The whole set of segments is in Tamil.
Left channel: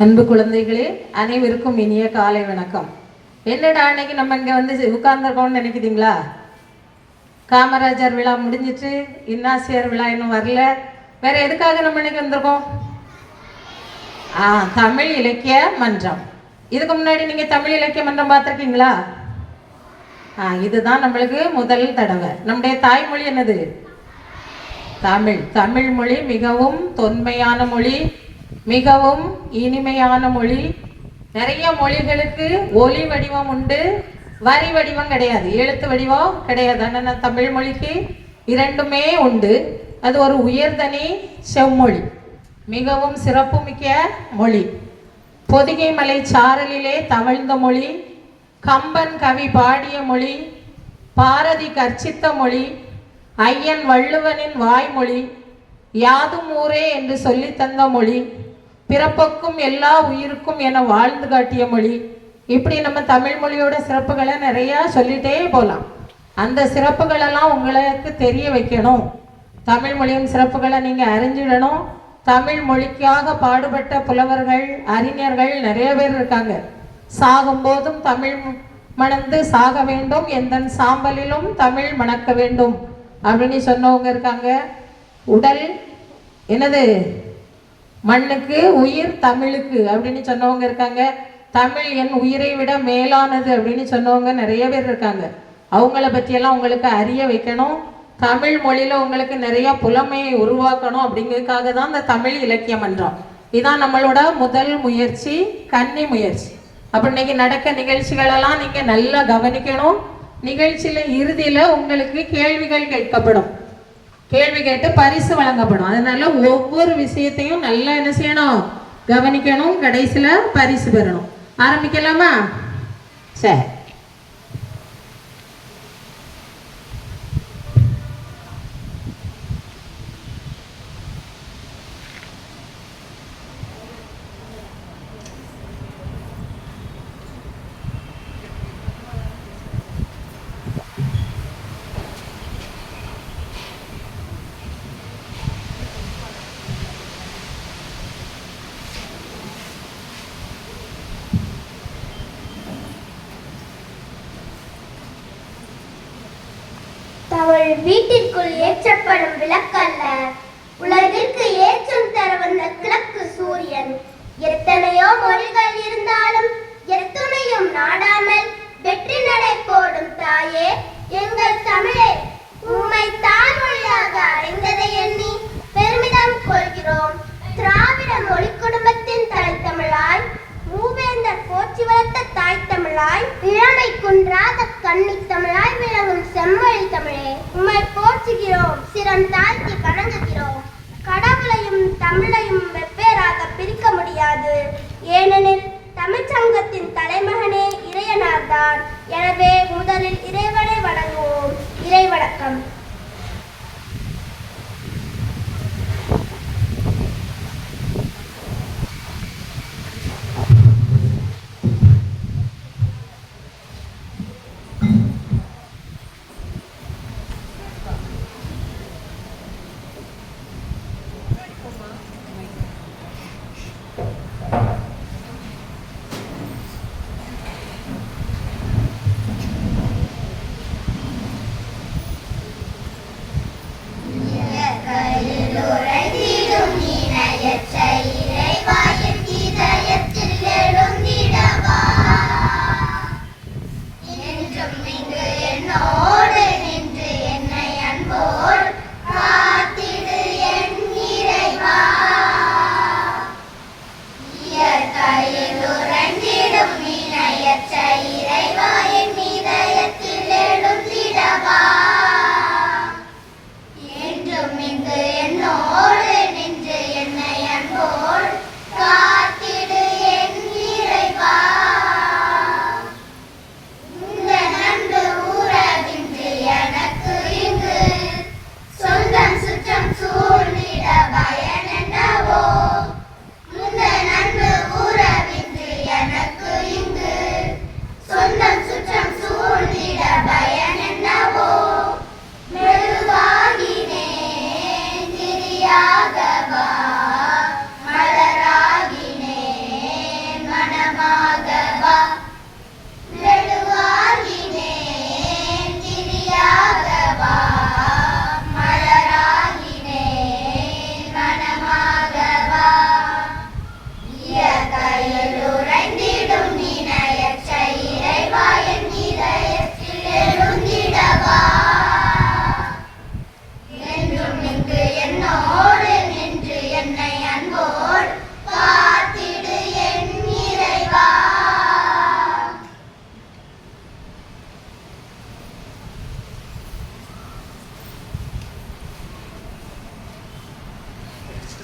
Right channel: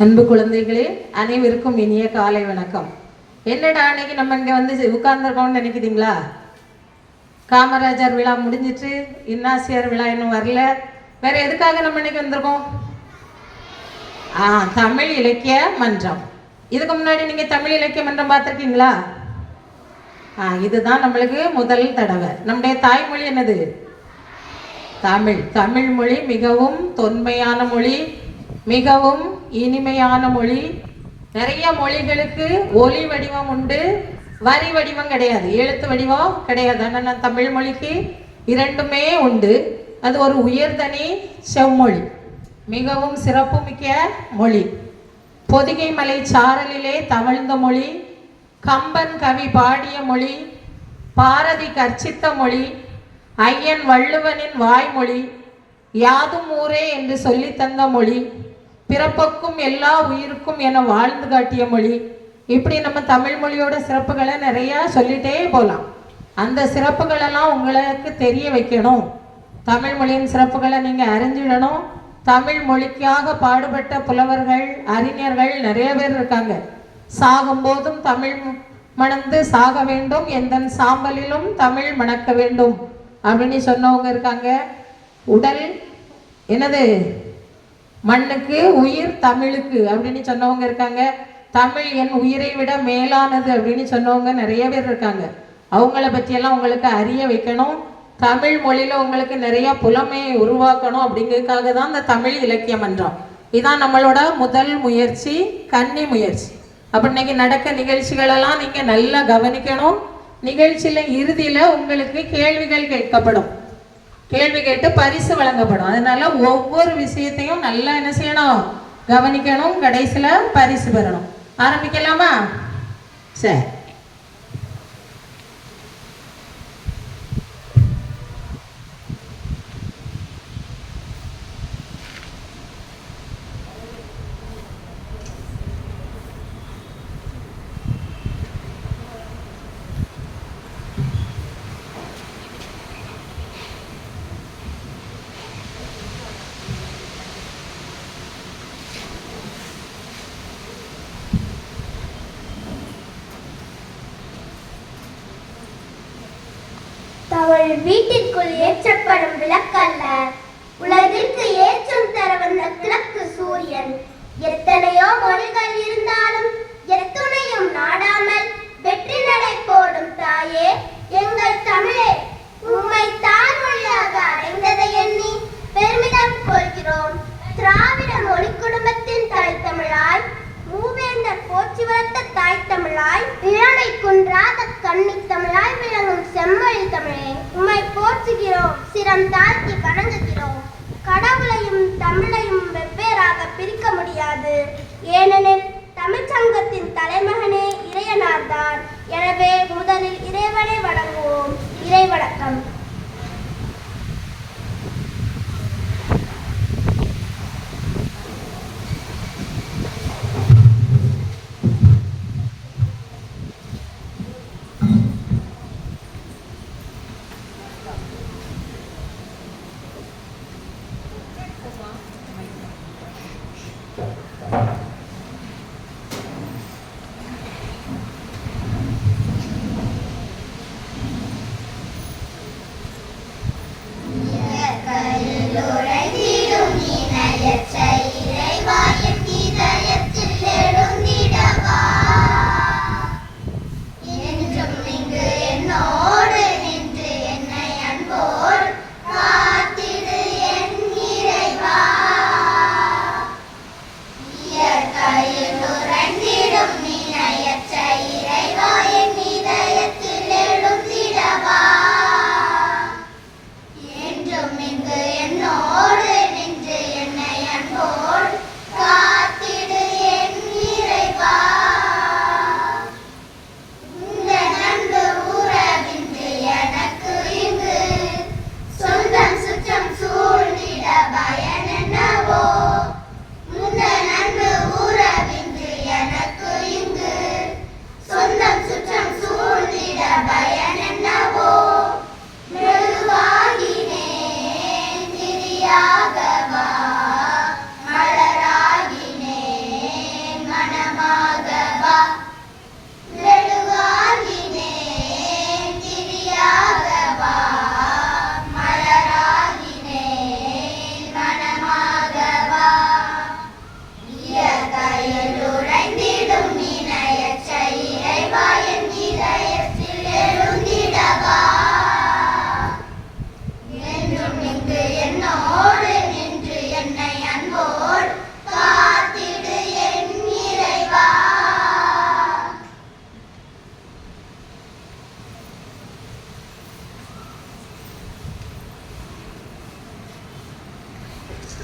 அன்பு குழந்தைகளே, அனைவருக்கும் இனிய காலை வணக்கம். என்னடா அன்னைக்கு நம்ம இங்கே வந்து உட்கார்ந்துருக்கோம்னு நினைக்கிறீங்களா? காமராஜர் விழா முடிஞ்சிட்டு இன்னாசியர் விழா இன்னும் வரல. வேற எதுக்காக நம்ம இன்னைக்கு வந்திருக்கோம்? தமிழ் இலக்கிய மன்றம். இதுக்கு முன்னாடி நீங்க தமிழ் இலக்கிய மன்றம் பார்த்துருக்கீங்களா? இதுதான் நம்மளுக்கு முதல் தடவை. நம்முடைய தாய்மொழி என்னது? தமிழ். தமிழ் மொழி மிகவும் தொன்மையான மொழி, மிகவும் இனிமையான மொழி. நிறைய மொழிகளுக்கு ஒலி வடிவம் உண்டு, வரி வடிவம் கிடையாது, எழுத்து வடிவம் கிடையாது. ஆனால் தமிழ் மொழிக்கு இரண்டுமே உண்டு. அது ஒரு உயர்தனி செம்மொழி, மிகவும் சிறப்புமிக்க மொழி. பொதிகை மலை சாரலிலே தவழ்ந்த மொழி, கம்பன் கவி பாடிய மொழி, பாரதி கற்சித்த மொழி, ஐயன் வள்ளுவனின் வாய்மொழி, யாதும் ஊரே என்று சொல்லி தந்த மொழி, பிறப்புக்கும் எல்லா உயிருக்கும் என வாழ்ந்து காட்டிய மொழி. இப்படி நம்ம தமிழ் மொழியோட சிறப்புகளை நிறையா சொல்லிட்டே போகலாம். அந்த சிறப்புகளெல்லாம் உங்களுக்கு தெரிய வைக்கணும். தமிழ் மொழியின் சிறப்புகளை நீங்கள் அறிஞ்சிடணும். தமிழ் மொழிக்காக பாடுபட்ட புலவர்கள், அறிஞர்கள் நிறைய பேர் இருக்காங்க. சாகும்போதும் தமிழ் மணந்து சாக வேண்டும், எந்த சாம்பலிலும் தமிழ் மணக்க வேண்டும் அப்படின்னு சொன்னவங்க இருக்காங்க. உடல் என்னது? மண்ணுக்கு, உயிர் தமிழுக்கு அப்படின்னு சொன்னவங்க இருக்காங்க. தமிழ் என் உயிரை விட மேலானது அப்படின்னு சொன்னவங்க நிறைய பேர் இருக்காங்க. அவங்கள பற்றியெல்லாம் உங்களுக்கு அறிய வைக்கணும். தமிழ் மொழியில் உங்களுக்கு நிறைய புலமையை உருவாக்கணும். அப்படிங்கிறதுக்காக தான் இந்த தமிழ் இலக்கிய மன்றம். இதான் நம்மளோட முதல் முயற்சி, கன்னி முயற்சி. அப்போ இன்னைக்கு நடக்க நிகழ்ச்சிகளெல்லாம் நீங்கள் நல்லா கவனிக்கணும். நிகழ்ச்சியில் இறுதியில் உங்களுக்கு கேள்விகள் கேட்கப்படும். கேள்வி கேட்டு பரிசு வழங்கப்படும். அதனால ஒவ்வொரு விஷயத்தையும் நல்லா என்ன செய்யணும்? கவனிக்கணும். கடைசியில் பரிசு பெறணும். ஆரம்பிக்கலாமா? சரி. அவள் வீட்டிற்குள் ஏற்றப்படும் விளக்கல்ல, உலகிற்கு ஏற்றம் தர வந்த கிழக்கு சூரியன். எத்தனையோ மொழிகள் இருந்தாலும் எத்துணையும் நாடாமல் வெற்றி நடை போடும் தாயே எங்கள் தமிழே, உம்மை தாய்மொழியாக அடைந்ததை எண்ணி பெருமிதம் கொள்கிறோம். திராவிட மொழி குடும்பத்தின் தலைத்தமிழாய், மூவேந்தர் போற்றி வளர்த்த தாய் தமிழாய், இளமை குன்றாத கன்னி தமிழாய் விளங்கும் செம்மொழி தமிழே, உம்மை போற்றுகிறோம், சிரம் தாழ்த்தி வணங்குகிறோம். கடவுளையும் தமிழையும் வெவ்வேறாக பிரிக்க முடியாது. ஏனெனில் தமிழ்ச்சங்கத்தின் தலைமகனே இறையனார்தான். எனவே முதலில் இறைவனை வணங்குவோம். இறை வணக்கம்.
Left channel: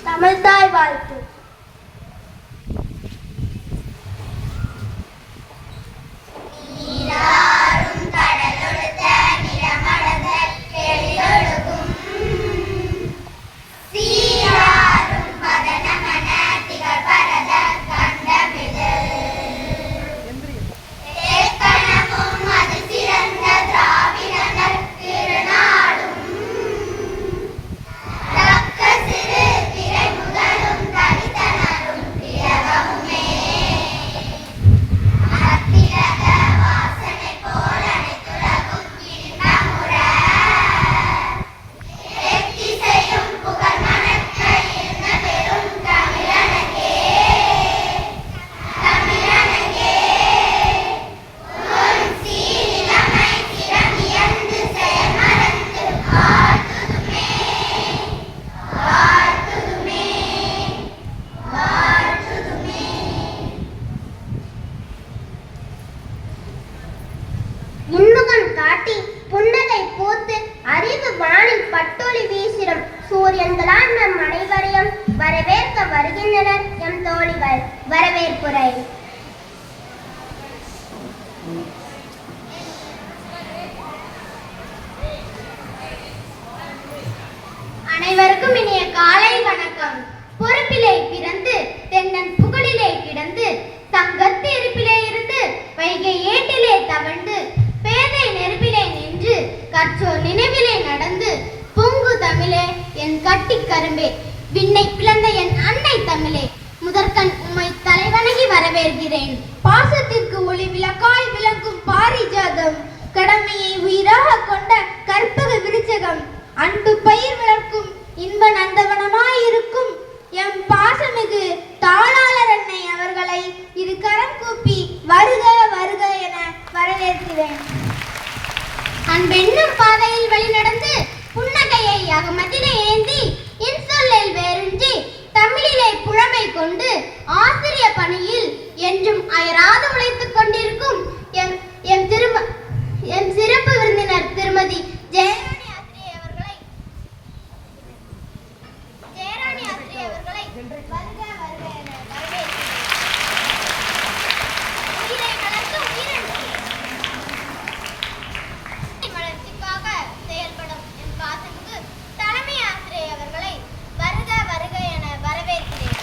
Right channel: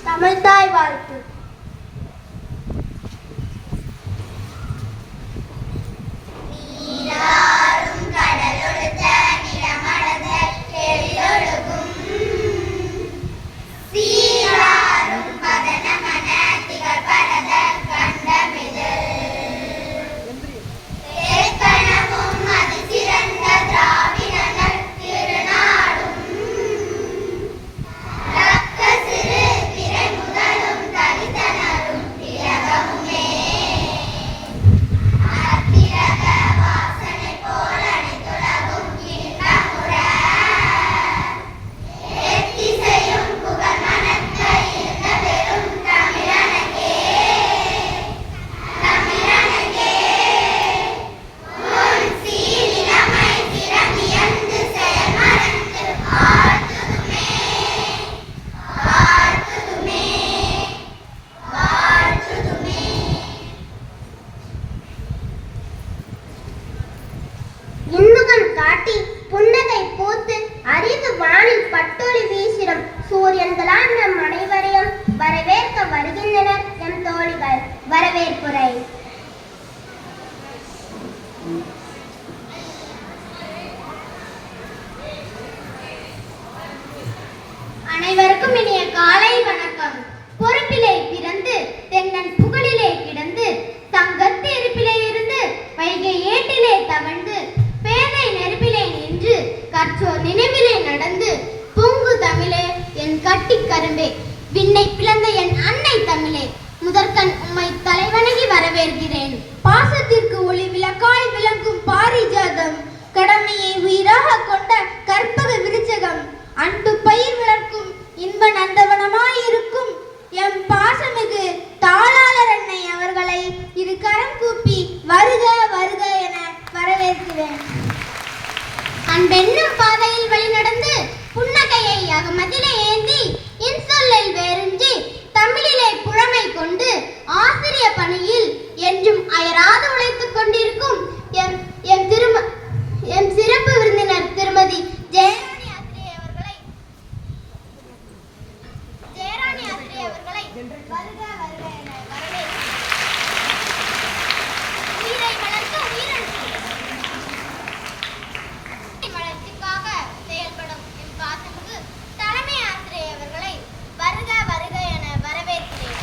தமிழ்தாய் வாழ்த்து. இன்னுகன் காட்டி புன்னகை பூத்து அறிவு வானில் பட்டொளி வீசிடும் சூரியன்களால் நம் அனைவரையும் வரவேற்க வருகின்றனர் எம் தோழிகள். வரவேற்புரை. அனைவருக்கும் இனிய காலை வணக்கம். பொறுப்பிலே பிறந்து தென்னன் புகழிலே கிடந்து தங்கத்து இருப்பிலே இருந்து வைகை ஏட்டிலே தவழ்ந்து பேதை நெருப்பிலே நின்று கற்றோர் நினைவிலே நடந்து பொங்கு தமிழே என் கட்டி கரும்பே விண்ணை பிளந்த என் அன்னை தமிழே முதற்கண் உம்மை தலைவணங்கி வரவேற்கிறேன். பாசத்திற்கு ஒளி விளக்காய் விளங்கும் பாரிஜாதம் கடமையை உயிராக கொண்ட கற்பக விருச்சகம் அன்பு பயிர் வளர்க்கும் இன்ப நந்தவனமாயிருக்கும் எம் பாசமிகு தாளாளர் அன்னை அவர்களை இரு கரம் கூப்பி வருக வருக என வரவேற்கிறேன். அன்பென்னும் பாதையில் வழிநடந்து புன்னகையை அகமதிலே ஏந்தி இன்சொல்லில் வேறின்றி தமிழிலே புழமை கொண்டு ஆசிரிய பணியில் என்றும் அயராது உழைத்துக் கொண்டிருக்கும் எம் சிறப்பு விருந்தினர் திருமதி ஜெயராணி ஆசிரியை அவர்களை வருக வருக என வரவேற்கிறேன். உயிரை வளர்த்து வளர்ச்சிக்காக செயல்படும் என் பாசமிகு தலைமை ஆசிரியை அவர்களை வருக வருக என வரவேற்கிறேன்.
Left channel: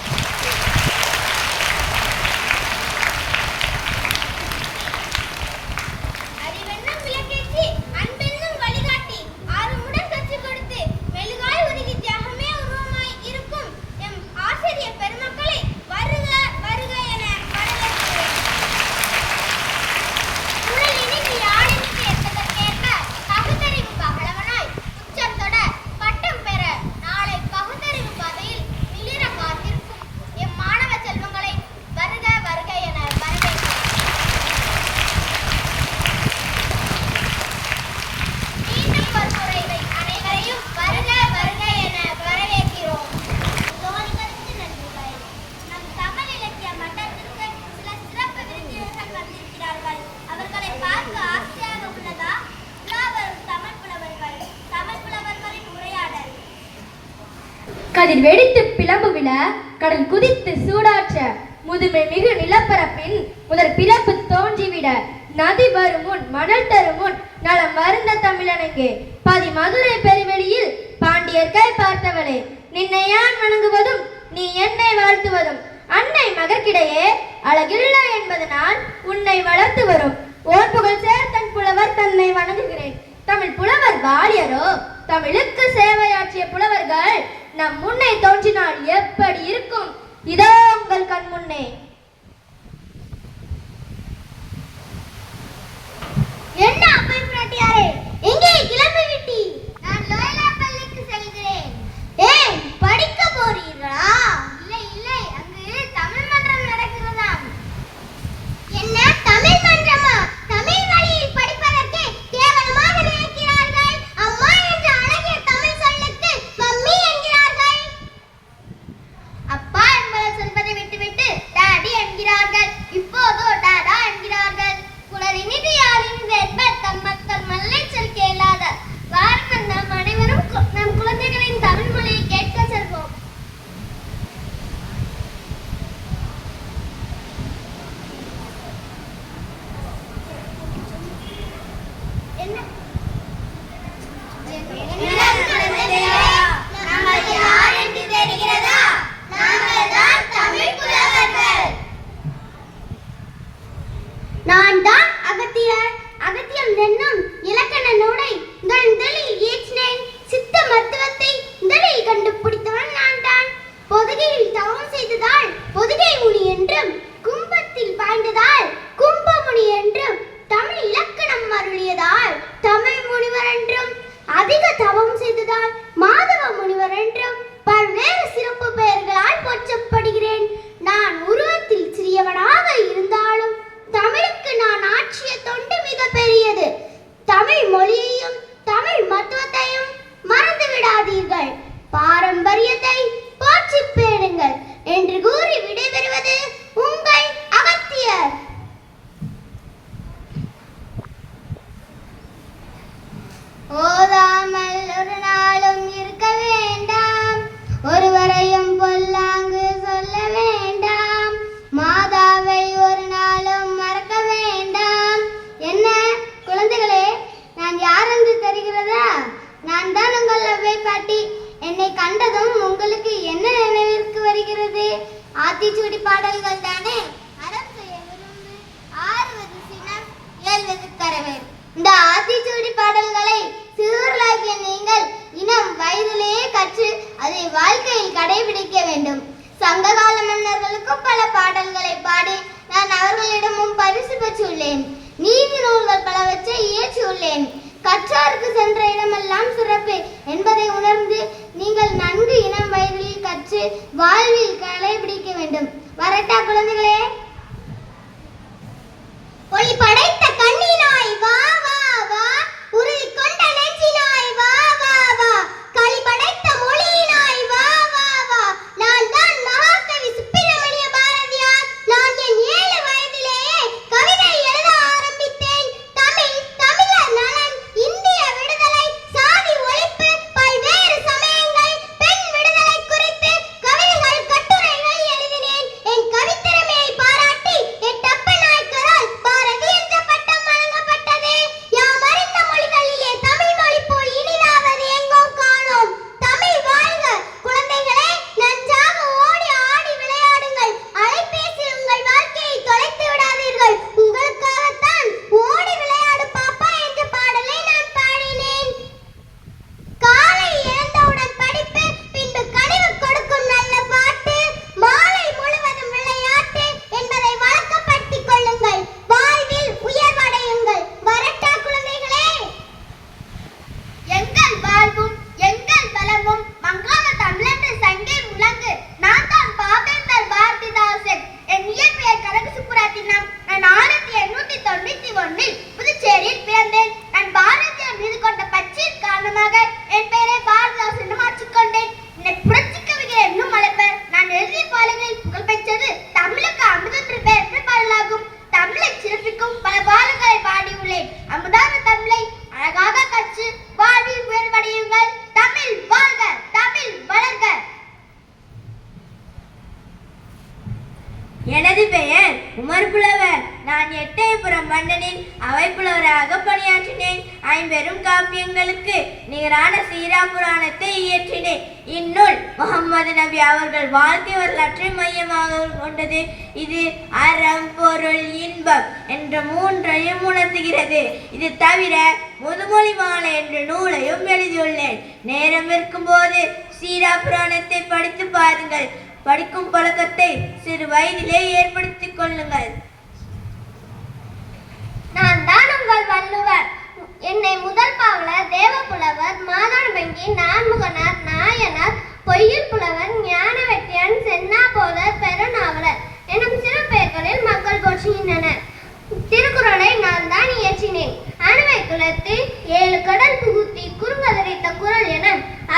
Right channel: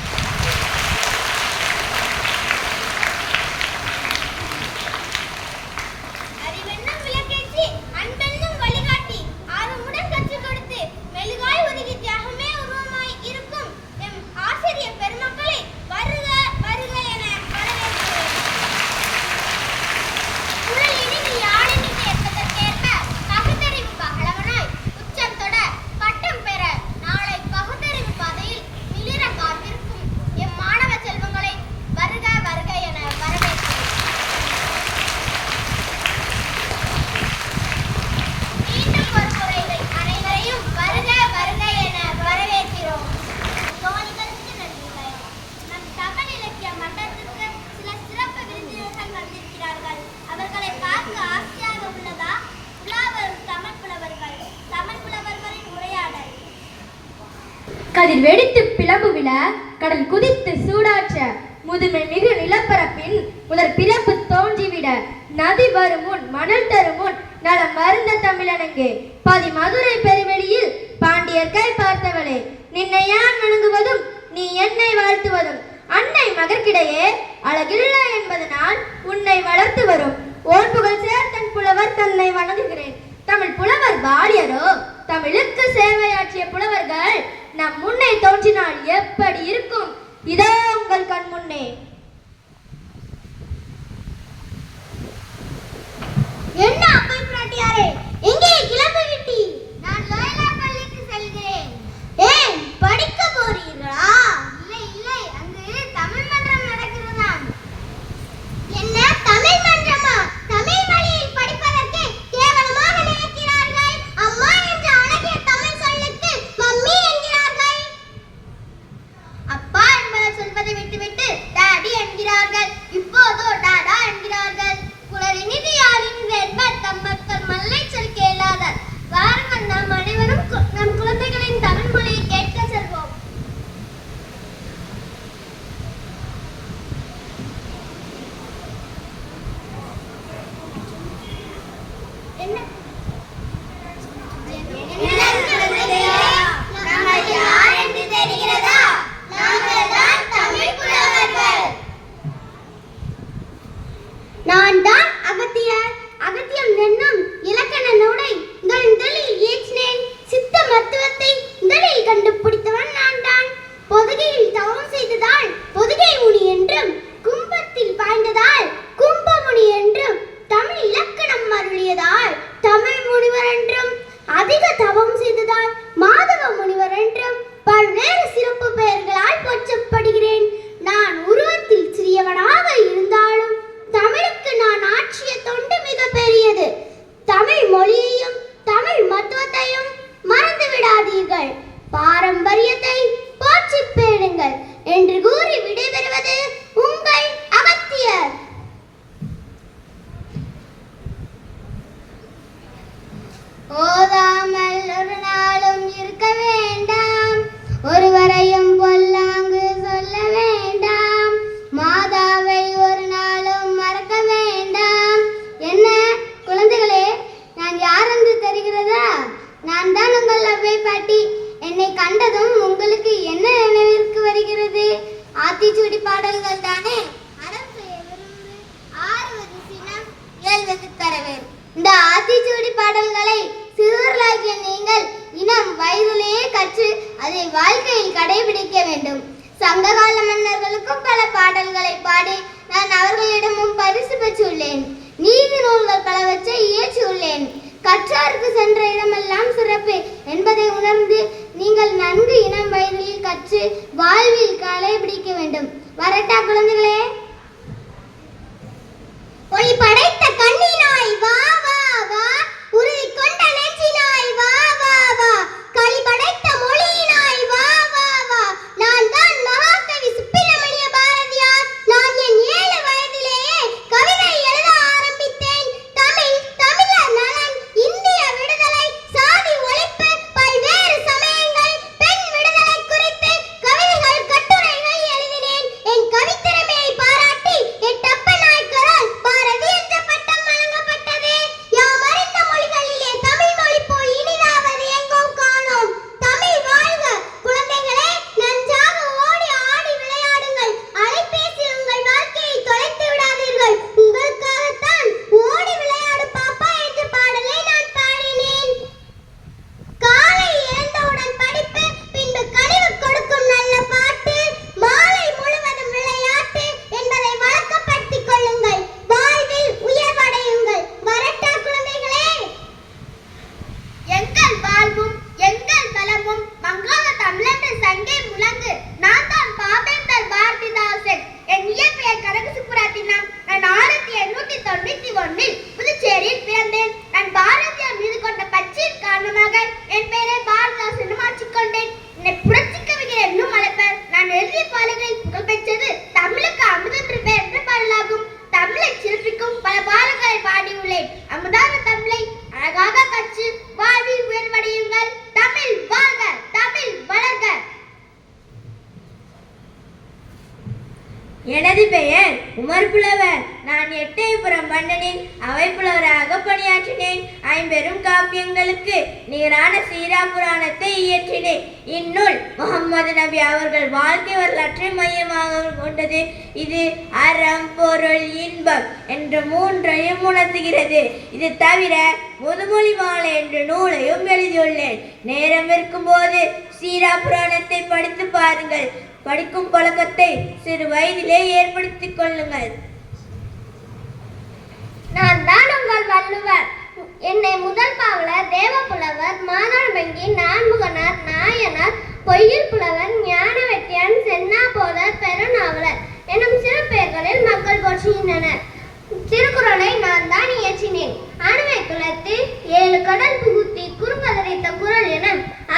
அறிவென்னும் விளக்கேற்றி அன்பென்னும் வழிகாட்டி ஆறுமுடன் கற்றுக் கொடுத்து மெழுகாய் உருகி தியாகமே உருவமாய் இருக்கும் எம் ஆசிரியர் பெருமக்களை வருக வருக என வரவேற்கிறேன். உடல் இனிதில் யாழினில் ஏற்பதற்கேற்ப பகுத்தறிவு பகலவனாய் உச்சம் தொட பட்டம் பெற நாளை பகுத்தறிவு பாதையில் மிளிர காத்திருக்கும் எம் மாணவ செல்வங்களை வருக வருக என வரவேற்கிறேன். மீண்டும் ஒருமுறை அனைவரையும் வருக வருக என வரவேற்கிறோம். தோழிகளுக்கு நன்றிகள். நம் தமிழ் இலக்கிய மன்றத்திற்கு சில சிறப்பு விருந்தினர்கள் வந்திருக்கிறார்கள். அவர்களை பார்க்க ஆசையாக உள்ளதா? உலாவரும் தமிழ் புலவர்களின் உரையாடல். கதிர் வெடித்து பிளம்பு விழ கடல் குதித்து சூடாற்ற முதுமை மிகு நிலப்பரப்பின் முதல் பிறப்பு தோன்றிவிட நதி வருமுன் மணல் தருமுன் நலம் மருந்த தமிழனங்கே பாதி மதுரை பெருவெளியில் பாண்டியர்கை பார்த்தவளே நின்னை யான் வணங்குவதும் நீ என்னை வாழ்த்துவதும் அன்னை மகற்கிடையே அழகில்லை என்பதனால் உன்னை வளர்த்து வரும் ஓர் புகழ் சேர் தன் புலவர் தன்னை வணங்குகிறேன். தமிழ் புலவர் வாலியரோ தமிழுக்கு சேவையாற்றிய புலவர்கள் நம் முன்னே தோன்றினால் எப்படி இருக்கும்? இதோ உங்கள் கண் முன்னே. என்ன அப்பை பிராட்டியாரே, எங்கே கிளம்பி விட்டி? நான் லோயலா பள்ளிக்கு செல்கிறேன். ஏன் படிக்க போறீர்களா? இல்லை இல்லை, அங்கு தமிழ் மன்றம் நடக்கிறதாம். என்ன தமிழ் மன்றமா? தமிழ் வழியில் படிப்பதற்கு கேவலமாக நினைக்கிறார்கள். அம்மா என்ற அழகிய தமிழ் சொல்லுக்கு மம்மி என்கிறார்கள். அப்பா என்பதை சொல்வதை விட்டுவிட்டு டாடி கொள்ளுங்கள், பாரம்பரியத்தை போற்றி பேணுங்கள் என்று கூறி விடைபெறுவது உங்கள் அகத்தியர். ஓதாமல் ஒரு நாளும் இருக்க வேண்டாம், ஒருவரையும் பொல்லாங்கு சொல்ல வேண்டாம், மாதாவை ஒரு நாளும் மறக்க வேண்டாம். என்ன குழந்தைகளே, நான் யார் என்று தெரிகிறதா? நான் தான் உங்கள் அவ்வை பாட்டி. என்னை கண்டதும் உங்களுக்கு என்ன நினைவிற்கு வருகிறது? ஆத்திச்சூடி பாடல்கள் தானே. அறம் செய்ய விரும்பு, ஆறுவது சினம், இயல்வது தரவேறு. இந்த ஆத்திச்சூடி பாடல்களை சிறுவர்களாகிய நீங்கள் இனம் வயதிலேயே கற்று அதை வாழ்க்கையில் கடைபிடிக்க வேண்டும். சங்ககால மன்னர்களுக்கும் பல பாடல்களை பாடி நான் அவர்களிடமும் பரிசு பெற்றுள்ளேன். நீதி நூல்கள் பலவற்றை இயற்றியுள்ளேன். கற்றாருக்கு சென்ற இடமெல்லாம் சிறப்பு என்பதை உணர்ந்து நீங்கள் நன்கு இனம் வயதில் கற்று வாழ்வில் கடைபிடிக்க வேண்டும். வரட்டா குழந்தைகளே? ஒளி படைத்த கண்ணினாய் வா வா வா, உறுதி கொண்ட நெஞ்சினாய் வா வா வா, களி படைத்த மொழியினாய் வா வா வா. நான் தான் மகாகவி சுப்பிரமணிய பாரதியார். நான் என் 7 வயதிலேயே கவிதை எழுத ஆரம்பித்தேன். தமிழ், தமிழர் நலன், இந்திய விடுதலை, சாதி ஒழிப்பு, பல்வேறு சமயங்கள், பெண் விடுதலை குறித்து கவிதைகள், கட்டுரைகள் எழுதினேன். என் கவித்திறமையை பாராட்டி எட்டப்ப நாயக்கரால் பாரதி என்ற பட்டம் வழங்கப்பட்டது. யாம் அறிந்த மொழிகளிலே தமிழ் மொழி போல் இனிதாவது எங்கோ காணோம். தமிழ் வாழ்க! குழந்தைகளே, நன்றாக ஓடி ஆடி விளையாடுங்கள். அலைபேசி உங்கள் வாழ்க்கையை தொலைத்து விடாதீர்கள். உங்களுக்காகத்தான் ஓடி விளையாடு பாப்பா என்ற பாடலை நான் பாடினேன். காலை எழுந்தவுடன் படிப்பு, பின்பு கனிவு கொடுக்கும் நல்ல பாட்டு, மாலை முழுவதும் விளையாட்டு என்பதை வழக்கப்படுத்திக் கொள்ளுங்கள். வாழ்வில் உயர்வடையுங்கள். வரட்டா குழந்தைகளே? எங்கள் வாழ்வும் எங்கள் பலமும் மங்காத தமிழென்று சங்கே முழங்கு. நான் தான் பாவேந்தர் பாரதிதாசன். என் இயற்பெயர் கனக சுப்புரத்தினம். நான் 1891 புதுச்சேரியில் பிறந்தேன். நான் பாரதியார் மீது கொண்ட பற்றின் காரணமாக என் பெயரை பாரதிதாசன் என மாற்றிக்கொண்டேன். என்னை புரட்சி கவிஞர் என்னும் அழைப்பர். நான் எழுதிய பாடல்களில் புகழ்பெற்றது தமிழுக்கு அமுதென்று பெயர் என்ற பாடலாகும். தமிழை சிறப்பிக்கும் பல பாடல்களை பாடியுள்ளேன். அமுதான தமிழை அழகாக கற்று வாழ்வில் உயர்வடையுங்கள். தமிழ் வாழ்க! தமிழ் வளர்க! எனது பெயர் உமர் புலவர். நான் எட்டயபுரம் மன்னனின் அவை புலவராக பணியாற்றினேன். 5 பெரும் காப்பியங்களுக்கு நிகரான சீரா புராணத்தை இயற்றினேன். இந்நூல் முகமது நபி அவர்கள் வாழ்க்கை வரலாற்றை மையமாக கொண்டது. இது அறம், பொருள், இன்பம் என்ற 3ஐயும் உணர்த்துகிறது. இது தவிர முதுமொழி மாலை என்ற நூலையும் எழுதியுள்ளேன். நேரம் இருக்கும்போது சீரா புராணத்தை படித்து பாருங்கள். படிக்கும் பழக்கத்தை சிறு வயதிலே ஏற்படுத்திக் கொள்ளுங்கள். நான் தான் உங்கள் வள்ளுவர். என்னை முதல் பாவலர், தேவப்புலவர், மாதானபங்கி, நான்முகனார், நாயனார், பொய்யில் புலவர், ஞான வெட்டியான், சென்னாபோதர், பெருநாவலர் எனும் சிறு பெயர்களில் மக்கள் போற்றுகின்றனர். திருக்குறளை நான் தான் இயற்றினேன். அணுவை குலத்து 7 கடல் புகுத்தி குறும்பதறித்த குறள் என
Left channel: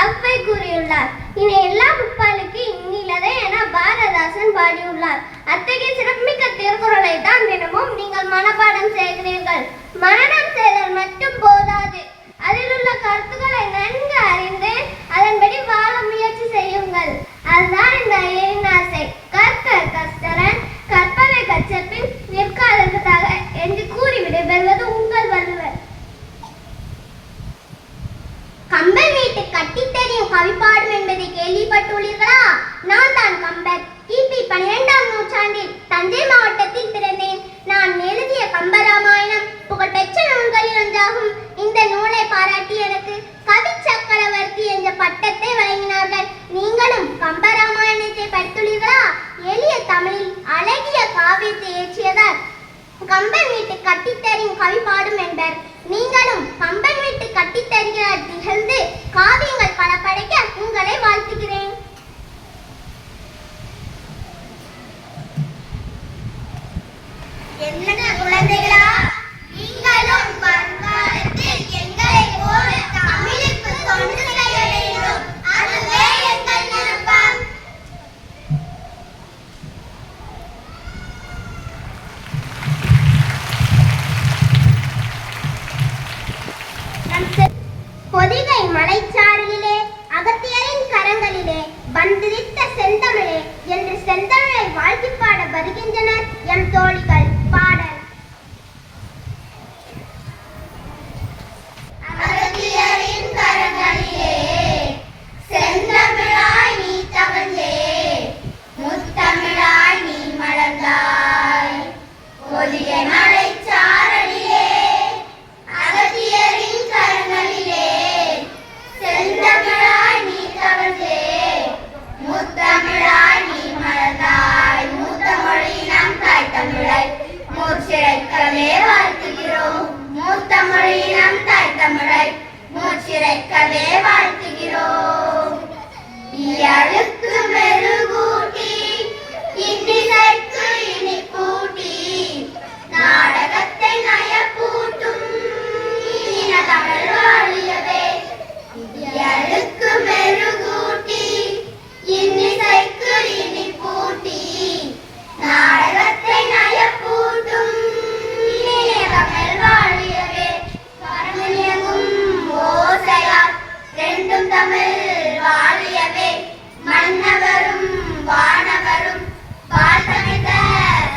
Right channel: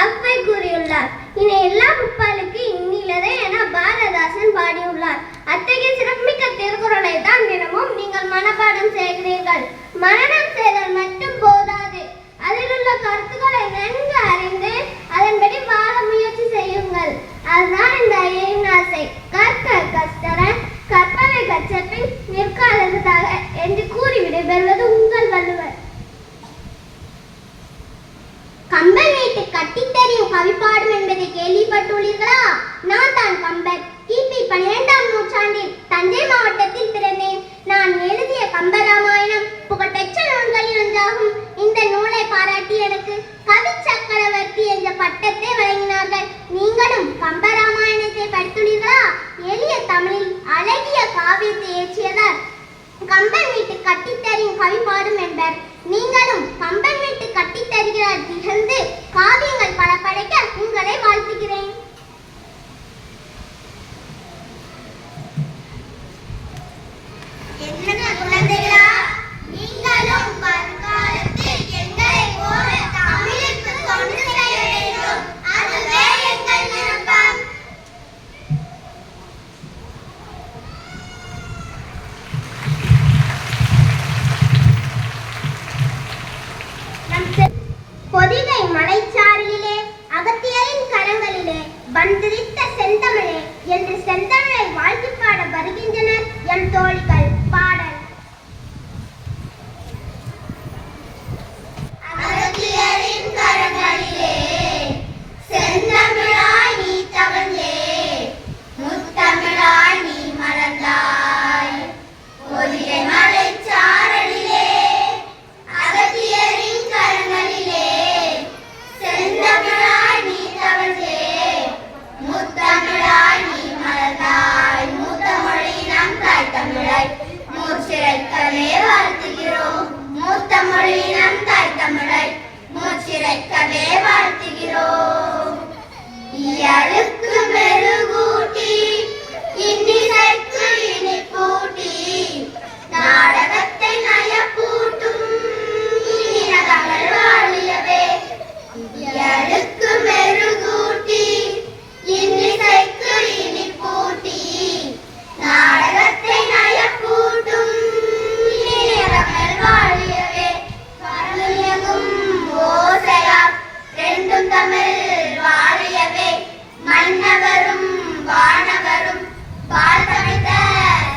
அவ்வை கூறியுள்ளார். இனி எல்லா முப்பாலுக்கு இன்னிலதே என பாரதாசன் பாடியுள்ளார். அத்தகைய சிறப்புமிக்க திருக்குறளை தான் தினமும் நீங்கள் மனப்பாடம் செய்கிறீர்கள். மனனம் செய்தல் மட்டும் போதாது, அதில் உள்ள கருத்துக்களை நன்கு அறிந்து அதன்படி வாழ முயற்சி செய்யுங்கள். அதுதான் இந்த ஐயரின் ஆசை. கற்க கற்றறன், கற்பவை கற்றபின் நிற்காததாக என்று கூறி விடைபெறுவது உங்கள் வள்ளுவர். கம்பன் வீட்டு கட்டித் தெரியும் கவிப்பாடும் என்பதை கேள்விப்பட்டுள்ளீர்களா? நான் தான் கம்பர். கிபி 12ஆம் நூற்றாண்டில் தஞ்சை மாவட்டத்தில் பிறந்தேன். நான் எழுதிய கம்பராமாயணம் புகழ்பெற்ற நூல்களில் ஒன்றாகும். இந்த நூலை பாராட்டி எனக்கு கவி சக்கரவர்த்தி என்ற பட்டத்தை வழங்கினார்கள். நீங்களும் கம்பராமாயணத்தை படித்துள்ளீர்களா? எளிய தமிழில் அழகிய காவியத்தை இயற்றியதால் கம்பன் வீட்டு கட்டித்தறியும் கவி பாடும் என்பர். நீங்களும் கம்பன் வீட்டு கட்டித்தருகிறார் திகழ்ந்து காவியங்கள் பல படைக்க உங்களை வாழ்த்துகிறேன். என்ன குழந்தைகளா, நீங்களும் வருங்காலத்தில் எங்களை போல தமிழுக்கு தொண்டு செய்ய வேண்டும். வந்திருத்த செந்தமிழே என்று செந்தமிழை வாழ்த்தி பாட வருகின்றனர் எம் தோழிகள். பாடல். அகத்தியரின் கரங்களிலே செந்தமிழாய் நீ தவழ்ந்தே, முத்தமிழாய் நீ மலர்ந்தாய், ஒலிய மலைச்சாரலிலே அகத்தியரின் கரங்களிலே செந்தமிழாய் நீ தவழ்ந்தே, முத்தமிழாய் நீ மலர்ந்தாய், மூத்தமொழி நம் தாய் தமிழை மூச்சிறைக்கவே வாழ்த்துகிறோம், மூத்தமொழி நம் தாய் தமிழை மூச்சிறைக்கவே வாழ்த்துகிறோம். இயலுக்கு மெருகூட்டி இன்னிசைக்கு இனிப்பூட்டி நாடகத்தை நயப்பூட்டும் இனிய தமிழ் வாழியவே. இயலுக்கு மெருகூட்டி இன்னிசைக்கு இனிப்பூட்டி நாடகத்தை நயப்பூட்டும் இனிய தமிழ் வாழியவே. வரணியகும் ஓசையால் ரெண்டும் தமிழ் வாழியவே, மன்னவரும் வானவரும் வாழ்த்தமைத்த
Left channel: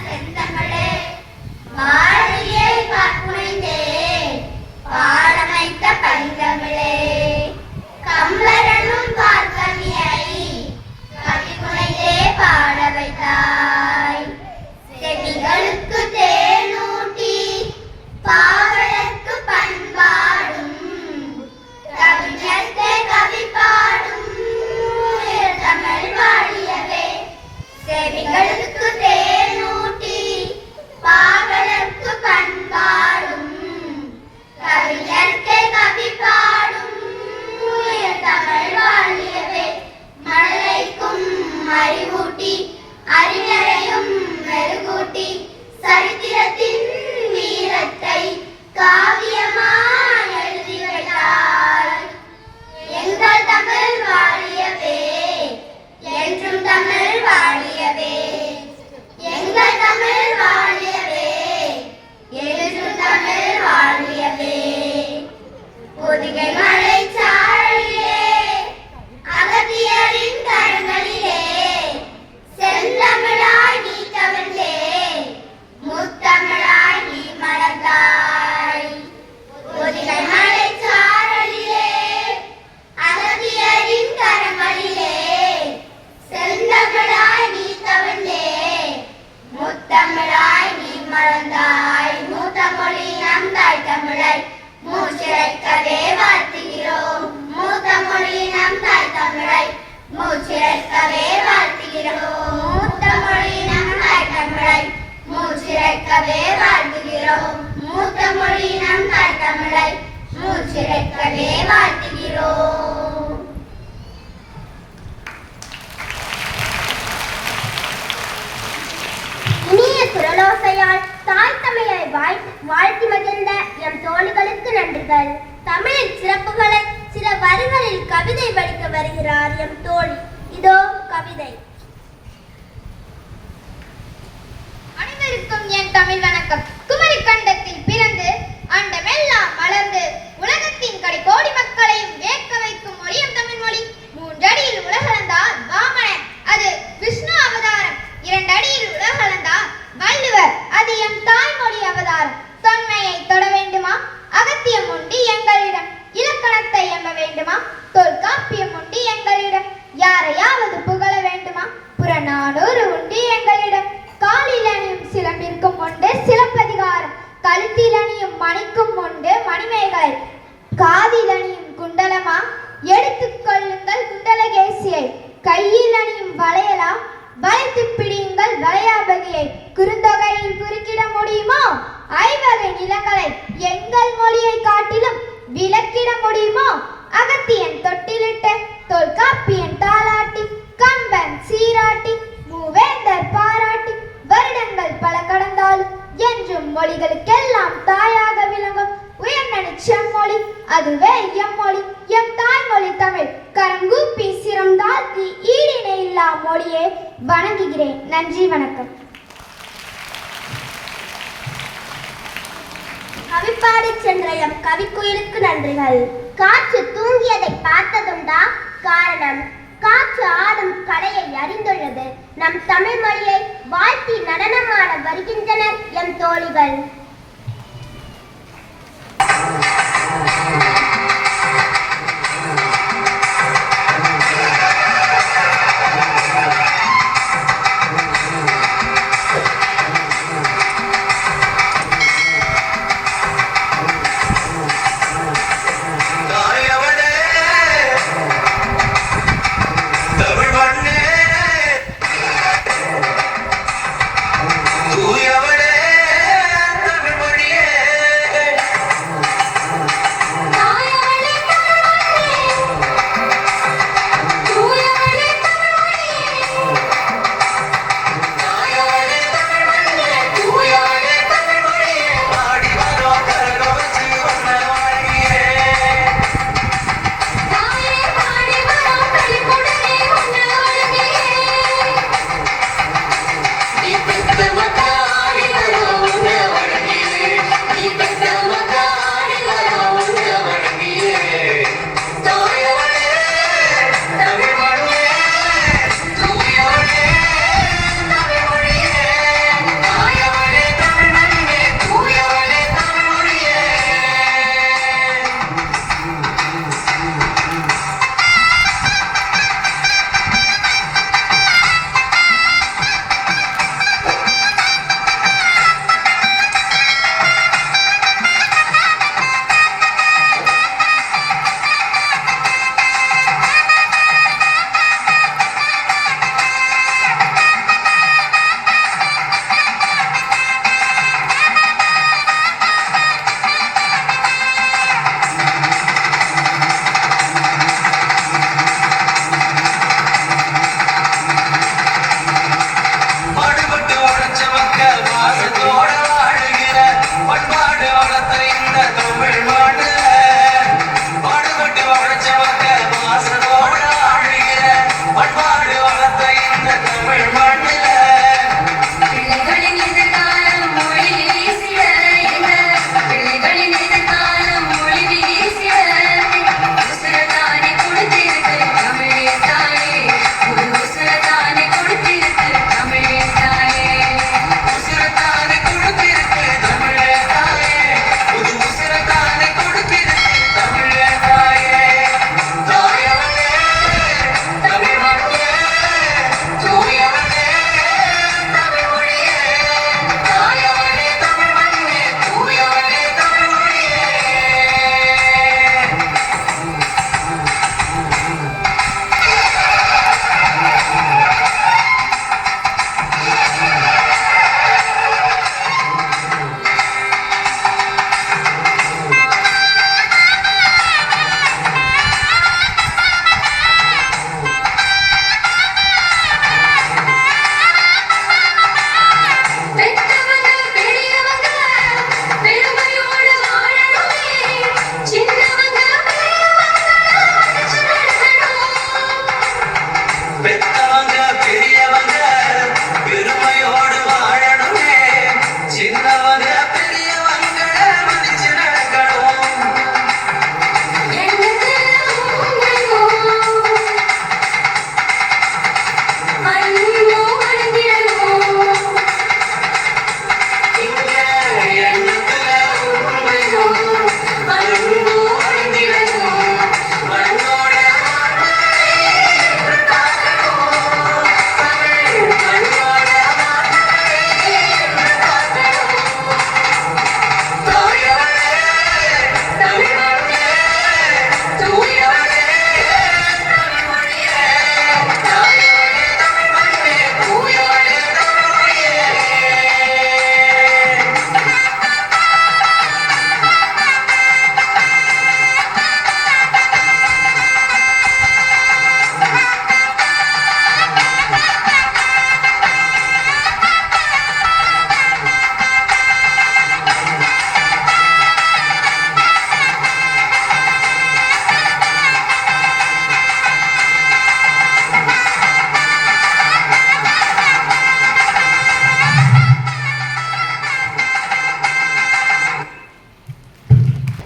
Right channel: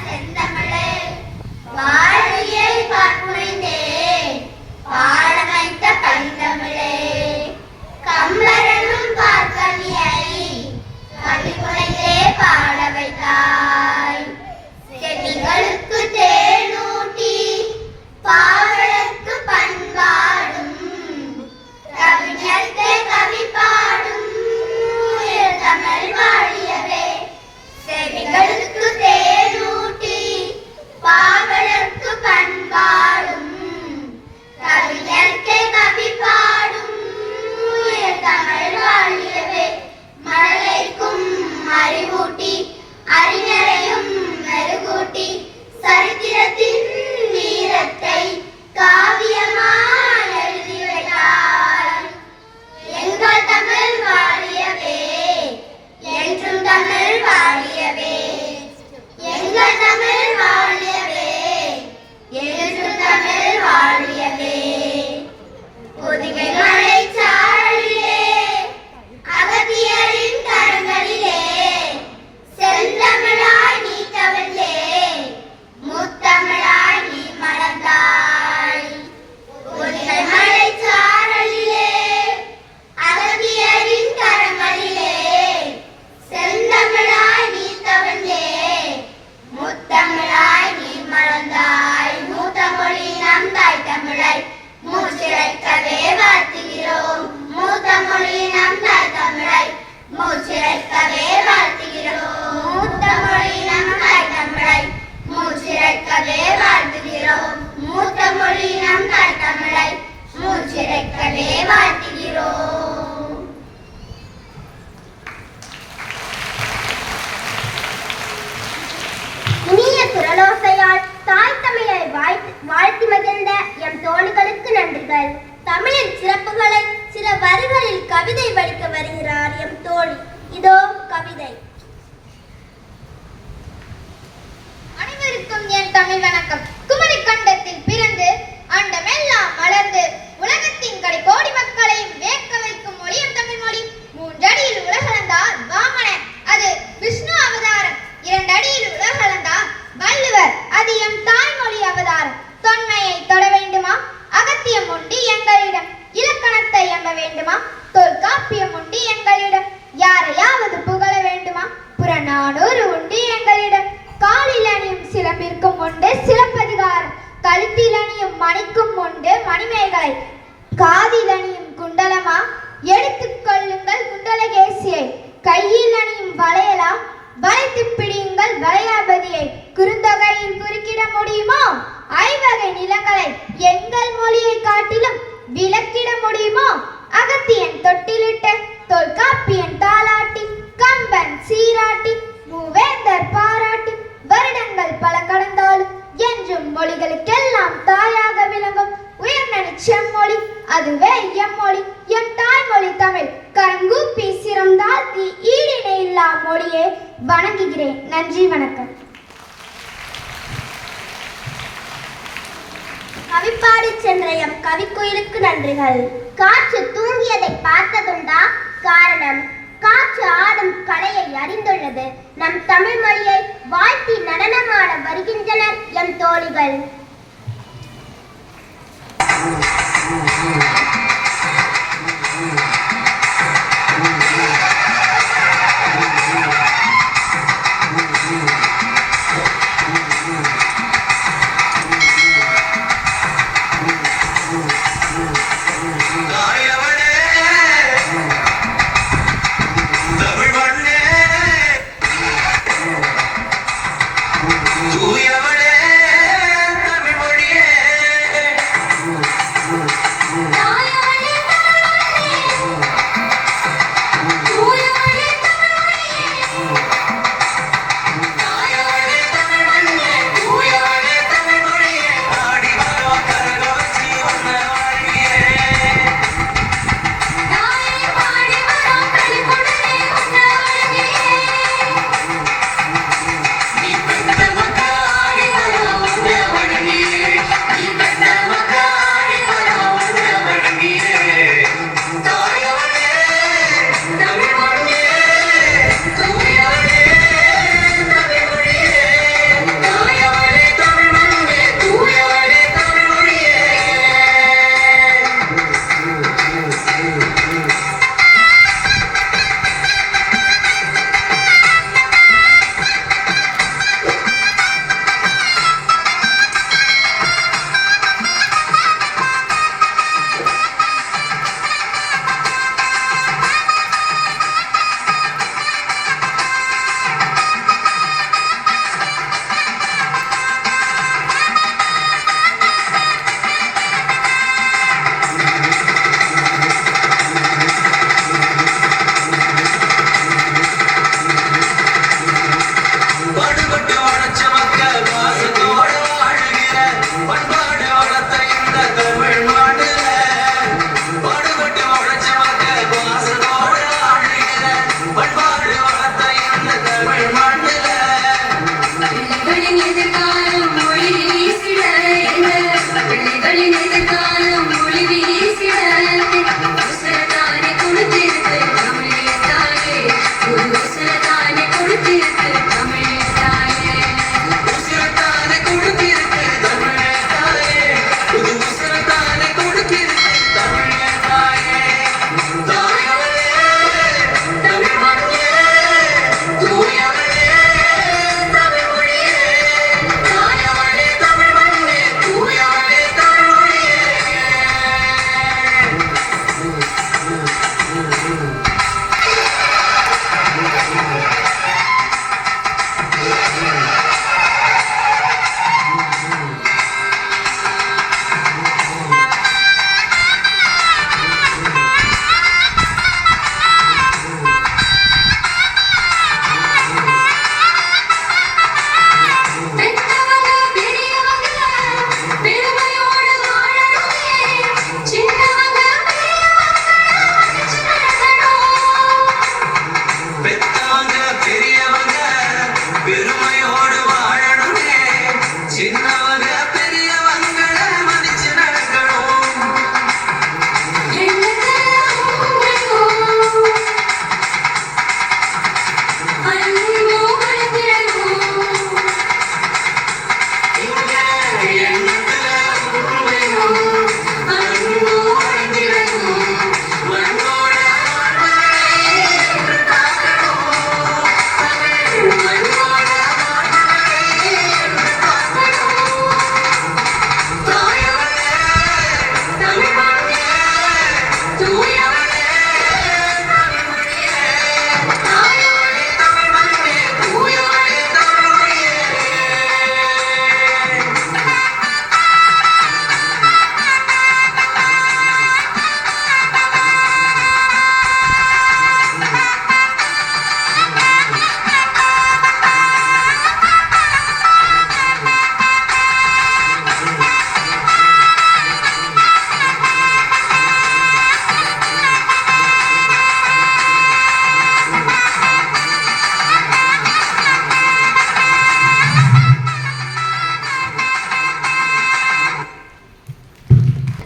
செந்தமிழே, வாழியை பார்ப்புனைந்தே பாடமைத்த பைந்தமிழே, கம்பரனும் பார்க்கவியை கவிப்புனைந்தே பாட வைத்தாய், செடிகளுக்கு தேனூட்டி பாவலர்க்கு பண்பாடும் கவிஞர்க்கே கவி பாடும் தமிழ் வாழியவே. செவிகளுக்கு தேனூட்டி பாவலர்க்கு பண்பாடும் கவிஞர்க்கே கவி பாடும் தமிழ் வாழியவே. மழலைக்கும் அறிவூட்டி அறிஞரையும் மெருகூட்டி சரித்திரத்தின் வீரத்தை காவியமாய் எழுதி வைத்தாய், எங்கள் தமிழ் வாழியவே என்றும் தமிழ் வாழியவே, எங்கள் தமிழ் வாழியவே என்றும் தமிழ் வாழியவே. பொதிகை மலைச்சாரலிலே அகத்தியரின் கரங்களிலே செந்தமிழாய் நீ தவழ்ந்தே, முத்தமிழாய் நீ மலர்ந்தாய், பொதிகை மலைச்சாரலிலே அகத்தியரின் கரங்களிலே செந்தமிழாய் நீ தவழ்ந்தே, முத்தமிழாய் நீ மலர்ந்தாய், மூத்தமொழி நம் தாய் தமிழை மூச்சிறைக்கவே வாழ்த்துகிறோம், மூத்தமொழி நம் தாய் தமிழை மூச்சிறைக்கவே வாழ்த்துகிறோம், மூத்தமொழி நம் தாய் தமிழை மூச்சிறைக்கவே வாழ்த்துகிறோம், மூத்தமொழி நம் தாய் தமிழை மூச்சிறைக்கவே வாழ்த்துகிறோம். இனிய குரலோசையால் தாய் தமிழை வாழ்த்தி மகிழ்ந்த எம் தோழிகளுக்கு நன்றிகள். தமிழின் சிறப்புகளை சில வரிகளில் கவிதை வடிக்க வருகிறார் எம் தோழி. இதோ கவிதை. அனைவருக்கும் என் தமிழ் வணக்கம். குமரி கண்டத்தில் பிறந்து அண்டமெல்லாம் மலர்ந்து உலகத்தின் கடை கோடி மக்களையும் வேட்க வைக்கும் மொழியும் தமிழ் மொழி. 3 அடியில் உலகளந்தார் வாமனர், அது விஷ்ணு அவதாரம். 2 அடியில் உலகளந்தார் வள்ளுவர், அது எம் தாய்மொழி அவதாரம். தொன்மையை தொட வேண்டுமா? அகத்தியம் உண்டு எங்களிடம். இலக்கணத்தை எம்ப வேண்டுமா? தொல்காப்பியம் உண்டு எங்களிடம். யாரையாவது புகழ வேண்டுமா? புறநானூறு உண்டு எங்களிடம். காலில் அணியும் சிலம்பிற்கும் உண்டு சிலப்பதிகாரம். கழுத்தில் அணியும் மணிக்கும் உண்டு மணிமேகலை. காதில் அணியும் குண்டலமா? எடுத்துக் கொள்ளுங்கள் குண்டலகேசியை. கையில் அணியும் வளையலா? வளைத்து பிடியுங்கள் வளையாபதியை. குறுந்தொகையில் குறுக்கிட முடியுமோ? 5 வகை நிலங்களை எங்கள் மொழியை காட்டிலும் விளக்கிட முடியுமோ? அகத்தியன் தொட்டிலிட்ட தொல்காப்பியன் தாலாட்டி, கம்பன் சீராட்டி, மூவேந்தர் பாராட்டி, வருடங்கள் பல கடந்தாலும் என்றும் மொழிகளுக்கெல்லாம் தாயாக விளங்கும் உயர்நனி செம்மொழி, அதுவே எம்மொழி, எம் தாய்மொழி தமிழ். கரங்கூப்பி சிரம் தாழ்த்தி ஈடினை இல்லா மொழியை வணங்குகிறேன். நன்றி, வணக்கம். கவிப்பாடி சென்ற எம் கவிக்குயிலுக்கு நன்றிகள். காற்று தூங்கியதை பார்த்ததுண்டா? காரணம், காற்று ஆடும் அறிந்துள்ளது. நம் தமிழ் மொழியை வாழ்த்தி நடனமாட வருகின்றனர் எம் தோழிகள்.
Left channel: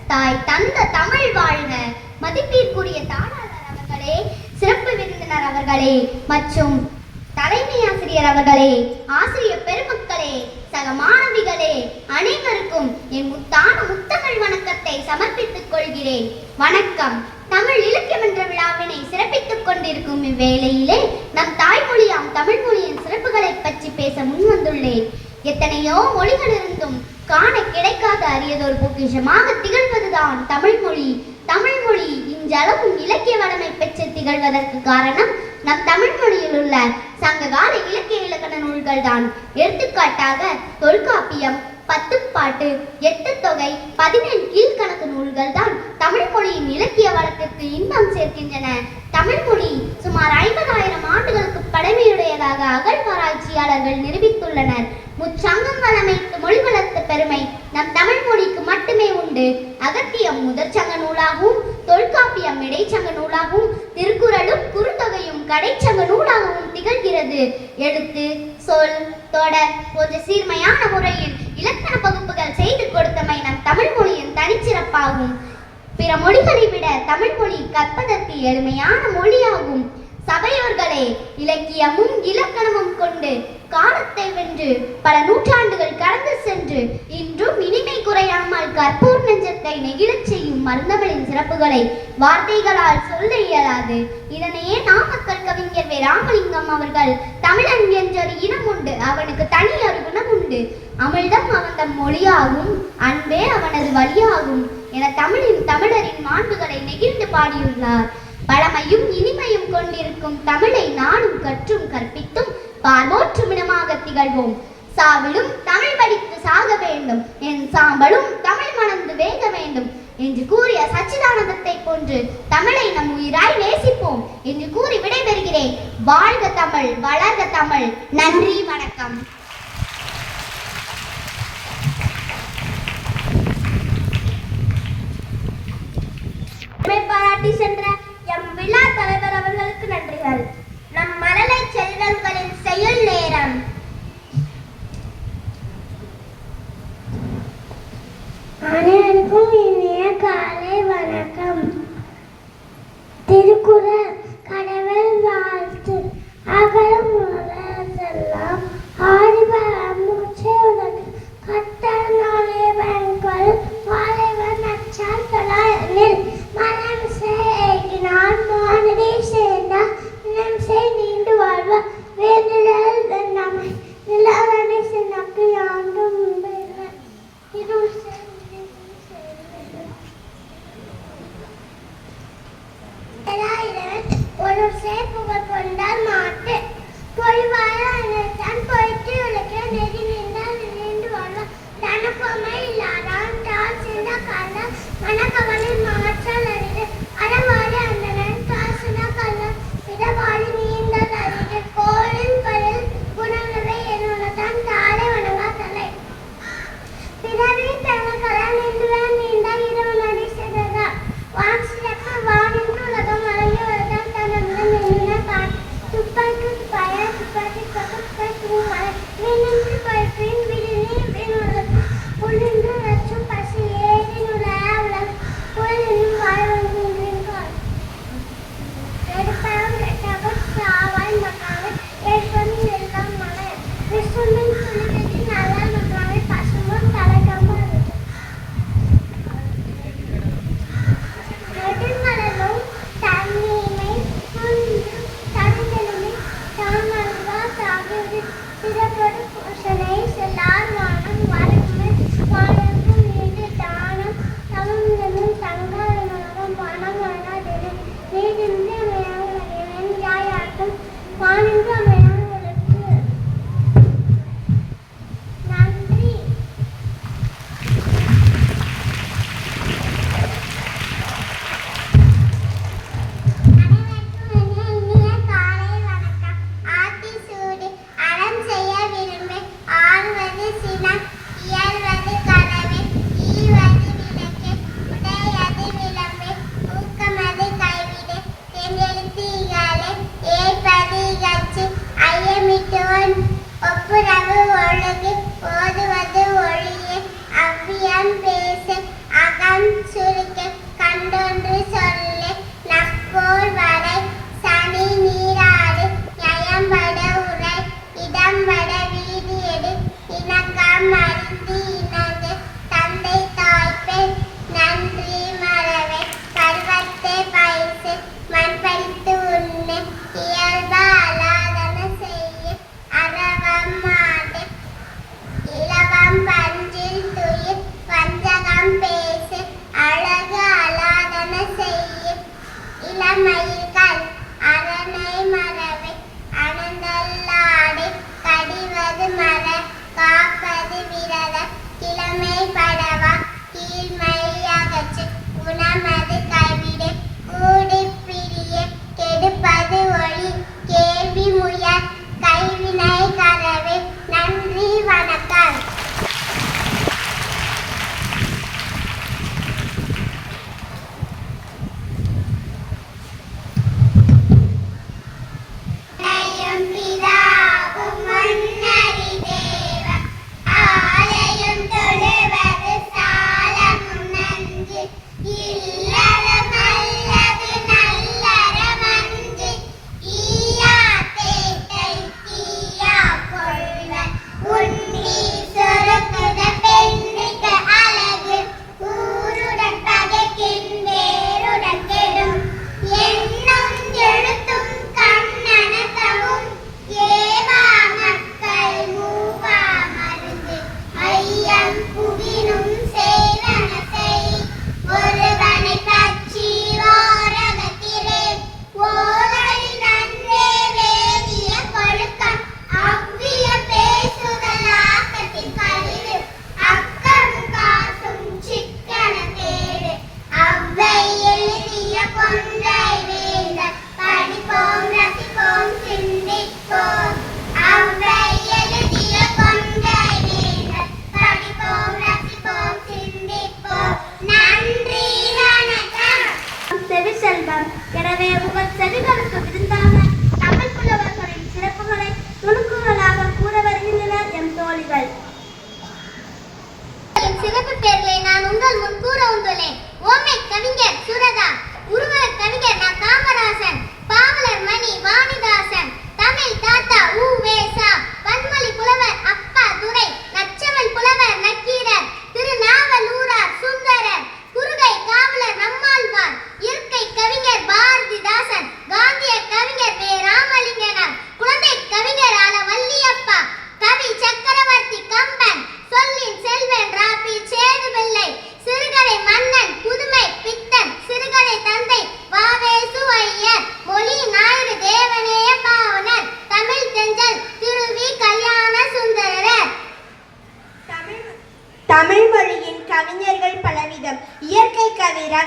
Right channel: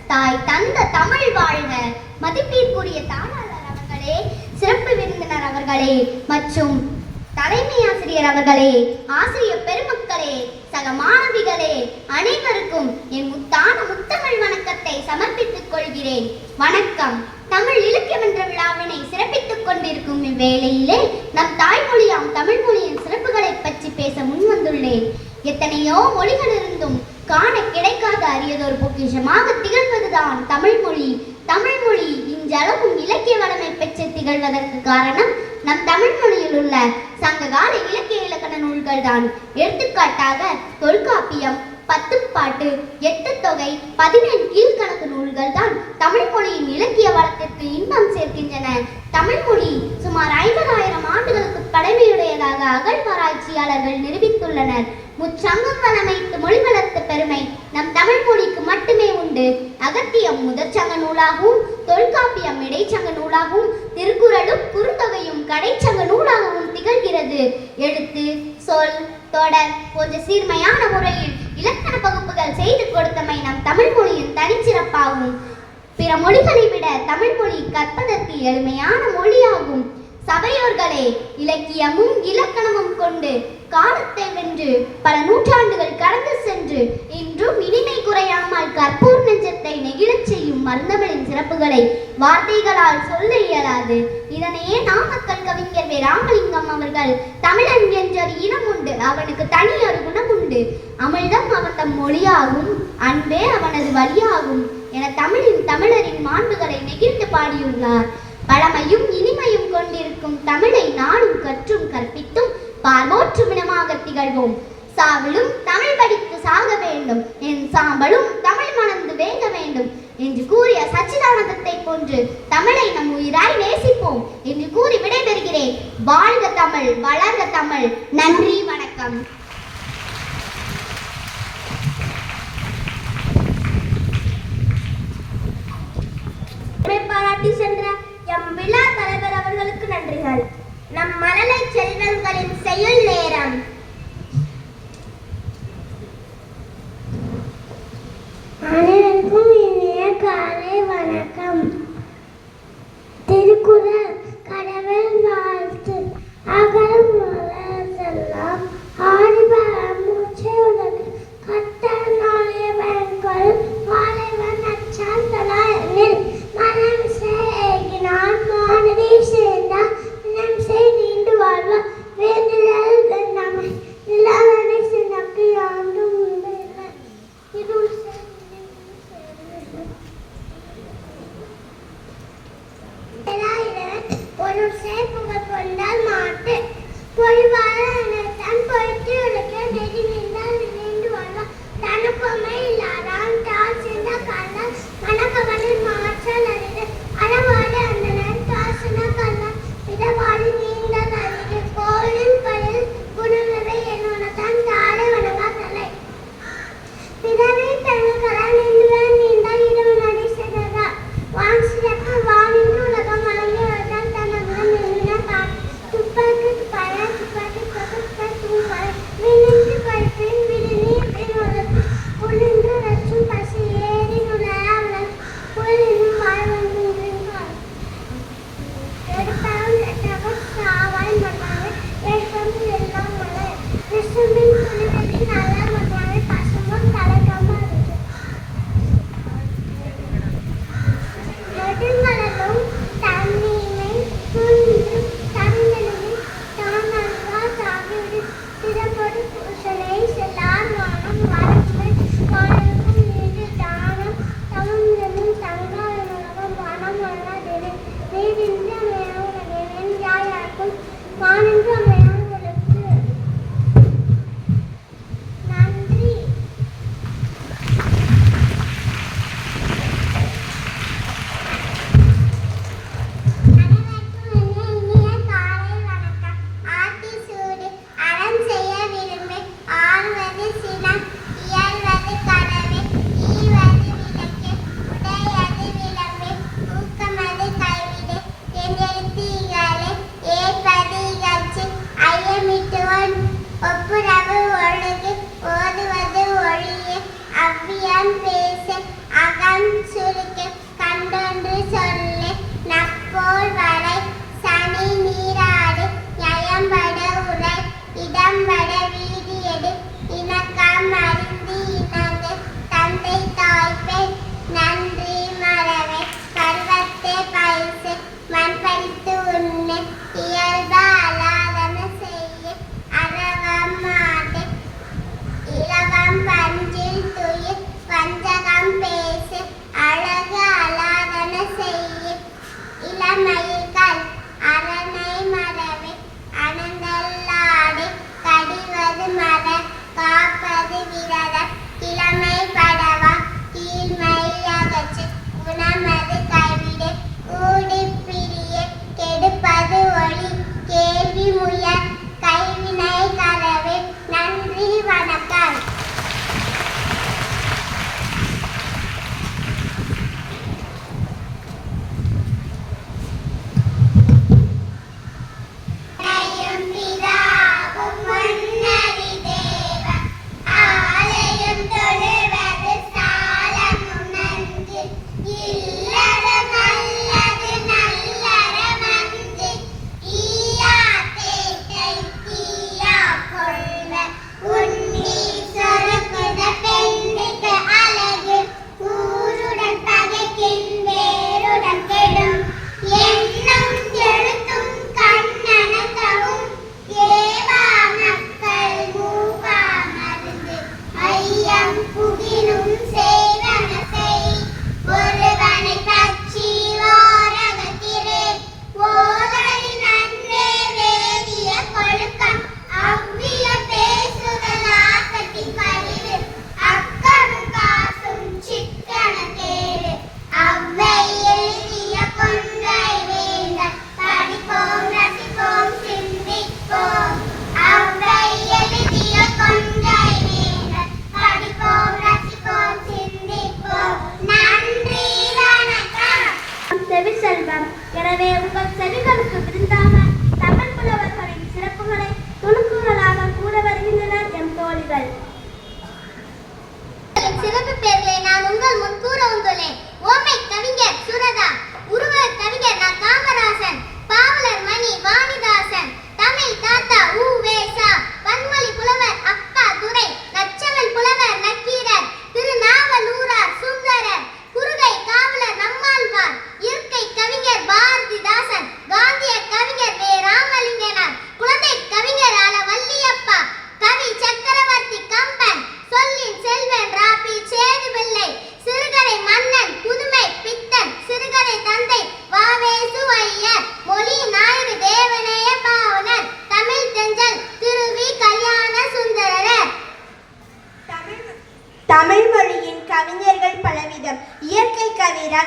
தாய் தந்த தமிழ் வாழ்க. மதிப்பிற்குரிய தாளாளர் அவர்களே, சிறப்பு விருந்தினர் அவர்களே மற்றும் தலைமை ஆசிரியர் அவர்களே, ஆசிரியர் பெருமக்களே, சக மாணவிகளே, அனைவருக்கும் என் முத்தான முத்தமிழ் வணக்கத்தை சமர்ப்பித்துக் கொள்கிறேன். வணக்கம். தமிழ் இலக்கியம் என்ற விழாவினை சிறப்பித்துக் கொண்டிருக்கும் இவ்வேளையிலே நம் தாய்மொழியாம் தமிழ் மொழியின் சிறப்புகளை பற்றி பேச முன்வந்துள்ளேன். எத்தனையோ மொழிகள் இருந்தும் காண கிடைக்காத அரியதொரு பொக்கிஷமாக திகழ்வதுதான் தமிழ் மொழி. தமிழ் மொழி இன்றளவும் இலக்கிய வளமை பெற்று திகழ்வதற்கு காரணம் நம் தமிழ் மொழியில் உள்ள சங்ககால இலக்கிய இலக்கண நூல்கள் தான். எடுத்துக்காட்டாக தொல்காப்பியம், பத்துப்பாட்டு, எட்டுத்தொகை, 17 கீழ்கணக்கு நூல்கள் தான் தமிழ் மொழியின் இலக்கிய வளத்திற்கு இன்பம் சேர்க்கின்றன. தமிழ் மொழி சுமார் 50,000 ஆண்டுகளுக்கு பழமையுடையதாக அகழ்வாராய்ச்சியாளர்கள் நிரூபித்துள்ளனர். முச்சங்கம் வளமைத்து மொழி வளர்த்த பெருமை நம் தமிழ் மொழிக்கு மட்டுமே உண்டு. அகத்தியம் முதற்சங்க நூலாகவும், தொல்காப்பியம் இடைச்சங்க நூலாகவும், திருக்குறளும் குறுந்தொகையும் கடைச்சங்க நூலாகவும் திகழ்கிறது. எழுத்து, சொல், தொடர் போன்ற சீர்மையான முறையில் இலக்கண பகுப்புகள் செய்து கொடுத்தமை நம் தமிழ் மொழியின் தனிச்சிறப்பாகும். பிற மொழிகளை விட தமிழ் மொழி கற்பதற்கு எளிமையான மொழியாகும். சபையோர்களே, இலக்கியமும் இலக்கணமும் கொண்டு காலத்தை வென்று பல நூற்றாண்டுகள் கடந்து சென்று இன்றும் இனிமை குறையாமல் கற்பூர் நெஞ்சத்தை நெகிழச் செய்யும் மருந்தமிழின் சிறப்புகளை வார்த்தைகளால் சொல்ல இயலாது. இதனையே நாமக்கல் கவிஞர் வே. ராமலிங்கம் அவர்கள் தமிழன் என்றொரு இனம் உண்டு, அவனுக்கு தனி ஒரு குணம் உண்டு, அமிழ்தம் அவன் மொழியாகும், அன்பே அவனது வழியாகும் என தமிழரின் மாண்புகளை நெகிழ்ந்து பாடியுள்ளார். பழமையும் இனிமையும் கொண்டிருக்கும் தமிழை நாடும் கற்றும் கற்பித்தும் பார்மோற்றும் இனமாக திகழ்வோம். சாவிலும் தமிழ் படித்து சாக வேண்டும், என் சாம்பலும் தமிழ் மணந்து வேக வேண்டும் என்று கூறிய சச்சிதானந்தத்தை போன்று தமிழை நம் உயிராய் நேசிப்போம் என்று கூறி விடைபெறுகிறேன். வாழ்க தமிழ், வளர்க தமிழ். நன்றி, வணக்கம். பாராட்டி சென்ற எம் விழா தலைவர் அவர்களுக்கு நன்றிகள். நம் மழலை செல்வங்களின் செயல் நேரம். அனைவருக்கும் இனிய காலை வணக்கம். திருக்குறள் கடவுள் வாழ்த்து. அகரம் முதலாம் ஆடிவரம் மூச்சை உலகு கட்டல் நாளே பயன்கொள் வாழைவன் நச்சான் தொழாயனில் மனம் செய்கினான் மானடி சேர்ந்தால் இனம் செய் நீண்டு வாழ்வார் வேண்டுதல் வெண்ணமை நிலவனை சின்னக்கு ஆண்டும் இருள் ஒரு புகழ் கொண்டால் மாட்டு பொய்வாழ தன் பொய்த்து உழைக்க நெறி நின்றால் நீண்டு வாழ்வார் தனப்பொம்மை இல்லாதான் தாள் சின்ன கண்டால் மனக்கவனில் மாற்றல் அறிது அறவாடி அந்தனன் காசன கல்லால் இடவாடி நீண்ட அறிவு கோளில் பயில் குணங்களை என்னுடன் தாளை வணங்கா தலை பிறவி பெண்களால் நின்றுவன் நீண்ட இரவு நடி சென்றார் வான் சிறப்பு வானின்று உலகம் வழங்கி வருதான் தனமுடன் நின்றின பார் துப்பாக்கி பய துப்பாக்கி பகுப்பை தூமலை விண்ணின்று பயிற்பின் விடுநீர் விண்ணுலகு உள்ளின்று ரச்சும் பசி ஏறி நுழைய உலகு புயலினும் வாழ்வென்றால் எடுப்பரம் தகவல் சாவாய் மன்னாவை ஏற்படும் எல்லாம் மலை விசும்பின் துணிவெட்டி நல்ல மன்னாவை பசுமும் தலைக்காமல் நெடுங்கடலும் தண்ணீரை துணிந்து தருந்தெழுமி தாமல்வா தாகிவிடு சிறப்பொரு பூசனை செல்லார் வானம் வரம்பு வானங்கும் நீடு தானம் தவமிடமும் தங்காய மனம் வனம் வண்ணாதென நீடின்ற மேவுலகின் யாயாக்கும் வானின்ற மேவுலகு. நன்றி. ஒப்புரவு ஒழுகு ஓதுவது ஒழிய அவ்வியம் பேச அகம் சுருக்க கண்டொன்று சொல்ல நப்போல் வரை சனி நீராடு நயம்பட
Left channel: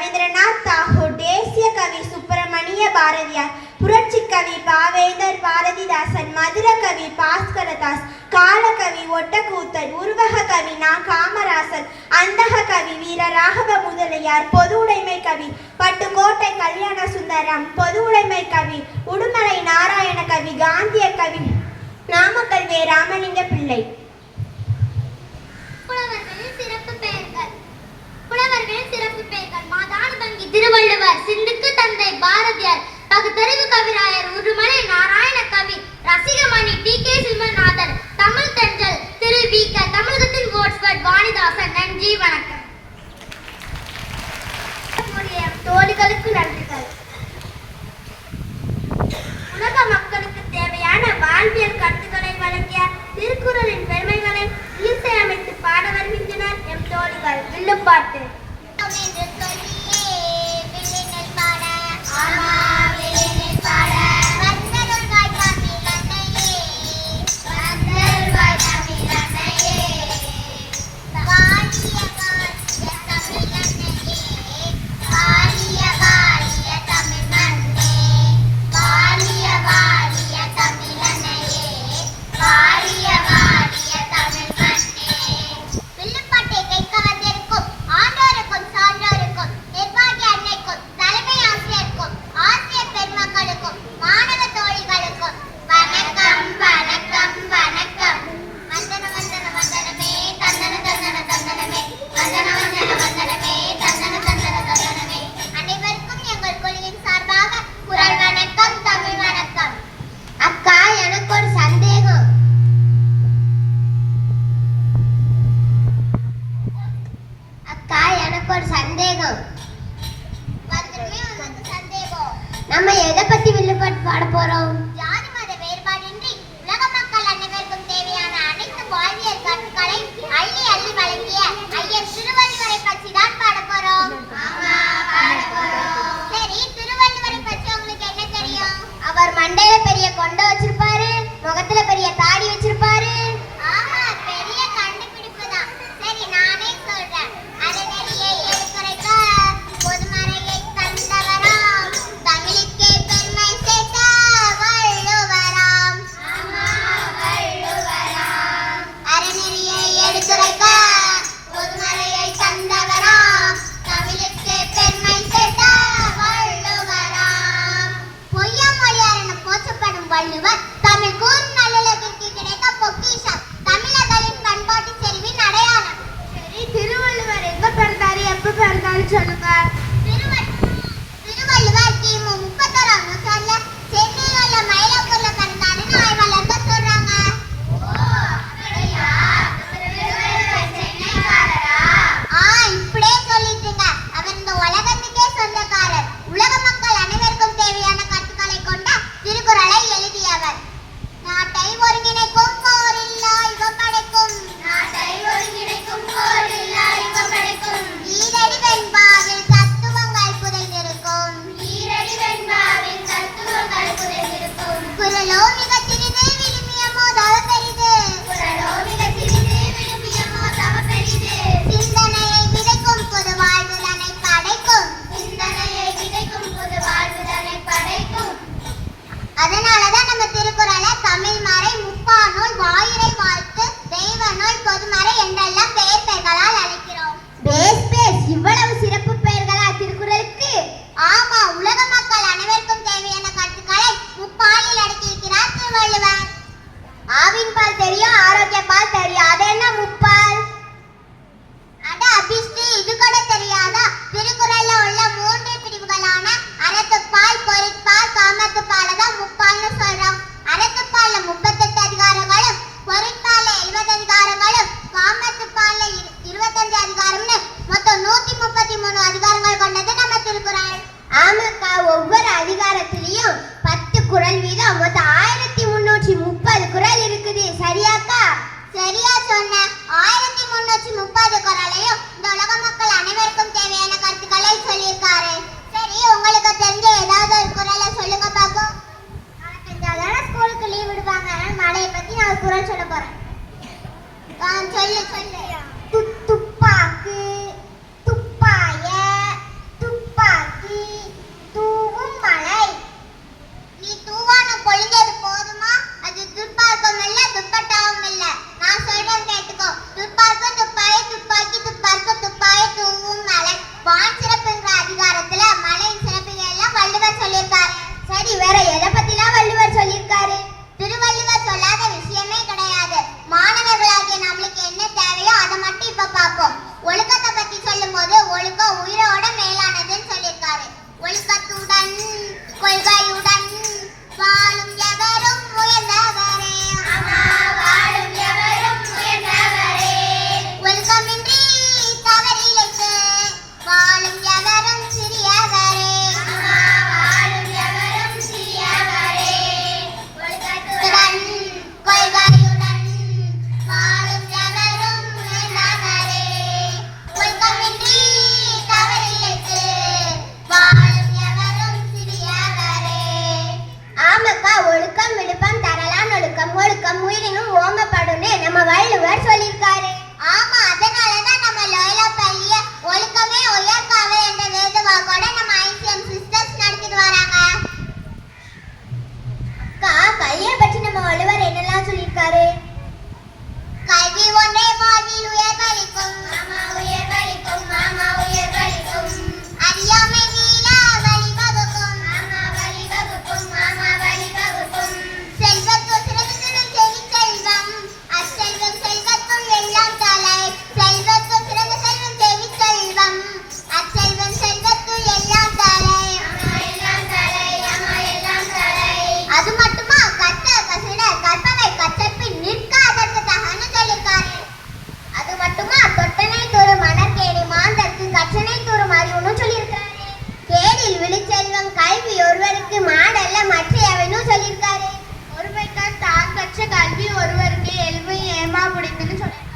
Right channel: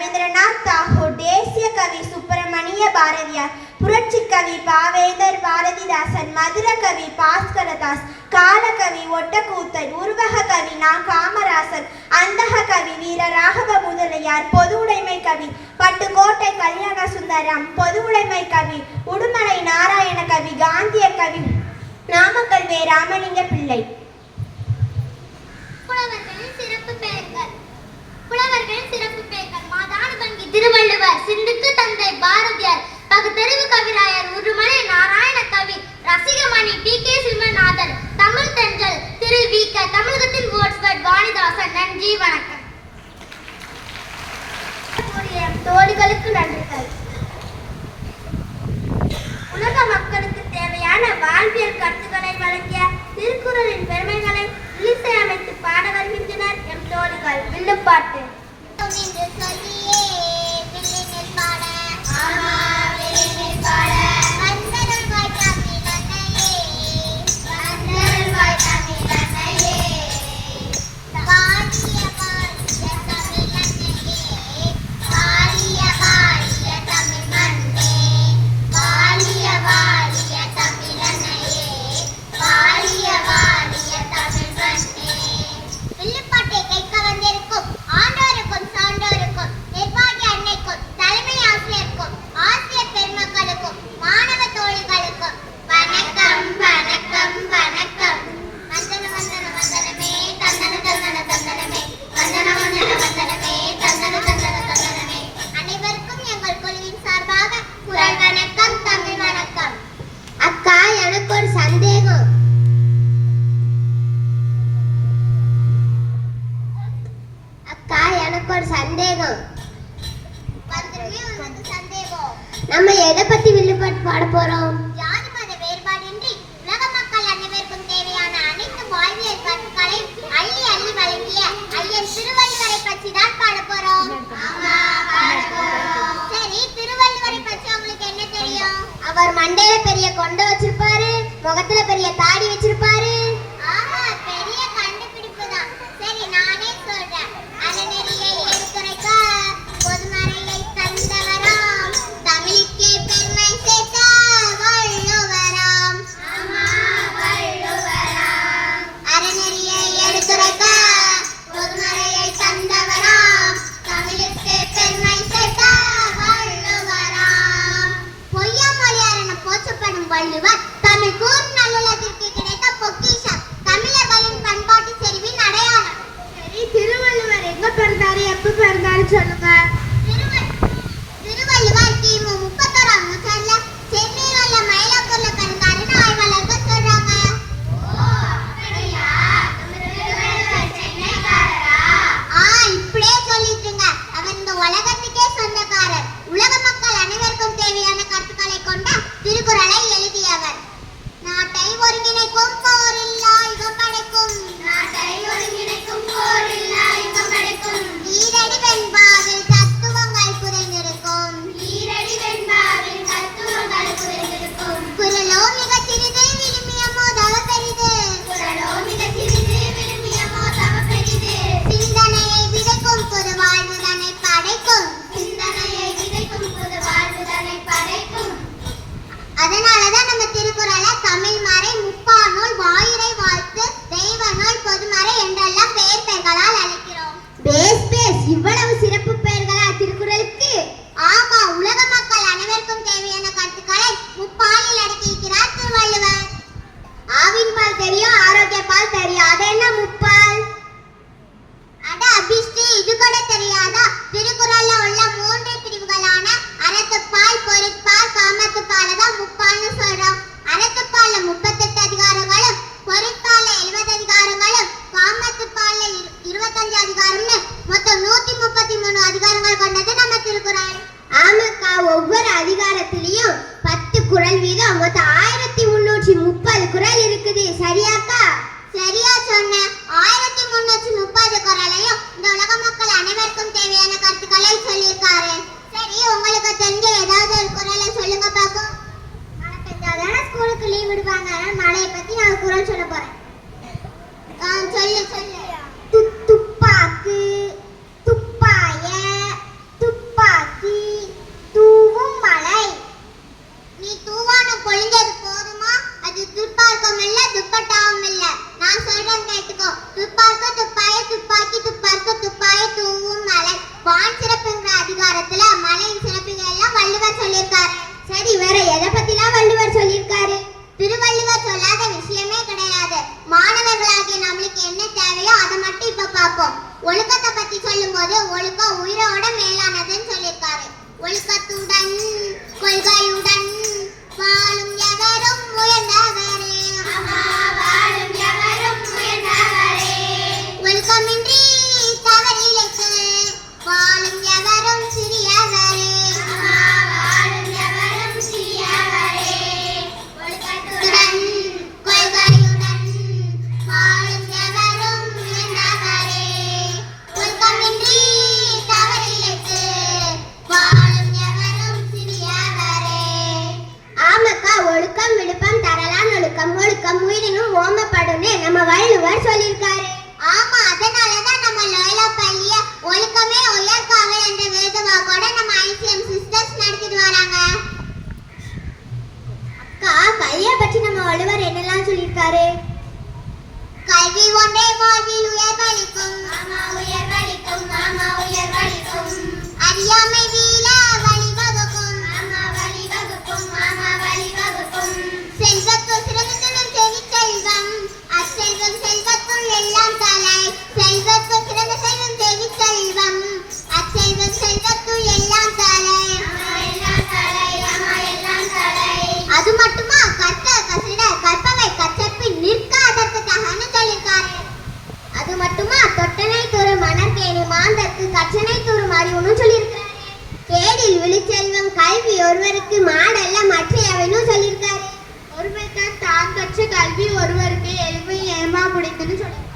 ரவீந்திரநாத் தாகூர், தேசிய கவி சுப்பிரமணிய பாரதியார், புரட்சி கவி பாவேந்தர் பாரதிதாசன், மதுர கவி பாஸ்கரதாஸ், காலகவி ஒட்டக்கூத்தர், உருவக கவி நா காமராசர், அந்தக கவி வீர ராகவ முதலியார், பொது உடைமை கவி பட்டுக்கோட்டை கல்யாண சுந்தரம், பொது உடைமை கவி உடுமலை நாராயண கவி, காந்திய கவி நாமக்கல் வே ராமலிங்க பிள்ளை. புலவர்களின் சிறப்பு பெயர்கள் மாதான வங்கி திருவள்ளுவர், சிந்துக்கு தந்தை பாரதியார், பகுத்தறிவு கவிராயர் உடுமலை நாராயண கவி, ரசிகமணி டி.கே. சிம்மநாதன், தமிழ் தென்றல் திரு வி.க. தமிழகத்தின் வேர்ட்ஸ்வர்த் வாணிதாசன். நன்றி, வணக்கம். தோழிகளுக்கு நன்றிகள். உலக மக்களுக்கு தேவையான வாழ்வியல் கருத்துக்களை வழங்கிய திருக்குறளின் பெருமைகளை இசையமைத்து பாட வருகின்றனர் எம் தோழிகள். வில்லுப்பாட்டு. நம்ம எதை பத்தி வில்லுப்பாட்டு பாட போறோம்? ஜாதி மத வேறுபாடின்றி உலக மக்கள் அனைவருக்கும் தேவையான அனைத்து வாழ்வியல் கருத்துக்களை அள்ளி அள்ளி வழங்கிய ஐயன் திருவள்ளுவரை பற்றி தான் பாட போறோம். சரி, திருவள்ளுவரை பற்றி உங்களுக்கு என்ன தெரியும்? அவர் மண்டையில பெரிய கொண்டை வச்சிருப்பாரு, முகத்துல பெரிய தாடி வச்சிருப்பாரு. ஆமா, பெரிய கண்டுபிடிப்பு தான். சரி, நானே சொல்றேன். அறநெறியை எடுத்துரைக்க பொதுமறையை தந்தவராம், தமிழுக்கே பெருமை சேர்த்த வள்ளுவராம். அறநெறியை எடுத்துரைக்க பொதுமறையை தந்தவராம், தமிழுக்கே பெருமை சேர்த்த வள்ளுவராம். பொய்யம் மொழியார் என போற்றப்படும் வள்ளுவர் தமிழ் கூறும் நல்லுலகிற்கு கிடைத்த பொக்கிஷம், தமிழர்களின் பண்பாட்டு செறிவின் அடையாளம். சரி, திருவள்ளுவர் எங்க பிறந்தாரு, எப்ப பிறந்தாரு சொல்லுங்க. திருவள்ளுவர் கிமு 31ஆம் நூற்றாண்டுல சென்னையில உள்ள மயிலாப்பூர்ல பிறந்தாருன்னு ஆய்வாளர்கள் சொல்றாங்க. இப்படியே சொல்லிட்டுங்க. அவர் இந்த உலகத்துக்கே சொந்தக்காரர். உலக மக்கள் அனைவருக்கும் தேவையான கருத்துக்களை கொண்ட திருக்குறளை எழுதியவர். நாட்டை ஒருங்கிணைக்கும் போரில்லா யுகம் படைக்கும், நாட்டை ஒருங்கிணைக்கும் போரில்லா யுகம் படைக்கும், ஈரடி வெண்பாவில் தத்துவங்கள் புதைந்திருக்கும், ஈரடி வெண்பாவில் தத்துவங்கள் புதைந்திருக்கும், குறளோ மிக சிறிது விழுமியமோ தவ பெரிது, குறளோ மிக சிறிது விழுமியமோ தவ பெரிது, சிந்தனையை விதைக்கும் பொது வாழ்வுதனை படைக்கும், சிந்தனையை விதைக்கும் பொது வாழ்வுதனை படைக்கும். அதனாலதான் நம்ம திருக்குறளை தமிழ் மறை, முப்பாநூல், வாயுரை வாழ்த்து, தெய்வ நூல், பொதுமறை என்றெல்லாம் பெயர் பெயர்களால் அழைக்கிறோம். இவ்வளவு சிறப்பு பெயர்களா திருக்குறளுக்கு? ஆமா, உலக மக்கள் அனைவருக்கும் தேவையான கருத்துக்களை முப்பாலில் அடக்கியிருக்கிறார் திருவள்ளுவர். ஆவின் பால் தெரியும், ஆரோக்கிய பால் தெரியும், அது என்ன முப்பால்? அட அபிஷ்டி, இது கூட தெரியாதா? திருக்குறள்ல உள்ள 3 பிரிவுகளான அறத்துப்பால், பொருட்பால், காமத்துப்பால தான் முப்பால்னு சொல்றோம். அறத்துப்பால்ல 38 அதிகாரங்களும், பொருட்பால்ல 70 அதிகாரங்களும், காமத்துப்பால்ல 25 அதிகாரம்னு மொத்தம் 133 அதிகாரங்கள் கொண்டது நம்ம திருக்குறள். ஆமாக்கா, ஒவ்வொரு அதிகாரத்திலையும் 10 குறள் வீதம் மொத்தம் 1330 குறள் இருக்குது. சரியாக்கா? சரியா சொன்ன. 1330 குறளையும் இந்த உலக மக்கள் அனைவருக்கும் தேவையான கருத்துக்களை சொல்லியிருக்காரு. சரி, உங்களுக்கு தெரிஞ்ச ஏதாவது ஒரு குறளை சொல்லுங்க பாப்போம். மழை பெஞ்சாதானே ஸ்கூலுக்கு லீவ் விடுவாங்க. மழையை பத்தி நான் குறள் சொல்ல போறேன். சொல்லு சொல்லு. துப்பாக்கு, துப்பாய, துப்பாக்கி, நீ தூவானம் பொழிஞ்சது போதுமா? அது துப்பார்க்கம் இல்ல, துப்பட்டாவும் இல்ல. நான் சொல்றேன் கேட்டுக்கோ. துப்பார்க்க துப்பாய துப்பாக்கி துப்பார்க்க துப்பாய தூவும் மலை. வான் சிறப்புங்கிற அதிகாரத்துல மலையின் சிறப்புங்க எல்லாம் வள்ளுவர் சொல்லியிருக்காரு. சரி, வேற எதை பத்திலாம் வள்ளுவர் சொல்லியிருக்காரு? திருவள்ளுவர் சொல்லாத விஷயமே கிடையாது. மாணவர்களாகிய நம்மளுக்கு என்ன தேவையோ அதை மட்டும் இப்ப பார்ப்போம். ஒழுக்கத்தை பத்தி சொல்லும் போது ஒழுக்கம் உயிரோட மேலானதுன்னு சொல்லியிருக்காரு. ஒழுக்கத்துடன் கொள்கையுடன் வாழும் எவரும் உயர்ந்தவரே. வாழும் எவரும் உயர்ந்தவரே. ஒழுக்கமின்றி தவறிழைத்து வாழும் எவரும் சிறியவரே. வாழும் எவரும் சிறியவரே. ஒழுக்கத்துடன் கொள்கையுடன் வாழும் எவரும் உயர்ந்தவரே. ஒழுக்கமின்றி தவறிழைத்து வாழும் எவரும் சிறியவரே. ஆமக்கா, ஒழுக்கம் விழுப்பம் தரலான் ஒழுக்கம். ஒழுக்கம் உயிரினும் ஓமப்படுன்னு நம்ம வள்ளுவர் சொல்லியிருக்காரு. ஆமா, அதனாலதான் நம்ம லோயலா பள்ளிய ஒழுக்கமே உயர்காவல் என்ற வேதவாக்கோட நம்ம ஐசிஎம் சிஸ்டர்ஸ் நடத்திட்டு வராங்க. அக்கா, கல்வியை பற்றி நம்ம வள்ளுவர் என்னெல்லாம் சொல்லியிருக்காரு? கல்வி ஒன்றே வாழ்வில் உயர்வளிக்கும். மாமா உயர்வளிக்கும், மாமா உயர்வளிக்கும். அறியாமை வீழ வழிவகுக்கும். மாமா வழிவகுக்கும், மாமா வழிவகுக்கும். செல்வத்து சிறந்ததும் செவிச்செல்வம். அச்செல்வம் செல்வத்துள் எல்லாம் தலை. செல்வத்து சிறந்த செல்வம் செவிச்செல்வம். அச்செல்வம் செல்வத்துள் எல்லாம் தலை. அது மட்டுமா, கற்க கசிட கற்பவை கற்றப்பின் நிற்க அதற்கு தகன்னு சொல்லியிருக்காரு. அது மட்டுமா, தொட்டனை தூறு மணற்கேணி மாந்தற்கு கற்றனை தூறும் அறிவுன்னு சொல்லியிருக்காரு. கேடில் விழிச்செல்வம் கல்வி ஒருவருக்கு மாடல்ல மற்றையவனு சொல்லியிருக்காரு. ஒருவருக்கு தான் கற்ற கல்வி ஒருவருக்கு எல்வி ஏமா பிடித்துன்னு சொல்லியிருக்காரு.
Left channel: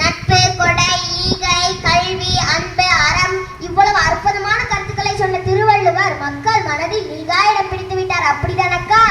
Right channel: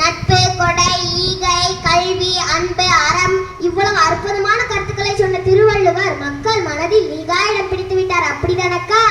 நட்பு, கொடை, ஈகை, கல்வி, அன்பு, அறம் இவ்வளவு அற்புதமான கருத்துக்களை சொன்ன திருவள்ளுவர் மக்கள் மனதில் நீங்கா இடம் பிடித்து விட்டார். அப்படிதானக்கா?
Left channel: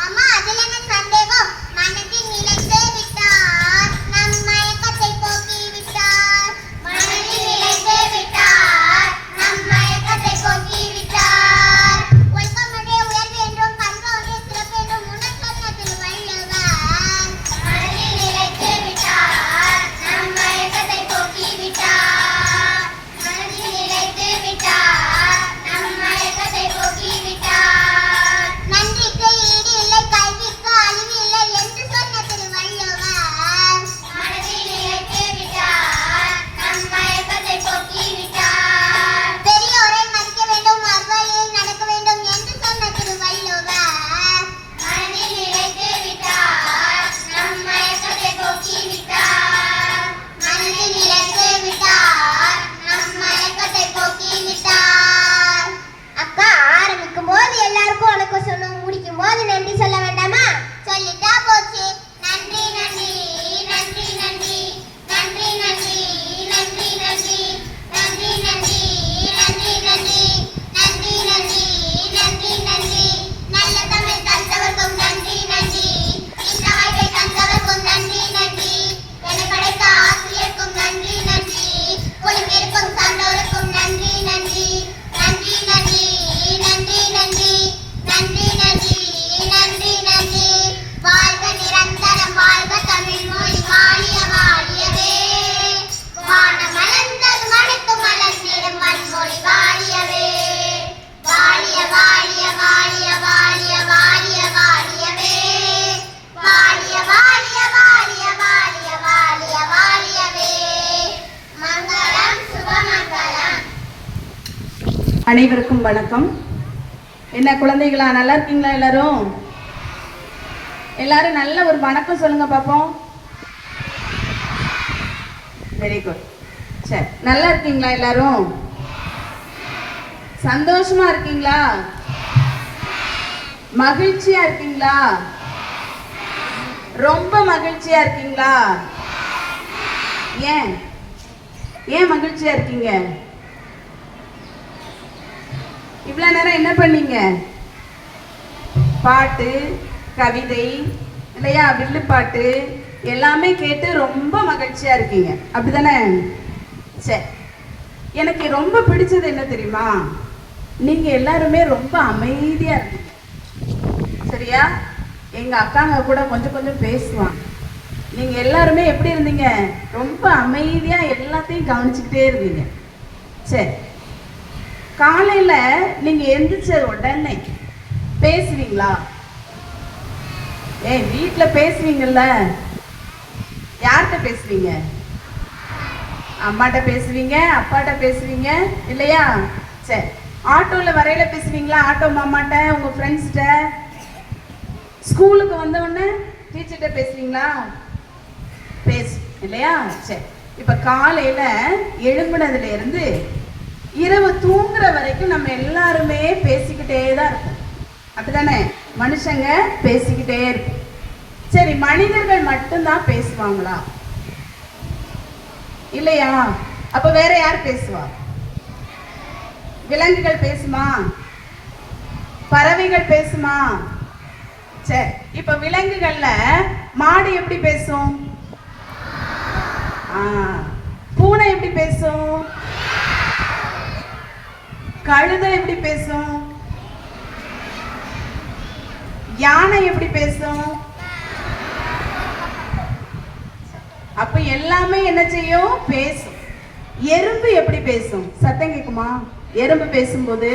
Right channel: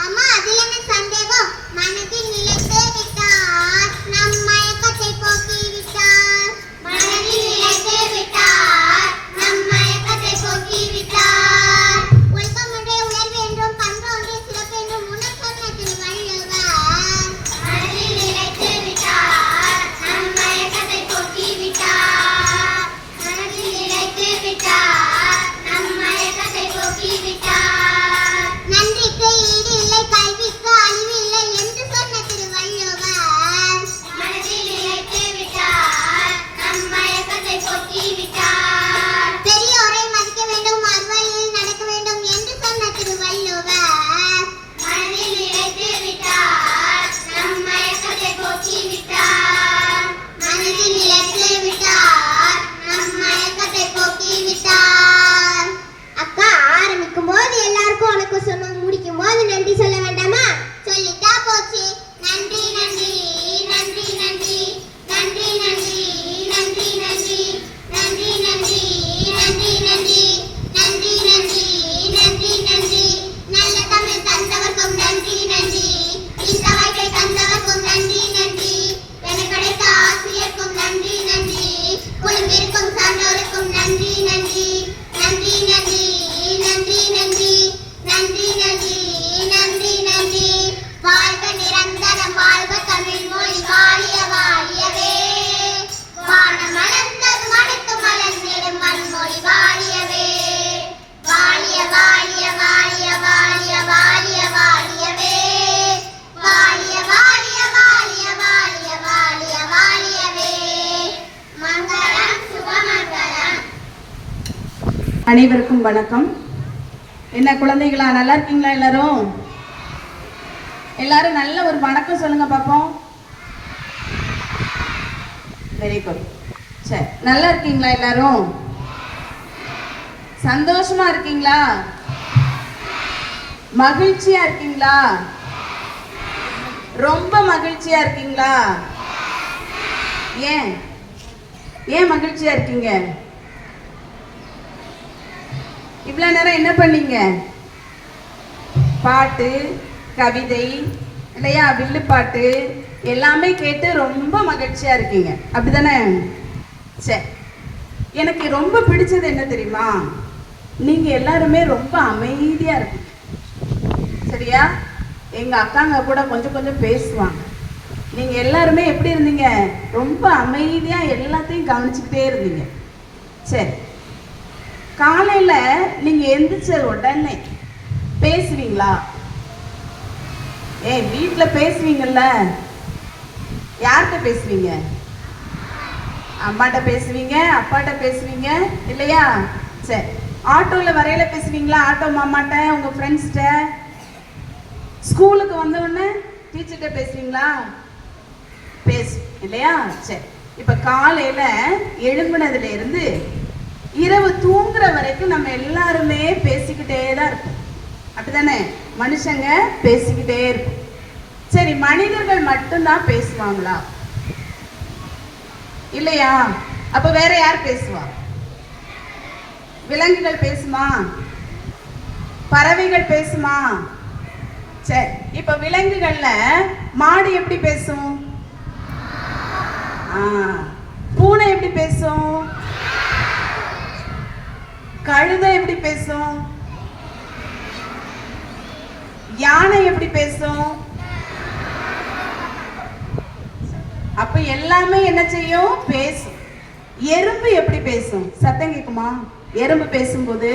ஆமா, அதுல என்ன சந்தேகம்? மனதில் நிலைத்து விட்டார், நம் மயக்கத்தை போக்கி விட்டார். மனதில் நிலைத்து விட்டார், நம் மயக்கத்தை போக்கி விட்டார். ஒழுக்கமுடைய உயர்வு என்றும் பண்பு ஒன்றிய சிறப்பு என்றும் முன்னர் சொன்ன திருவள்ளுவர். மனதில் நிலைத்து விட்டார், நம் மயக்கத்தை போக்கி விட்டார். மனதில் நிலைத்து விட்டார், நம் மயக்கத்தை போக்கி விட்டார். நன்றிக்கு ஈடு இல்லை, கல்விக்கு அழிவு இல்லை என்று சொன்ன திருவள்ளுவர். மனதில் நிலைத்து விட்டார், நம் மயக்கத்தை போக்கி விட்டார். பெரியோரை மதிக்க வேண்டும், அறுவழியில் நடக்க வேண்டும் என்று சொன்ன திருவள்ளுவர். மனதில் நிலைத்து விட்டார், நம் மயக்கத்தை போக்கி விட்டார். மனதில் நிலைத்து விட்டார், நம் மயக்கத்தை போக்கி விட்டார். அக்கா, ஆரம்பிக்கும் போது எல்லாருக்கும் வணக்கம் சொல்லணும், முடிக்கும் போது நன்றி சொல்ல வேண்டாமா? சொல்லிட்டா போச்சு. நன்றி நன்றி நன்றி நன்றி நன்றி நன்றி நன்றி நன்றி நன்றி நன்றி நன்றி நன்றி நன்றி நன்றி நன்றி நன்றி. நல்ல தமிழ் தந்தவர்க்கும் நன்றி நன்றி. இந்த வாய்ப்பை தந்தவர்க்கும் நன்றி நன்றி. என கிடைத்த ஆசிரியருக்கும் நன்றி நன்றி. குழுவிற்கும் சான்றோருக்கும் நன்றி நன்றி நன்றி நன்றி நன்றி நன்றி நன்றி நன்றி நன்றி நன்றி. வாழ்க நிரந்தரம், வாழ்க தமிழ் மொழி, வாழிய வாழியவே. வானமலர்ந்தது மடுத்து மலர்ந்திடும் வன்மொழி வாழியவே. வாழிய வாழிய வாழிய வாழிய வாழிய வாழியவே. வாழிய வாழிய வாழிய வாழிய வாழிய வாழியவே. மங்களம் சுபமங்களம். அனைவருக்கும் வணக்கம். என்ன குழந்தைகளா, நல்லா இருக்கீங்களா? எல்லாரும் எல்லாரும் நல்ல ஒரு வணக்கம் சொல்லுங்க பாப்போம். Very good. சரி, நல்லா இருக்கீங்களா? எல்லாரும் சந்தோஷமா இருக்கீங்களா? மகிழ்ச்சியா இருக்கீங்களா? ரொம்ப மகிழ்ச்சியா இருக்கீங்களா? ஏன் ஏன் மகிழ்ச்சியா இருக்கீங்க? இவ்வளவு நேரம் என்ன பண்ணீங்க? பாட்டு, கவிதை இல்லையா, வில்லுப்பாட்டு எல்லாமே கேட்டு ரொம்ப மகிழ்ச்சியா இருக்கீங்க, அப்படிதானே? சரி, எனக்கு ரொம்ப பிடிச்சது என்ன தெரியுமா? நீங்க எல்லாருமே ரொம்ப அமைதியா இருக்கீங்க. சரியா? எங்க அக்காங்க கூட கொஞ்சம் கொஞ்சம் பேசுவாங்க. நீங்க எல்லாருமே எப்படி இருந்தீங்க? ரொம்ப அமைதியா எல்லாத்தையும் கவனிச்சுக்கிட்டே இருந்தீங்க. சரி, காலையில நீங்க எந்திரிச்ச உடனே பேசுவீங்களா? வீட்டுல பேசுவீங்கல்ல? யார்கிட்ட பேசுவீங்க? அம்மாட்ட பேசுவீங்க, அப்பாட்ட பேசுவீங்க இல்லையா? சரி, ஆட்டோல வரையில பேசுவீங்களா? ஆட்டோ மாமாட்ட, உங்க ஃப்ரெண்ட்ஸ்கிட்ட? ஸ்கூலுக்கு வந்த உடனே டீச்சர்கிட்ட பேசுவீங்களா? பேசு இல்லையா? சரி, இப்ப காலையில எழும்புனதுல இருந்து இரவு தூங்குற வரைக்கும் நம்ம எல்லாருமே பேசிக்கிட்டே தான் இருப்போம். அப்படிதானே? மனுஷங்க பேசிக்கிட்டே இருக்கும். சரி, மனிதர்கள் மட்டும்தான் பேசுவாங்களா? இல்லையா? அப்ப வேற யார் பேசுவா? விலங்குகள் பேசுமா? பறவைகள் பேசுமா? சரி, இப்ப விலங்குகள்ல மாடு எப்படி பேசும்? பூனை எப்படி பேசும்? கழுதை எப்படி பேசும்? யானை எப்படி பேசும்? அப்ப எல்லாமே என்ன செய்யும்? பேசும். எறும்பு எப்படி பேசும்? சத்தம் கேட்குமா? எறும்பு பேசும்போது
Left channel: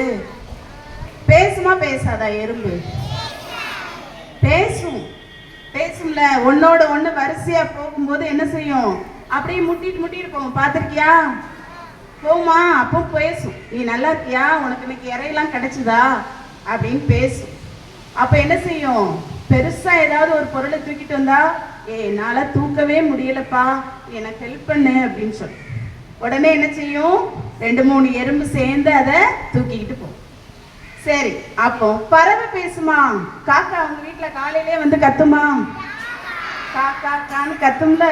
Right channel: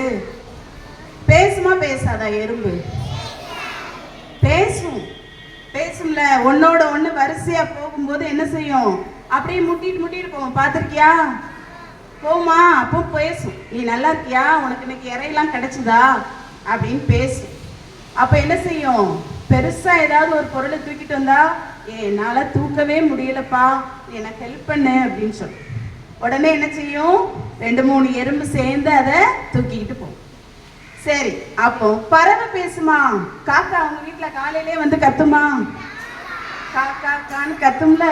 பேசுமா பேசாதா? எறும்பு பேசும். பேசும்ல. ஒன்னோட ஒண்ணு வரிசையா போகும்போது என்ன செய்யும்? அப்படியே முட்டிட்டு போகும். பார்த்திருக்கியா? போமா? அப்போ பேசும். நீ நல்லா இருக்கியா? உனக்கு இன்னைக்கு இறையெல்லாம் கிடைச்சுதா அப்படின்னு பேசும். அப்ப என்ன செய்யும்? பெருசா ஏதாவது ஒரு பொருளை தூக்கிட்டு வந்தா, என்னால தூக்கவே முடியலப்பா, எனக்கு ஹெல்ப் பண்ணு அப்படின்னு சொல்லு. உடனே என்ன செய்யும்? 2-3 எறும்பு சேர்ந்து அதை தூக்கிக்கிட்டு போகும். சரி, அப்போ பறவை பேசுமா? காக்கா அவங்க வீட்டுல காலையிலே வந்து கத்துமா? காக்கா கான்னு கத்தும்ல.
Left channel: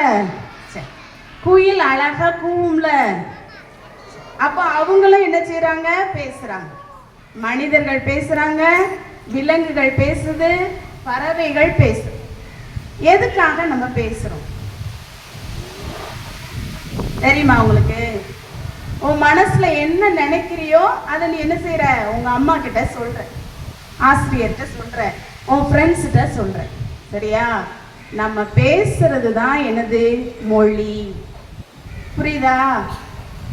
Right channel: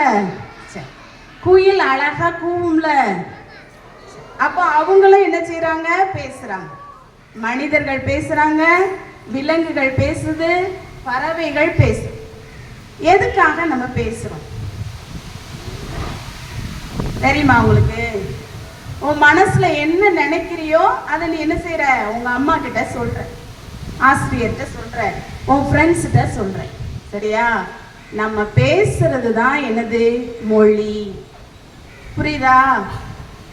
சரி, குயில் அழகா கூவும்ல. அப்போ அவங்களும் என்ன செய்யறாங்க? பேசுறாங்க. மனிதர்கள் பேசுறாங்க, விலங்குகள் பேசுது, பறவைகள் பேசுது. எதுக்காக நம்ம பேசுறோம் தெரியுமா உங்களுக்கு? உன் மனசுல என்ன நினைக்கிறியோ அதை நீ என்ன செய்யற? உங்க அம்மா கிட்ட சொல்ற, ஆசிரியர்கிட்ட சொல்ற, உன் ஃப்ரெண்ட்ஸ் கிட்ட சொல்ற. சரியா? நம்ம பேசுறது தான் என்னது? மொழி. புரியுதா?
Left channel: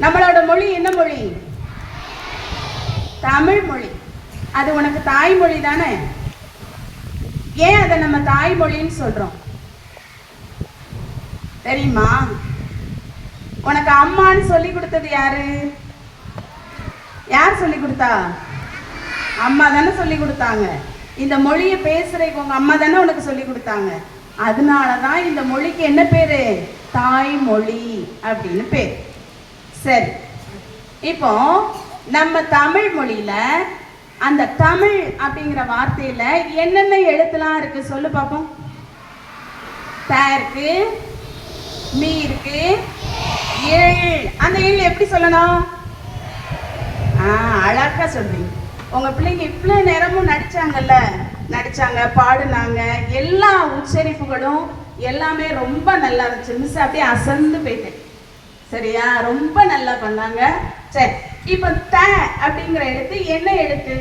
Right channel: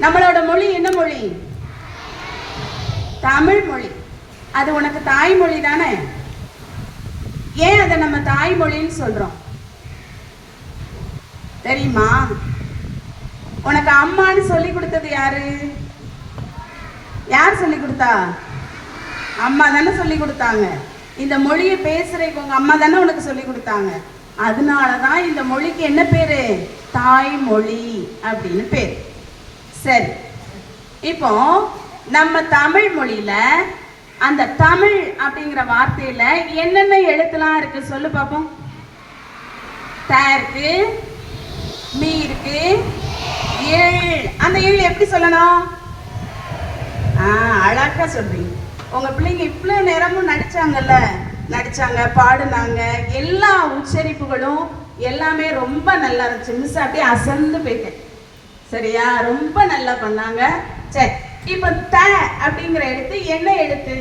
நம்மளோட மொழி என்ன மொழி? தமிழ் மொழி. அது உனக்கு தாய்மொழி தானே? ஏன் அதை நம்ம தாய்மொழின்னு சொல்றோம் தெரியுமா? உனக்கு அம்மான்னு சொல்லி கொடுத்தது யாரு? யார் சொல்லி கொடுத்தா? அம்மா தானே சொல்லி கொடுத்தாங்க. இந்த மொழியை பேசுறதுக்கு உங்க அம்மா தானே உனக்கு சொல்லி கொடுத்தாங்க. அதனாலதான் இந்த மொழிக்கு என்ன பேரு? தாய்மொழி அப்படின்னு பேரு. சரி, இப்போ நம்ம தமிழ் மொழியில அந்த தமிழ் அப்படிங்கிற வார்த்தையில என்னென்ன எழுத்துலாம் இருக்கு சொல்லு பாப்போம். த இருக்கு, மீ இருக்கு, ஏழ். அந்த ஏழு எப்படி சொல்லணும்? அழகா சொல்றீங்க. உங்க பிள்ளைங்க இவ்வளவு நேரமும் நடிச்சாங்க, பாடுனாங்க. எல்லா உச்சரிப்புகளும் எல்லாமே ரொம்ப நல்லா இருந்துச்சு. மிஸ் அப்படியே அசந்து போயிட்டேன். சரியா? ரொம்ப நல்லா பண்ணாங்க. சரி, இப்ப த அப்படிங்கிற எழுத்து என்ன எழுத்து?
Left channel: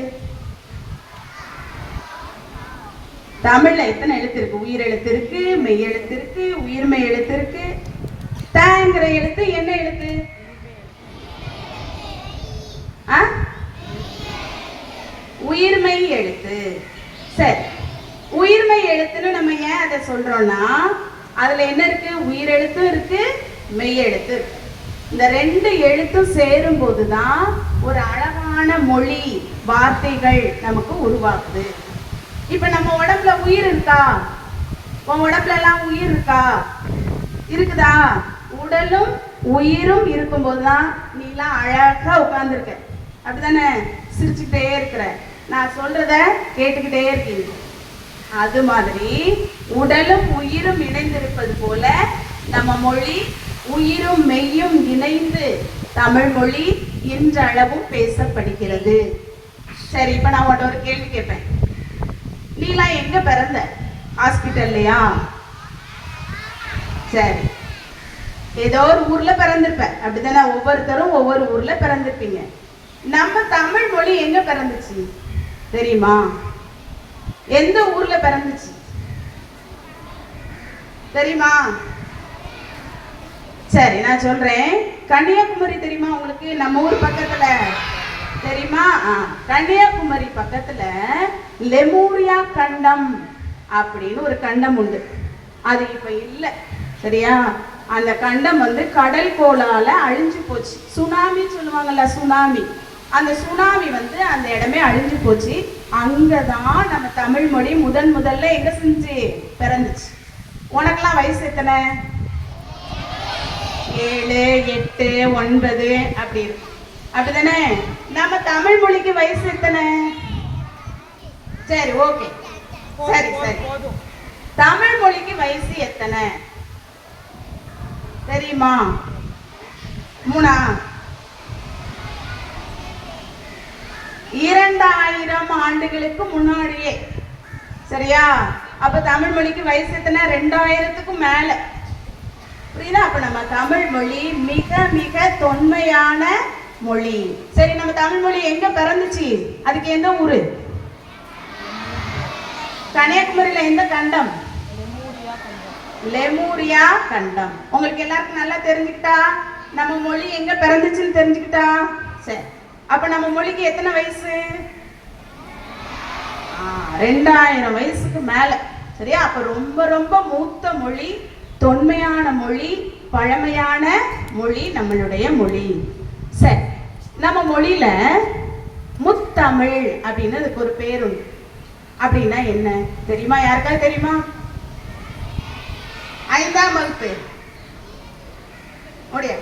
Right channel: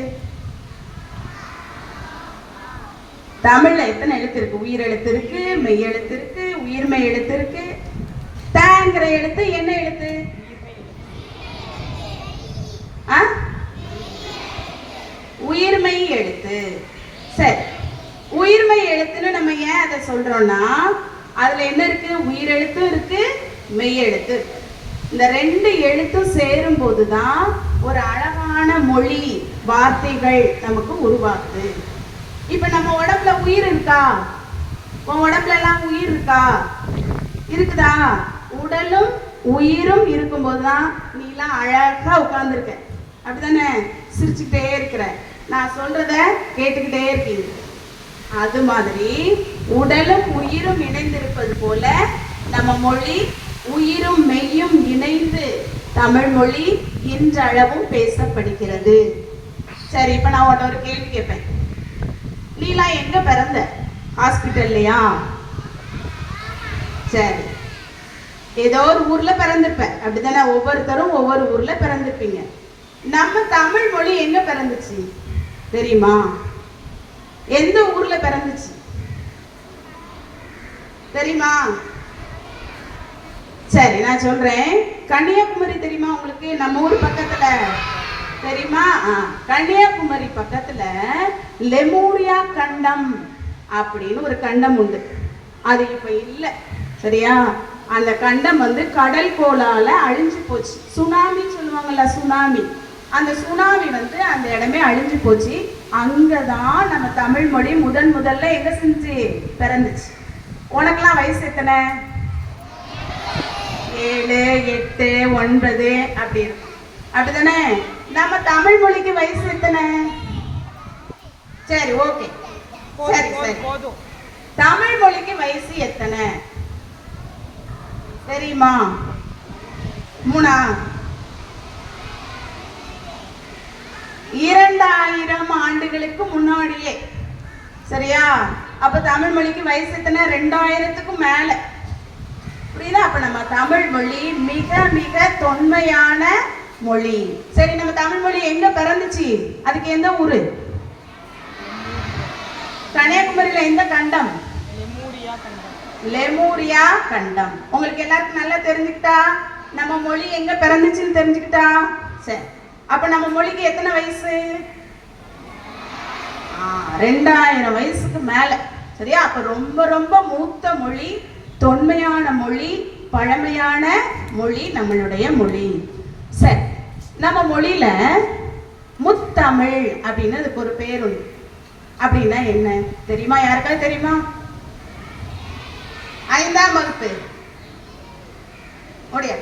தமிழ்ல எத்தனை எழுத்து இருக்கு? உயிர் எழுத்து இருக்கு, மெய் எழுத்து இருக்கு, உயிர்மெய் எழுத்து இருக்கு. தங்கிற எழுத்து என்ன எழுத்து? உயிர்மெய் எழுத்து. சரி, உயிர்மெய் எழுத்துன்னு நம்ம ஏன் அதை சொல்றோம்னா, அதுல என்ன இருக்கு? உயிர் எழுத்தும் இருக்கு, மெய் எழுத்து இருக்கு. இந்த 2 எழுத்தும் சேரும் போதுதான் ஒரு அழகான மொழி, வார்த்தைகள் நமக்கு உருவாக்குது. இப்ப நம்ம உடம்புல உயிர் இருக்கா? உன் உடம்புல எல்லாம் உயிர் இருக்கா? இருக்குதா? உடலும் உயிரும் இருக்கும் போதுதான் நீ எல்லாம் அழகா உட்கார்ந்துருக்க. அப்படித்தானே? சிரிச்சுக்கிட்டே இருக்கிற, நான் சொல்றத கேட்டுக்கிட்டே இருக்கீங்க. அது மாதிரி உடலும் உயிரும் இணைந்திருப்பது போல நம்ம மொழி உயிரும் மெய்யும் இணைந்து தமிழ் மொழி இன்றளவும் பேசப்படுகிறது. சரி, இப்ப நான் உன்கிட்ட ஒரு கேள்வி கேட்பேன். நீலாம் எங்க பிறந்த? ஹாஸ்பிட்டல்லையா? சரி, ஏதோ ஒரு ஊர்ல பிறந்திருப்ப. அப்படித்தானே? ஒவ்வொருத்தரும் ஒவ்வொரு ஊர்ல பிறந்திருப்பீங்க. நம்ம தமிழ் மொழி எங்க பிறந்துச்சு தெரியுமா? எந்த ஊர்ல பிறந்துச்சு தெரியுமா? சரி, நான் சொல்றேன். கன்னியாகுமரி தெரியுமா உங்களுக்கு? நம்ம ஊர் பக்கத்துல தெரியுமா? கன்னியாகுமரி பக்கத்துல லெமூரியா கண்டம் அப்படின்னு ஒரு கண்டம் உண்டு. அது இப்ப இல்லை, சரியா? அந்த கண்டம் வந்து கடல் கோளால அழிஞ்சு போச்சு. சுனாமி சொல்லுவாங்கல்ல, சுனாமி. அந்த சுனாமி வந்து அந்த இடமே அழிஞ்சு போச்சு. அங்கதான் நம்ம தமிழ் மொழி முதல்ல எங்க செஞ்சு பிறந்துச்சு. உனக்கெல்லாம் வயசு எத்தனை? 7, 8, 9 அப்படி இருக்கு, அப்படிதானே? நம்ம தமிழ் மொழிக்கு வயசு எத்தனை? சரி, ஓகே, சரி சரி. தமிழ் மொழிக்கு வயசு எத்தனை தெரியுமா? 3. 2000 ஆண்டுகளுக்கு முன்னாடியே, சரியா? அப்ப தமிழ் மொழிக்கு வயசு எத்தனை? 2000க்கும் மேல. புரியுதா? அப்ப நம்ம தமிழ் மொழி மிக மிக தொன்மையான மொழி. சரி, நம்ம தமிழ் மொழி எங்க பிறந்துச்சு? அதுக்கு எந்த ஊரு? கன்னியாகுமரியில எந்த கண்டம்? லெமூரியா கண்டம். உங்களுக்கு எல்லாருக்கும் நல்லா தெரிஞ்சுக்கிட்டா நம்ம மொழி எங்க பிறந்துச்சுன்னு தெரிஞ்சுக்கிட்டா சரி. அப்ப நம்ம மொழிக்கு எத்தனை வயசு? 2000 வயசுக்கு மேல, சரியா? அப்ப ரொம்ப ரொம்ப மூத்த மொழி, தொன்மையான மொழி, பழமையான மொழி நம்மளுடைய மொழி. சரி, நம்ம மொழியில முத்தமிழ் அப்படின்னு அதுக்கு ஒரு பேர் உண்டு. அப்படின்னா என்ன தெரியுமா? யாருக்காவது தெரியுமா? 5ஆம் வகுப்பு ஓடியா,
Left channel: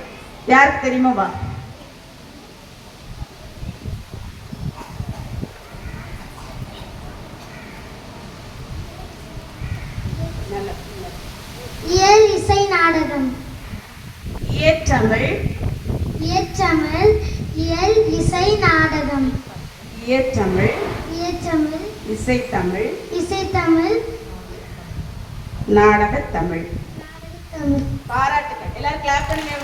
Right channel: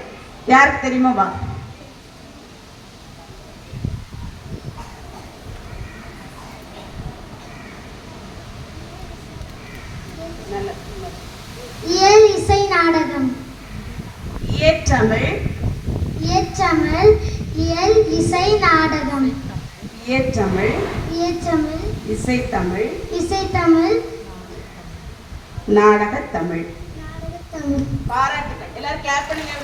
யாருக்கு தெரியுமா? வா. இயல் இசை நாடகம். இயற்றமிழ். இயற்றமிழ். இயல் இசை நாடகம். இயற்றமிழ். இயற்றமிழ். இசைத்தமிழ். இசைத்தமிழ். நாடகத்தமிழ். நாடகத்தமிழ். பாராட்டுகள். எல்லாரும் கிளாப் பண்ணுங்க.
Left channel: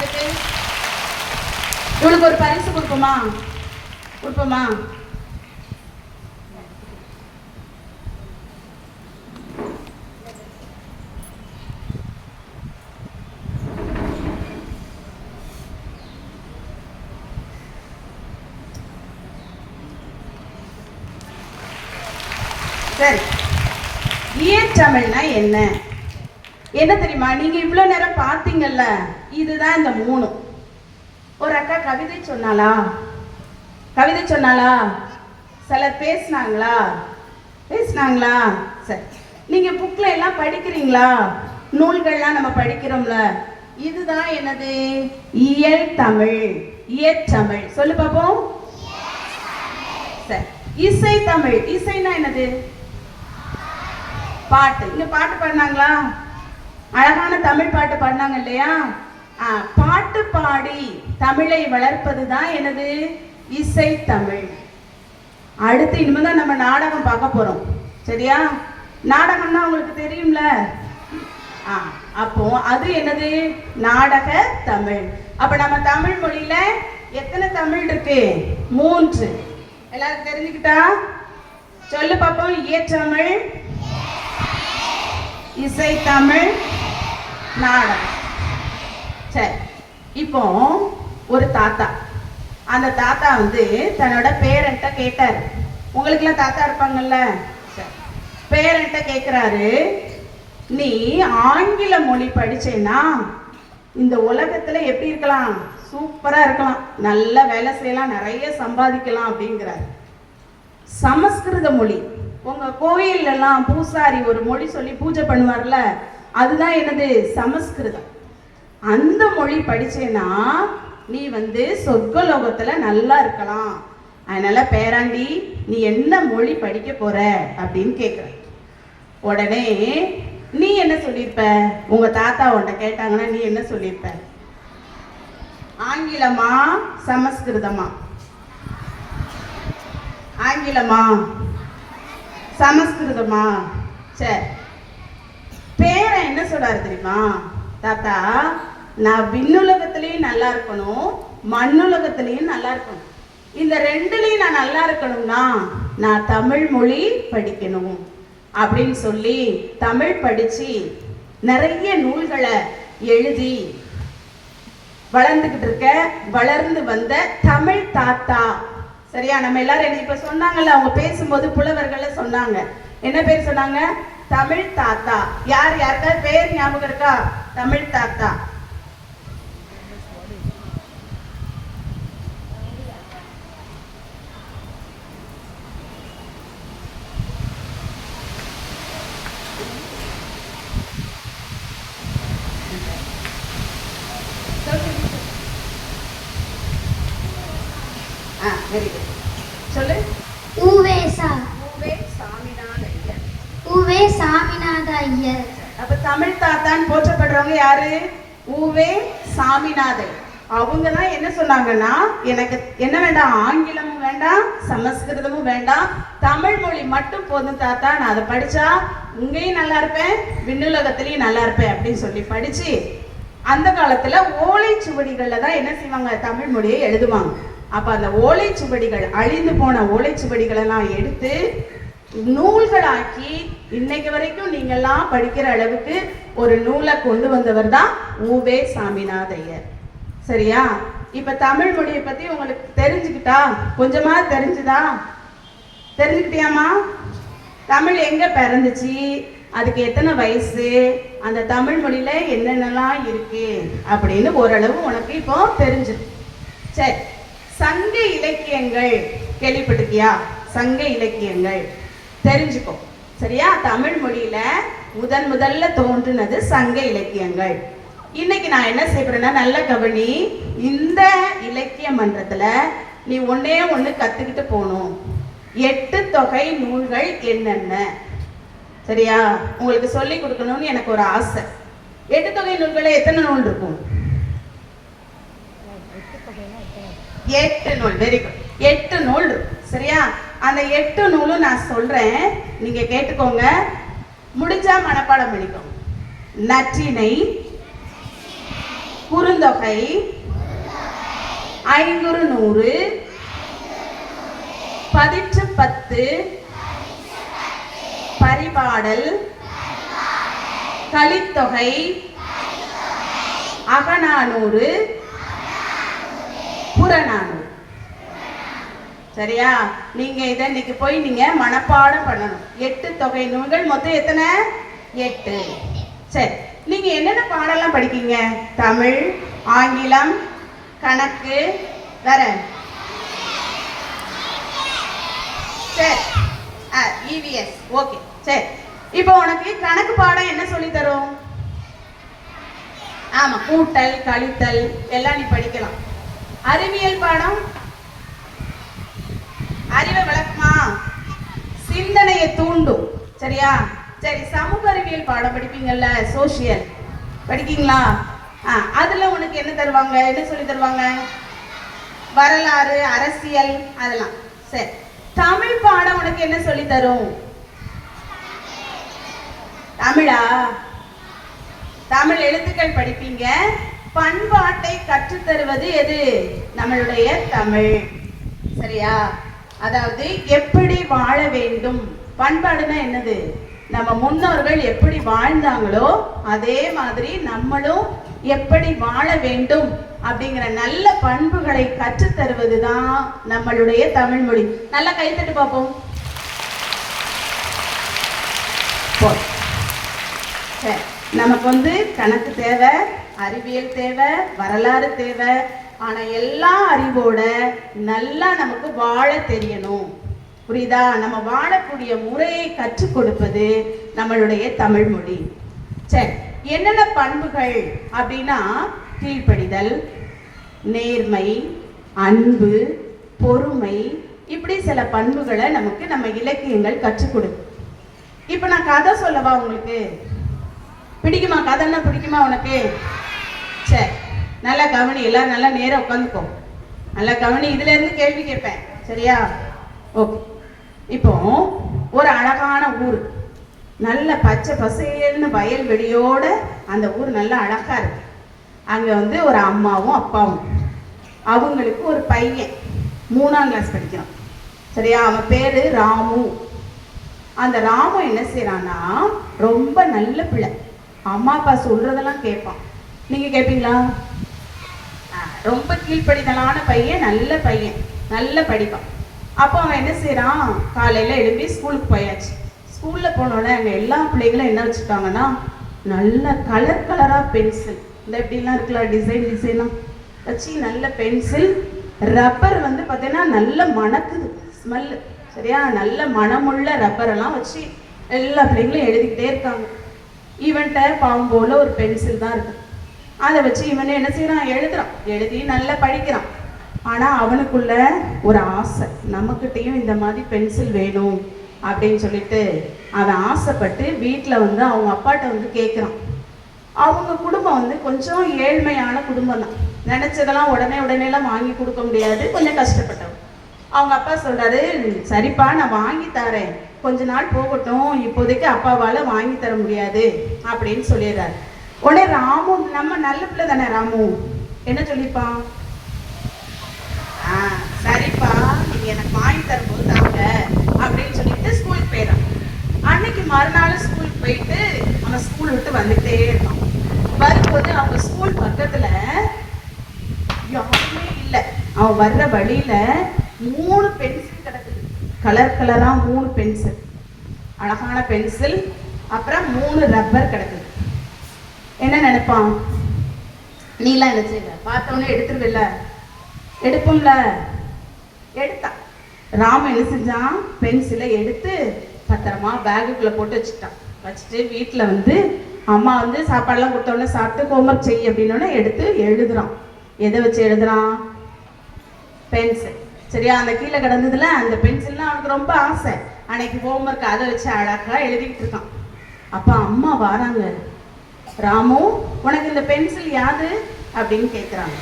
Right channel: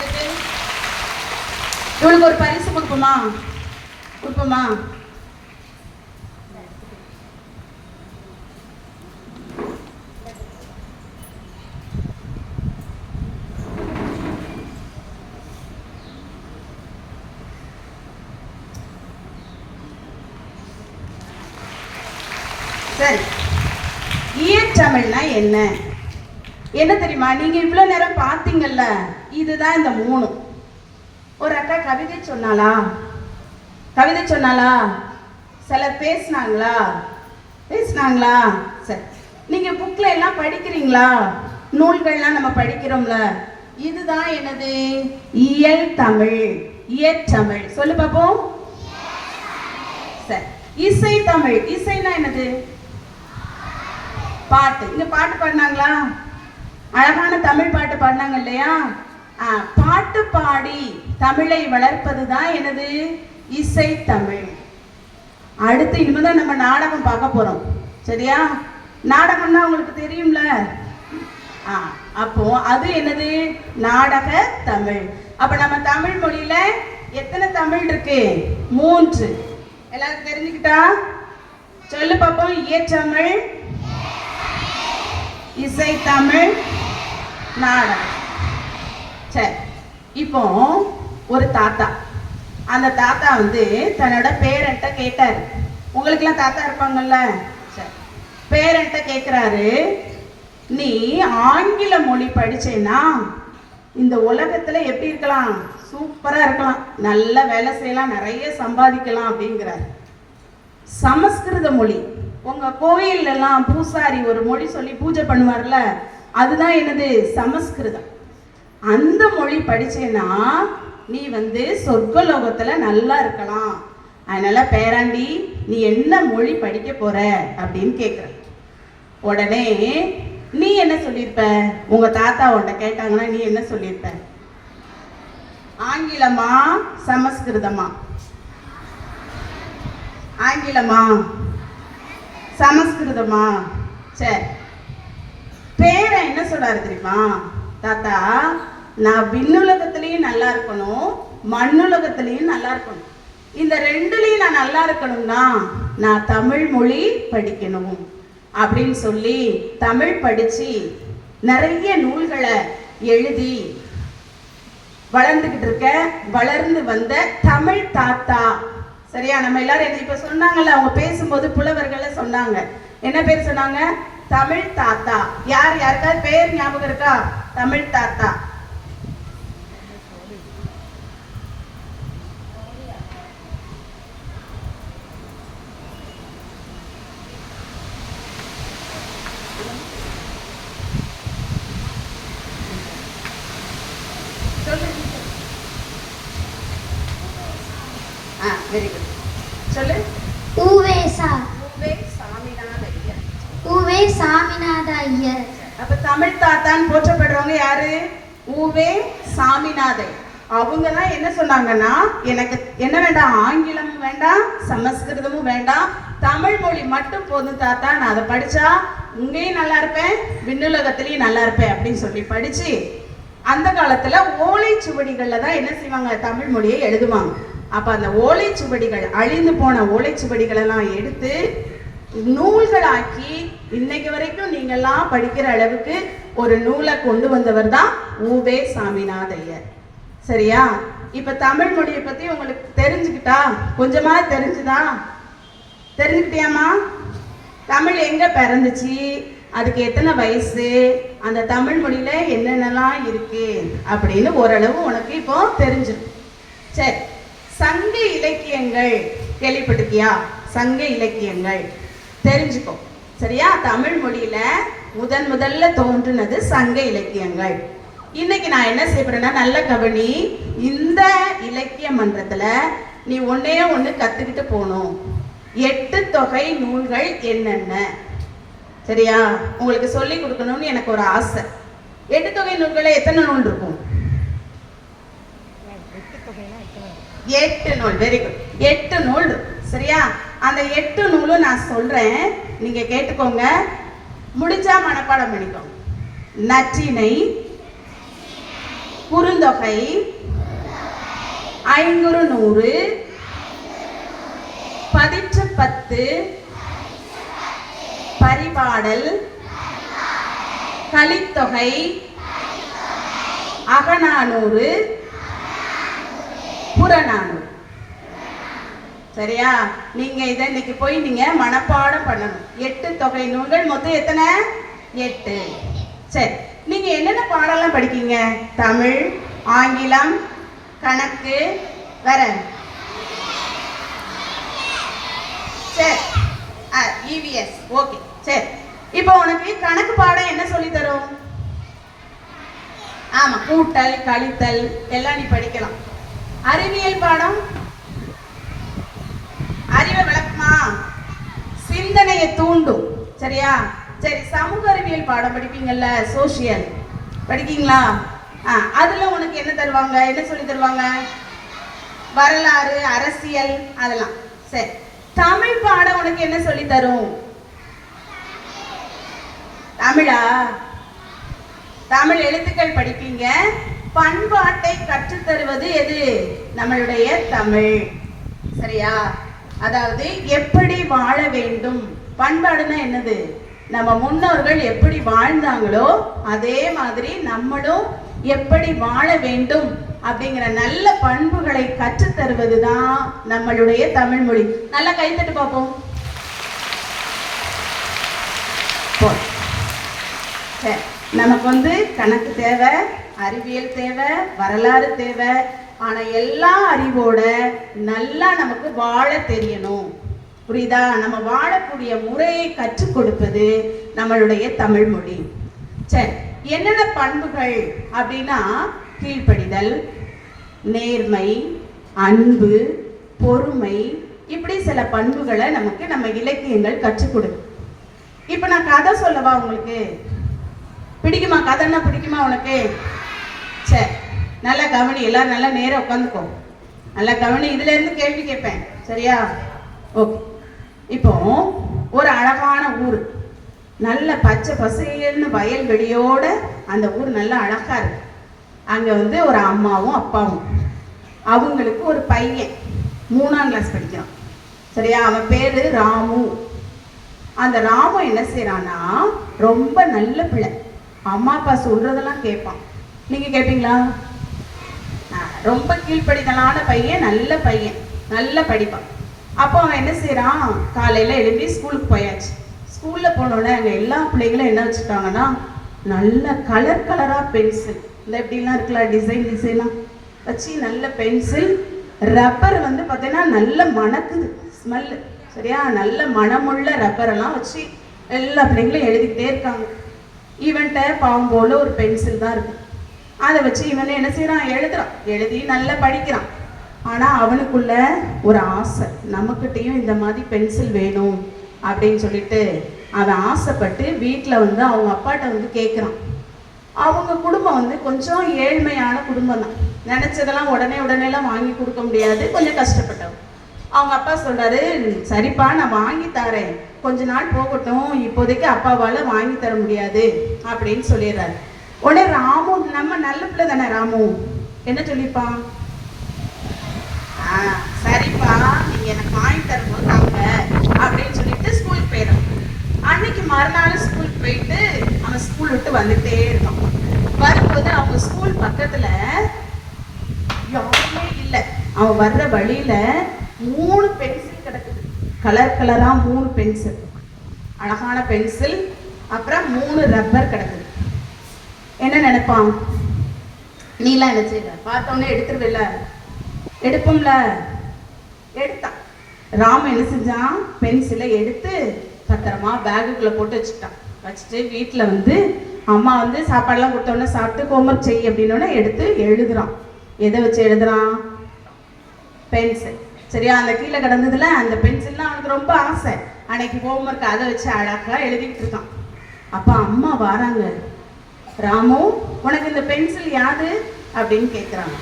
இவளுக்கு ஒரு பரிசு கொடுப்போமா? கொடுப்போமா? சரி, இயற்றமிழ்னா என்ன என்ன தெரியுமா? நீங்க இவ்வளவு நேரம் பார்த்தீங்கல்ல, இதுதான் இந்த 3. ஒரு அக்கா கவிதை சொன்னாளா? கவிதை சொன்னாளா? சிலர் பேசினாங்களா? பேசினாங்களா? சரி, நீங்க புக்ல எல்லாம் படிக்கிறீங்களா? நூல்கள்லாம் நம்ம படிக்கிறோம்ல, இதுதான் என்னது? இயல் தமிழ், இயற்றமிழ். சொல்லு பாப்போம். சரி, இசை தமிழ். இசைனா என்னது? பாட்டு. இங்க பாட்டு பாடினாங்களா? அழகான தமிழ் பாட்டு பாடினாங்க இல்லையா? பாட்டு பாடி தமிழை வளர்ப்பது தான் என்னது? இசை தமிழ். அடுத்து இனிமேதான் நம்ம நாடகம் பார்க்க போறோம், சரியா? நாடகம்னா உங்களுக்கு தெரியும்ல. அப்போ அது என்னது? நாடக தமிழ். அப்ப நம்ம தமிழ் மொழியில எத்தனை தமிழ் இருக்கு? 3. எல்லாரும் தெரிஞ்சுக்கிட்டா சொல்லு பாப்போம். இயற்றமிழ், இசைத்தமிழ், நாடகம். சரி, இப்போ ஒரு தாத்தா, அந்த தாத்தா வந்து தன்னோட பேரண்ட்ட கேட்டாரு. உங்களுக்குலாம் தாத்தா இருப்பாங்கல்ல? சரி, பேரண்ட்ட கேட்குறாரு, நீ ஆங்கில மொழி படிச்சேன்னா இந்த உலகத்துல எப்படி இருக்கலாம்? சூப்பரா இருக்கலாம், நல்ல வேலை செய்யலாம், நிறைய சம்பாதிக்கலாம் அப்படிங்கிறார். சமஸ்கிருத மொழி, உங்க கோயில் எல்லாம் பூசாரி ஒரு மொழி சொல்லி பூஜை பண்ணுவார்ல, அதுதான் என்னது? சமஸ்கிருதம். அந்த மொழி படிச்சேன்னா நீ வந்து சொர்க்கலோகத்துல நல்லா இருக்கலாம். அதனால பேராண்டி, நீ என்ன மொழி படிக்க போற அப்படின்னு கேட்குற. உடனே நீ என்ன சொல்லியிருப்ப? உங்க தாத்தா உன்னை கேட்டாங்கன்னா நீ என்ன சொல்லியிருப்ப? ஆங்கிலமா சமஸ்கிருதமா? ஆங்கிலமா சமஸ்கிருதமா? சரி, பேரை என்ன சொல்றாரு தெரியுமா? தாத்தா, நான் விண்ணுலகத்திலையும் நல்லா இருக்கணும், மண்ணுலகத்திலையும் நல்லா இருக்கணும். இந்த 2லயும் நான் நல்லா இருக்கணும்னா நான் தமிழ் மொழி படிக்கணும். அப்படின்னு சொல்லி தமிழ் படிச்சு நிறைய நூல்களை எழுதி வளர்ந்து வந்த தமிழ் தாத்தா. சரியா? நம்ம எல்லாரும் என்ன இப்ப சொன்னாங்கல்ல, அவங்க பேசும்போது புலவர்கள சொன்னாங்க. என்ன பேர் சொன்னாங்க? தமிழ் தாத்தா. யாருக்காவது பேர் ஞாபகம் இருக்கா? தமிழ் தாத்தா. Very good. சொல்லு. ஊவேசா. ஊவே சாமிநாத ஐயர். ஊவே சாமிநாத ஐயர். அப்ப தமிழ் தாத்தான்னு போற்றப்படுறவங்க யாரு? ஊவே சாமிநாதன். அவங்க தான் என்ன சொன்னாங்கன்னா, எனக்கு என்ன வேண்டாம், ஆங்கிலமும் வேண்டாம், சமஸ்கிருதமும் வேண்டாம், தமிழ் மொழி மட்டும் போதும் தாத்தா, நான் அதை படிச்சா இங்கேயும் நல்லா இருப்பேன், விண்ணுலகத்திலையும் நல்லா இருப்பேன் அப்படின்னு சொல்லி படிச்சு அந்த காலத்துல ஓலைச்சுவடிகள்ல தான் என்ன செய்வாங்க, தமிழ் மொழியை எழுதுவாங்க. அப்ப அந்த ஓலைச்சுவடிகள், அழிந்து போன ஓலைச்சுவடிகளை எல்லாம் எடுத்து நூல்களாக்கி இன்னைக்கு வரைக்கும் நீங்கெல்லாம் படிக்கிற அளவுக்கு ஒரு நூலை கொண்டு வந்தவர் தான் ஊவே சாமிநாத ஐயர். சரியா? இப்ப தமிழ் மொழியை பத்தி உங்களுக்கு தெரிஞ்சுக்கிட்டா? கொஞ்சமா தெரிஞ்சுதா? தெரிஞ்சுக்கிட்டியாமா? தமிழ் எங்க பிறந்துச்சு, அதுக்கு எத்தனை வயசு, அந்த தமிழ் மொழியில என்னென்னலாம் இருக்கு அப்படின்னு ஓரளவு உனக்கு இப்போ தெரிஞ்சிடும். சரி, சங்க இலக்கியங்கள் கேள்விப்பட்டிருக்கியா? சங்க இலக்கியங்கள் தெரிஞ்சுக்கோ. சரியா? தமிழ் மொழியில முதல்ல தோன்றினது சங்க இலக்கியங்கள். இன்னைக்கு நான் என்ன செய்யறேன்னா, நல்ல கவனி. இந்த இலக்கிய மன்றத்துல நீ ஒன்னே ஒண்ணு கத்துக்கிட்டு போகணும். 8 தொகை நூல்கள் என்னென்ன, சரியா? உங்களுக்கு சொல்லி கொடுக்கணும்னு எனக்கு ஒரு ஆசை. 8 தொகை நூல்கள் எத்தனை நூல் இருக்கும்? 8 நூல். Very good. 8 நூல். சரியா? அந்த 8 நூலும் நான் சொல்றேன், நீங்க கேட்டுக்கோங்க. முடிஞ்சா மனப்பாடம் பண்ணிக்கோங்க. நற்றிணை, குறுந்தொகை, ஐங்குறுநூறு, பதிற்று 10, பரிபாடல், கலித்தொகை, அகநானூறு, புறநானூறு. சரியா? நீங்க இதை இன்னைக்கு போய் நீங்க மனப்பாடம் பண்ணணும். 8 தொகை நூல்கள் மொத்தம் எத்தனை? 8. சரி, நீங்க என்னென்ன பாடம்லாம் படிக்கீங்க? தமிழ், ஆங்கிலம், கணக்கு, வேற? சரி, EVS. ஓகே. சரி, இப்போ உனக்கு கணக்கு பாடம் என்ன சொல்லி தரும்? ஆமா, கூட்டல், கழித்தல் எல்லாம் நீ படிக்கலாம். அறிவியல் பாடம் அறிவை விளக்குமா, சிந்தனையை தூண்டும். சரியா? சரி, சமூக அறிவியல் பாடம் படிப்பீங்கல்ல, சோசியல் படிக்கீங்களா? அதுல உனக்கு என்ன தருவாங்க, என்ன சொல்லி தருவாங்க? வரலாறு, அரசியல், அதெல்லாம். சரி, தமிழ் பாடம் உனக்கு என்ன சொல்லி தரும்? தமிழா? தமிழ் எழுத்துக்கள் படிப்பீங்க. பண்பாட்டை கற்றுத்தருவது எது? நம்மளுடைய தமிழ். சரியா? அதாவது எப்படி வாழ வேண்டும். பண்பாடுனா என்னது? நம்ம முன்னோர்கள் எப்படி வாழ்ந்தாங்களோ அதே மாதிரி நம்மளும் எப்படி வாழ வேண்டும் அப்படிங்கிற நல்ல பண்புகளை கற்றுத்தருவது தான் நம்மளுடைய தமிழ் மொழி. நல்லா கைத்தட்டு பார்ப்போம். சரி, நமக்கு கணக்கு தேவை, அறிவியல் தேவை, வரலாறு தேவை. ஆனா எல்லா அறிவோட நல்லா நமக்கு வாழ தெரியணும். புரியுதா? நம்ம வாழக்கூடிய முறையை கற்றுக் கொடுப்பது நம்மளுடைய தமிழ் மொழி. சரி, என்னென்ன பண்புகள் அப்படின்னா, கீழ்ப்படிதல், நேர்மை, அன்பு, பொறுமை, இப்படி சில பண்புகளை நமக்கு நம்ம இலக்கியங்கள் கற்றுக் கொடுக்கும். இப்ப நான் கதை சொல்லவா உங்களுக்கு? பிடிக்குமா? கதைன்னா பிடிக்குமா உனக்கு? சரி, நல்லா கவனி. எல்லாரும் நல்லா நேரம் உட்காந்துக்கோ. நல்லா கவனி. இதுல இருந்து கேள்வி கேட்பேன். சரியா? ஓகே. இப்போ ஒரு அழகான ஊர், நல்ல பச்சை பசேல்னு வயல்வெளியோட அந்த ஊர் நல்ல அழகா இருக்கு. அங்க ஒரு அம்மாவும் அப்பாவும், அவங்களுக்கு ஒரு பையன் 3ஆம் கிளாஸ் படிக்கிறான். சரியா? அவன் பேரு ராமு. அந்த ராமன் என்ன செய்யறான்னா ரொம்ப நல்ல பிள்ளை, அம்மா அப்பா சொல்றதெல்லாம் கேட்பான். நீங்க கேட்பீங்களா? ரொம்ப கீழ்ப்படிதலான பையன், நல்ல பையன், நல்லா படிப்பான். அப்போ அவன் என்ன செய்யறான், காலையில எழுப்பி ஸ்கூலுக்கு போயாச்சு. ஸ்கூல்ல போனோடனே அங்கே எல்லா பிள்ளைகளும் என்ன வச்சுருக்காங்கன்னா நல்ல கலர் கலராக பென்சில், இந்த எப்படிலாம் இருக்குல்ல டிசைனாக வச்சு நல்ல பென்சில், ரப்பர் வந்து பார்த்தீங்கன்னா நல்ல மணக்குது ஸ்மெல்லு, சரியா, நல்ல மணமுள்ள ரப்பரெல்லாம் வச்சு எல்லா பிள்ளைங்களும் எழுதிக்கிட்டே இருக்காங்க. இவன்கிட்ட பாவம் போல ஒரு பென்சில் தான் இருக்கு. அதை வச்சு இவன் என்ன செய்யறான், எழுதுறான், எழுதி நல்லா படிக்கிறான். ஆனால் அவனுக்குள்ள ஒரு ஆசை, நமக்கிட்டையும் இந்த மாதிரி பென்சில் வேணும் அப்படின்னு சொல்லிட்டு அவன் ஆசைப்பட்டு வீட்டில் வந்து அவங்க அப்பாட்ட வந்து கேட்குறான். அவங்க குடும்பம் வந்து கொஞ்சம் ஏழ்மையான குடும்பம் தான், நினச்சதெல்லாம் உடனேலாம் வாங்கி கொடுக்க முடியாது, கொஞ்சம் கஷ்டப்பட்டவங்க. அவங்க அப்பா சொல்கிறாரு, சரிப்பா நான் வாங்கி தரேன், கொஞ்ச நாள் போகட்டும், இப்போதைக்கு அப்பாவால் வாங்கி தர முடியாது அப்படின்னு சொல்லிடுறாரு. உடனே ராமு, நம்ம நல்ல பிள்ளை தானே, ராமு என்ன சொல்லியிருப்பான், சரிப்பா நீங்க எனக்கு வாங்கி தரும்போது தாங்க அப்படின்னு சொல்லிட்டு ஸ்கூலுக்கு போயிடும். அன்னைக்கு மறுநாள் ஸ்கூலுக்கு போயிட்டு அவன் ஸ்கூல் விட்டு வந்துட்டே இருக்கான். வரும்போது அவங்க ஸ்கூல் பக்கத்துல யாருமே இல்லை. அவன் வர்ற வழியில 3 பென்சில் கிடக்குது, கலர் கலரா 3 பென்சில், அழகான பென்சில், அப்புறம் 3 ரப்பர் கிடக்குது. என்ன நினைப்பான், நீலாம் என்ன செய்யல, பார்த்தவொன்னே எடுத்துருவில்ல, எடுப்போம்ல, எடுத்தான். ராம என்ன செஞ்சான், பென்சிலை எடுத்து பத்திரமா பேகுக்குள்ளே போட்டு வச்சுட்டான். வச்சுட்டு வீட்டில் வந்து அம்மா வந்து சாப்பாடெல்லாம் கொடுத்தோடனே சாப்பிட்டு ஹோம்ஒர்க் செய் அப்படின்னோடனே எடுத்து எழுதுறான். எதை வச்சு எழுதுறான், பென்சில், சரியா. அந்த கீழே கிடந்ததுல அந்த பென்சில்லாம் அவனுக்கு ரொம்ப ஆசை. அன்னைக்கு ஹோம்ஒர்க் அதை வச்சு அழகாக எழுதிக்கிட்டு இருக்கான். அப்போ அம்மா வராங்க, ராமு உனக்கு இந்த பென்சில் யாது அப்படின்னு கேட்குறாங்க.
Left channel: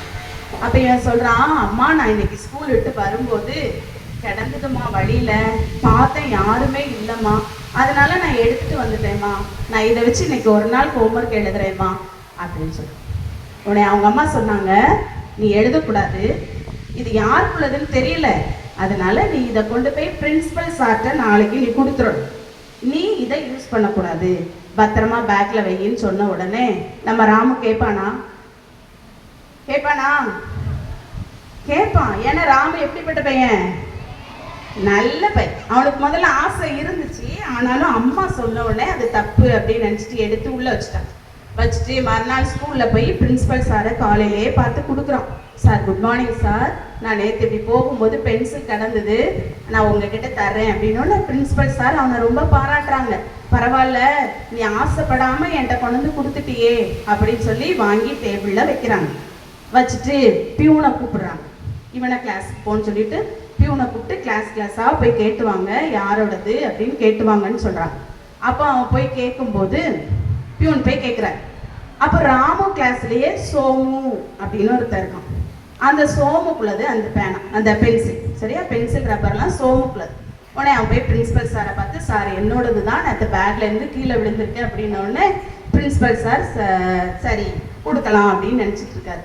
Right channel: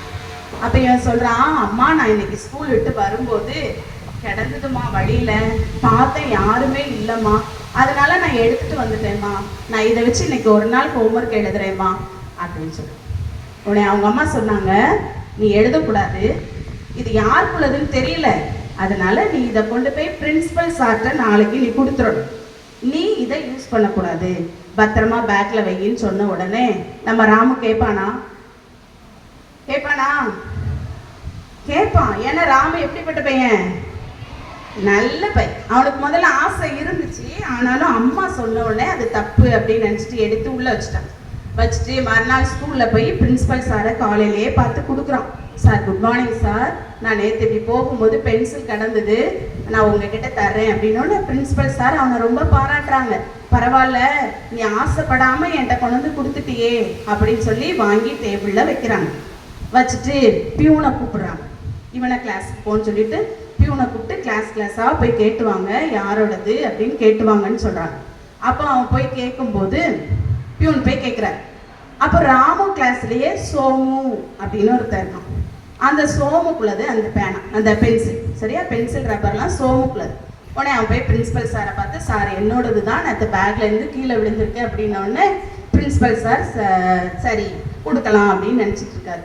அப்போ இவன் சொல்கிறான், அம்மா நான் இன்னைக்கு ஸ்கூல் விட்டு வரும்போது கிடந்ததுமா, வழியில் பார்த்தேன் யாருமே இல்லைம்மா, அதனால நான் எடுத்துகிட்டு வந்துட்டேம்மா, நான் இதை வச்சு இன்னைக்கு ஒரு நாள் ஹோம்ஒர்க் எழுதுறேம்மா அப்படின்னு சொல்லி. உடனே அவங்க அம்மா சொன்னாங்க, நீ எழுதக்கூடாது, இது யாருக்குள்ளதுன்னு தெரியல, அதனால நீ இதை கொண்டு போய் பிரின்சிபல் சார்ட்ட நாளைக்கு நீ கொடுத்துடணும், நீ இதை யூஸ் பண்ணக்கூடாது, பத்திரமா பேக்கில் வையின்னு சொன்ன உடனே நம்ம ராமு கேட்பானா, கேட்பான். ஏன்னா ராமு எப்படிப்பட்ட பையன், நல்ல பையன். அவனுக்கு முதல்ல ஆசை இருந்துச்சு, ஆனாலும் அம்மா சொன்ன உடனே அது தப்பு அப்படின்னு நினச்சிட்டு எடுத்து உள்ளே வச்சுட்டான். வச்சுட்டு மறுநாள் ஸ்கூலில் போய் பிரின்சிபல் சாரை காலையிலேயே பார்த்து கொடுக்குறான். சார் குட் மார்னிங் சார், நான் நேற்று இப்படி போகும்போது பென்சில் கிடந்தது, நான் உங்ககிட்ட தர்றேன் அப்படின்னோட பிரின்சிபல் சார் அவனை ரொம்ப பாராட்டுறாங்க. பரவாயில்ல, நீ ஆசைப்படாமல் என்கிட்ட கொண்டு வந்து கொடுத்துட்டியே அப்படின்னு சொல்லி வாங்கி டேபிளில் வைக்கிறாங்க. வச்சுட்டு பியூனை கூப்பிடுறாங்க, இவனை கிளாஸுக்கு போன்னு சொல்லிட்டு பியூனை கூப்பிட்டு கிளாஸாக போய் கேட்டுவாங்க, யாரோடது அப்படின்னு கேட்டுவாங்கன்னு சொல்கிறாங்க. அப்போ அவன் போய் கேட்கும்போது பியூன் போய் கேட்குறாரு. அப்போ ராமு கிளாஸ்லேயே சோமு அப்படின்னு ஒருத்தர் இருக்கான். அந்த சோமுக்குள்ளது அந்த பேனா, அந்த பென்சில், சரியா, பென்சில் ரப்பர்லாம் சோமுக்குள்ளது. உடனே அவன் போய் பிரின்சிபல் சாரை பார்த்து, சார் என்னோடது தான், நேற்று பேக்லேருந்து கீழே விழுந்திருக்கு அப்படின்னோடனே பிரின்சிபல் சார் சரி கொடுக்கலாம் அப்படின்னு நினச்சிட்டு இருக்காரு.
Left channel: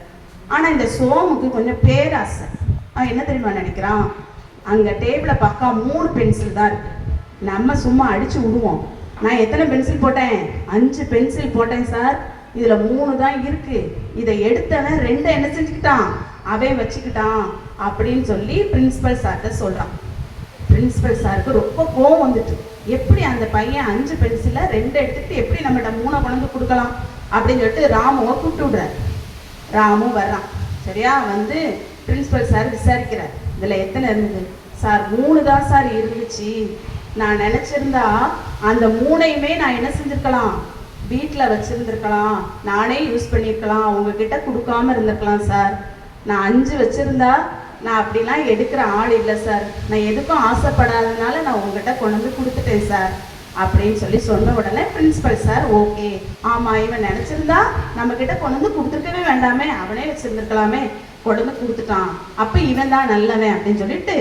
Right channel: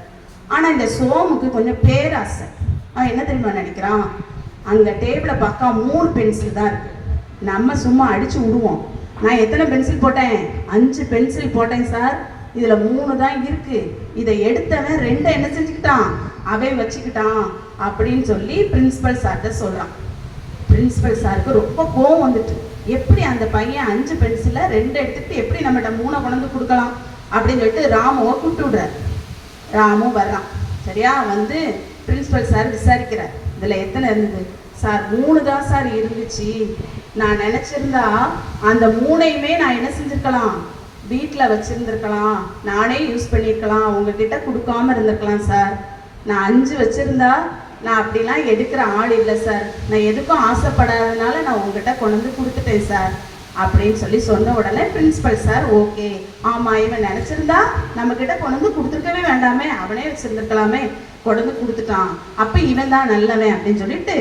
ஆனால் இந்த சோமுக்கு கொஞ்சம் பேராசை. அவன் என்ன தெரியுமா நினைக்கிறான், அங்கே டேபிளை பக்கம் 3 பென்சில் தான் இருக்குது, நம்ம சும்மா அடித்து விடுவோம், நான் எத்தனை பென்சில் போட்டேன், 5 பென்சில் போட்டேன் சார், இதில் 3 தான் இருக்குது, இதை எடுத்தவன் 2 என்ன செஞ்சுக்கிட்டான், அவன் வச்சுக்கிட்டான் அப்படின்னு சொல்லி பிரின்சிபல் சார்கிட்ட சொல்கிறான். பிரின்சிபல் சாருக்கு ரொம்ப கோவம் வந்துட்டு, எப்படி அந்த பையன் 5 பென்சிலை 2 எடுத்துக்கிட்டு எப்படி நம்மகிட்ட 3 கொண்டு கொடுக்கலாம் அப்படின்னு சொல்லிட்டு ராமுவை கூப்பிட்டு விடுறார். ராமு வர்றான், சரியா, வந்து பிரின்சிபல் சார் விசாரிக்கிறார், இதில் எத்தனை இருந்தது, சார் 3 தான் சார் இருந்துச்சு, நான் நினச்சிருந்தா அந்த 3ஐயுமே நான் என்ன செஞ்சுருக்கலாம், வீட்டில் வச்சுருந்துருக்கலாம், நானே யூஸ் பண்ணியிருக்கலாம், உங்ககிட்ட கொடுக்காம இருந்திருக்கலாம் சார், நான் 5 வச்சுருந்தா நான் அப்படிலாம் எடுக்கிற ஆள் இல்லை சார், நான் எதுக்கும் ஆசைப்படாததுனால நான் உங்ககிட்ட கொண்டு வந்து கொடுத்துட்டேன் சார் அப்படின்னு சொல்லி சொன்ன உடனே பிரின்சிபல் சார் ஓகே, ஆமாம் இவன் நினச்சிருந்தா நம்மக்கிட்ட கொண்டு வந்து கொடுத்துருக்கவே வேண்டாமே, அவனே வச்சுருந்துருக்கலாமே, கொண்டு வந்து கொடுத்துட்டான், அப்போ இவன் தான் நல்லவன் அப்படின்னு சொல்லிட்டு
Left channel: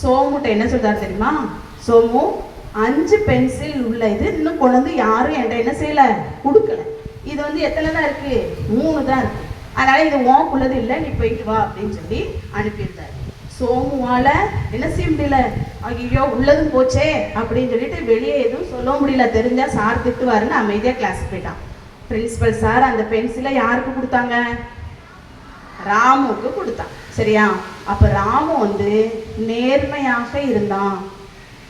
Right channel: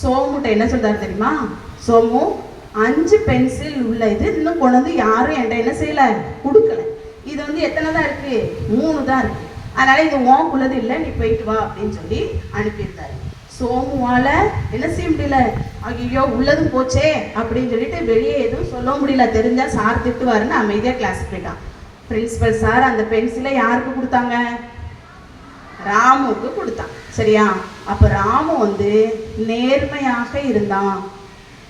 சோமுட்ட என்ன சொல்கிறார் தெரியுமா, சோமு 5 பென்சில் உள்ள இது இன்னும் கொண்டு வந்து யாரும் என்கிட்ட என்ன செய்யலை, கொடுக்கல, இது வந்து எத்தனை தான் இருக்குது, 3 தான் இருக்குது, அதனால் இது உனக்குள்ளது இல்லை, நீ போயிட்டு வா அப்படின்னு சொல்லி அனுப்பியிருந்தார். சோமுவால என்ன செய்ய முடியல, ஐயோ உள்ளதும் போச்சே அப்படின்னு சொல்லிட்டு வெளியே எதுவும் சொல்ல முடியல. தெரிஞ்சா சார் திட்டுவாருன்னு அமைதியாக கிளாஸ் போயிட்டான். பிரின்சிபல் சார் அந்த பென்சிலை யாருக்கு கொடுத்தாங்க? ராமுக்கு கொடுத்தான். சரியா? அப்போ ராமு வந்து நேர்மையாக இருந்தான்.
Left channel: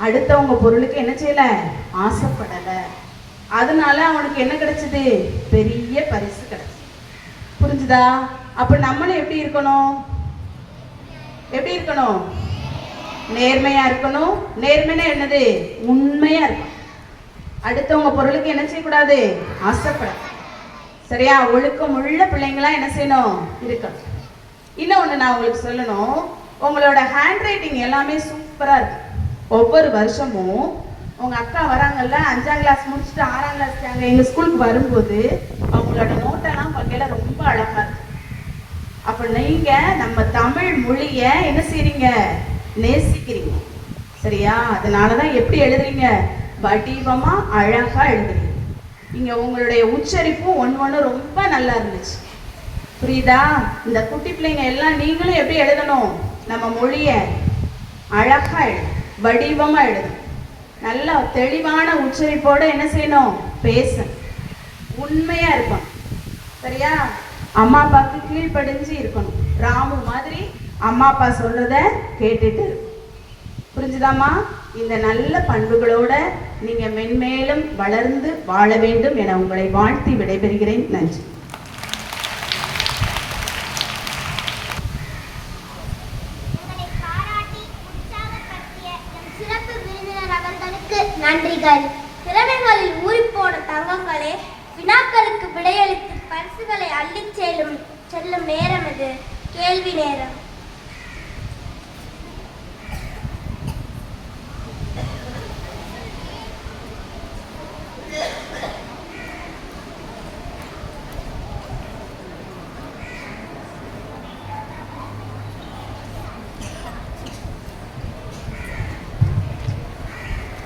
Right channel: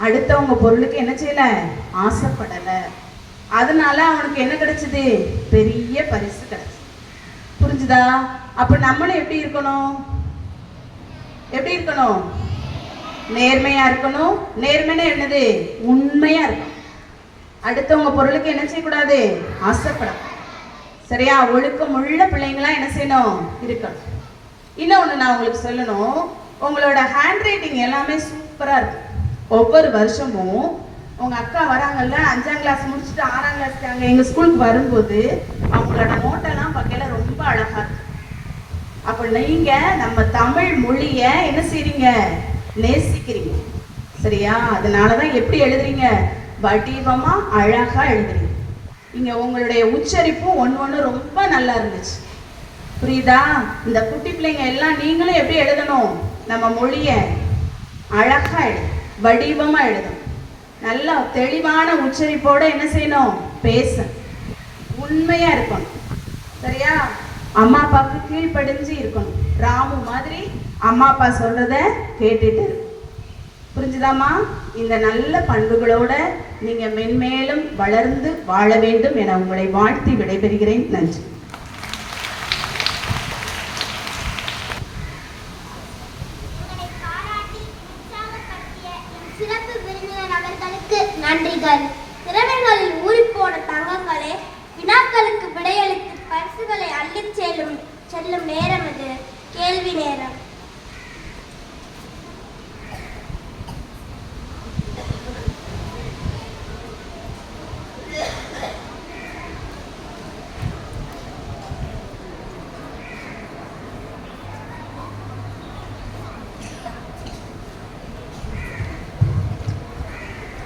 அடுத்தவங்க பொருளுக்கு என்ன செய்யல, ஆசைப்படலை. அதனால அவனுக்கு என்ன கிடைச்சது? பெரிய பரிசு கிடைச்சது. புரிஞ்சுதா? அப்போ நம்மளும் எப்படி இருக்கணும்? எப்படி இருக்கணும்? நேர்மையா இருக்கணும். நேர்மைனா என்னது? உண்மையா இருக்கணும். அடுத்தவங்க பொருளுக்கு என்ன செய்யக்கூடாது? ஆசைப்படாது. சரியா? ஒழுக்கம் உள்ள பிள்ளைங்களா என்ன செய்யணும்? இருக்கணும். இன்னொன்று நான் உங்களுக்கு சொல்லணும், உங்களோட ஹேண்ட் ரைட்டிங் எல்லாமே சூப்பராக இருக்கு. ஒவ்வொரு வருஷமும் உங்கள் அக்கா வராங்கல்ல, 5ஆம் கிளாஸ் முடிச்சுட்டு 6ஆம் கிளாஸ் அங்கே எங்கள் ஸ்கூலுக்கு வரும்போது அவங்களோட நோட்டெல்லாம் பார்க்கல ரொம்ப அழகாக இருக்கு. அப்போ நீங்கள் நம்ம தமிழ் மொழியை என்ன செய்றீங்க? நேசிக்கிறீங்க. சரியா? அதனால தான் எப்படி எழுதுறீங்க? வடிவமாக அழகாக எழுதுறீங்க. இங்கே உங்களுடைய உச்சரிப்பும் ஒன்று ரொம்ப நல்லா இருந்துச்சு. புரியுதா? இந்த குட்டி பிள்ளைங்க எல்லாம் நீங்களும் எப்படி எழுதணும்? நம்ம மொழியை அழகா வடிவமா எழுதணும். நல்ல தெளிவான உச்சரிப்போட என்ன செய்யணும்? பேசணும். உண்மையா இருக்கணும். சரியா? அம்மா அப்பாவுக்கு கீழ்ப்படிஞ்சு இருக்கணும். ராமு மாதிரி அம்மா அப்பா சொல்றத கேட்டுட்டு. புரிஞ்சுதாம்மா? இந்த நல்ல பண்புகளோட நீங்க மென்மேலும் வளர்ந்து வாழ வேண்டும் என உங்களை வாழ்த்தி விடைபெறுகிறேன். நன்றி. சிறப்பு விருந்தினர் அவர்களுக்கு நன்றிகள். திறமைகளில் ஊறிப்போன தங்கங்களே, வினாக்களுக்கு விடையளித்து பரிசுகளை அள்ளிச் செல்லும் நேரம் இது. கேள்வி நேரம்.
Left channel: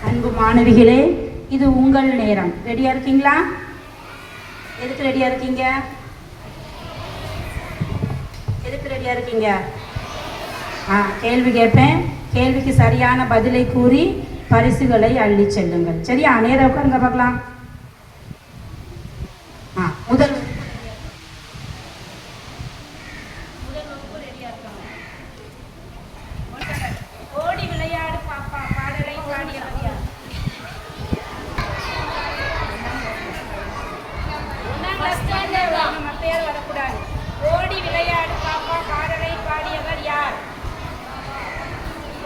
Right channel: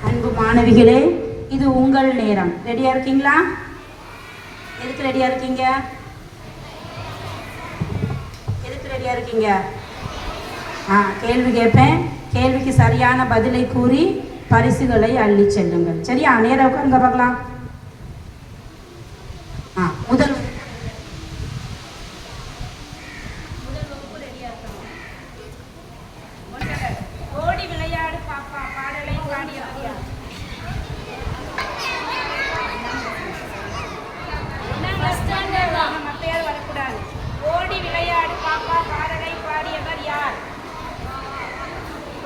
அன்பு மாணவிகளே, இது உங்கள் நேரம். ரெடியா இருக்கீங்களா? எதுக்கு ரெடியா இருக்கீங்க? எதுக்கு ரெடியா இருக்கீங்க? கேள்வி கேட்பேன். கேள்விக்கு சரியான பதிலை கூறி பரிசுகளை அள்ளி செல்லுங்கள். சரியா? நேரம் உட்காருங்க பார்க்கலாம். முதல் வகுப்பு ரெடியா இருக்கணும். ஓடி விளையாடு பாப்பா பாடலை பாடியவர் யார்? நம்ம பேர் வரக்கூடாது. ஓடி விளையாடு பாப்பா பாடலை பாடியவர் யார்?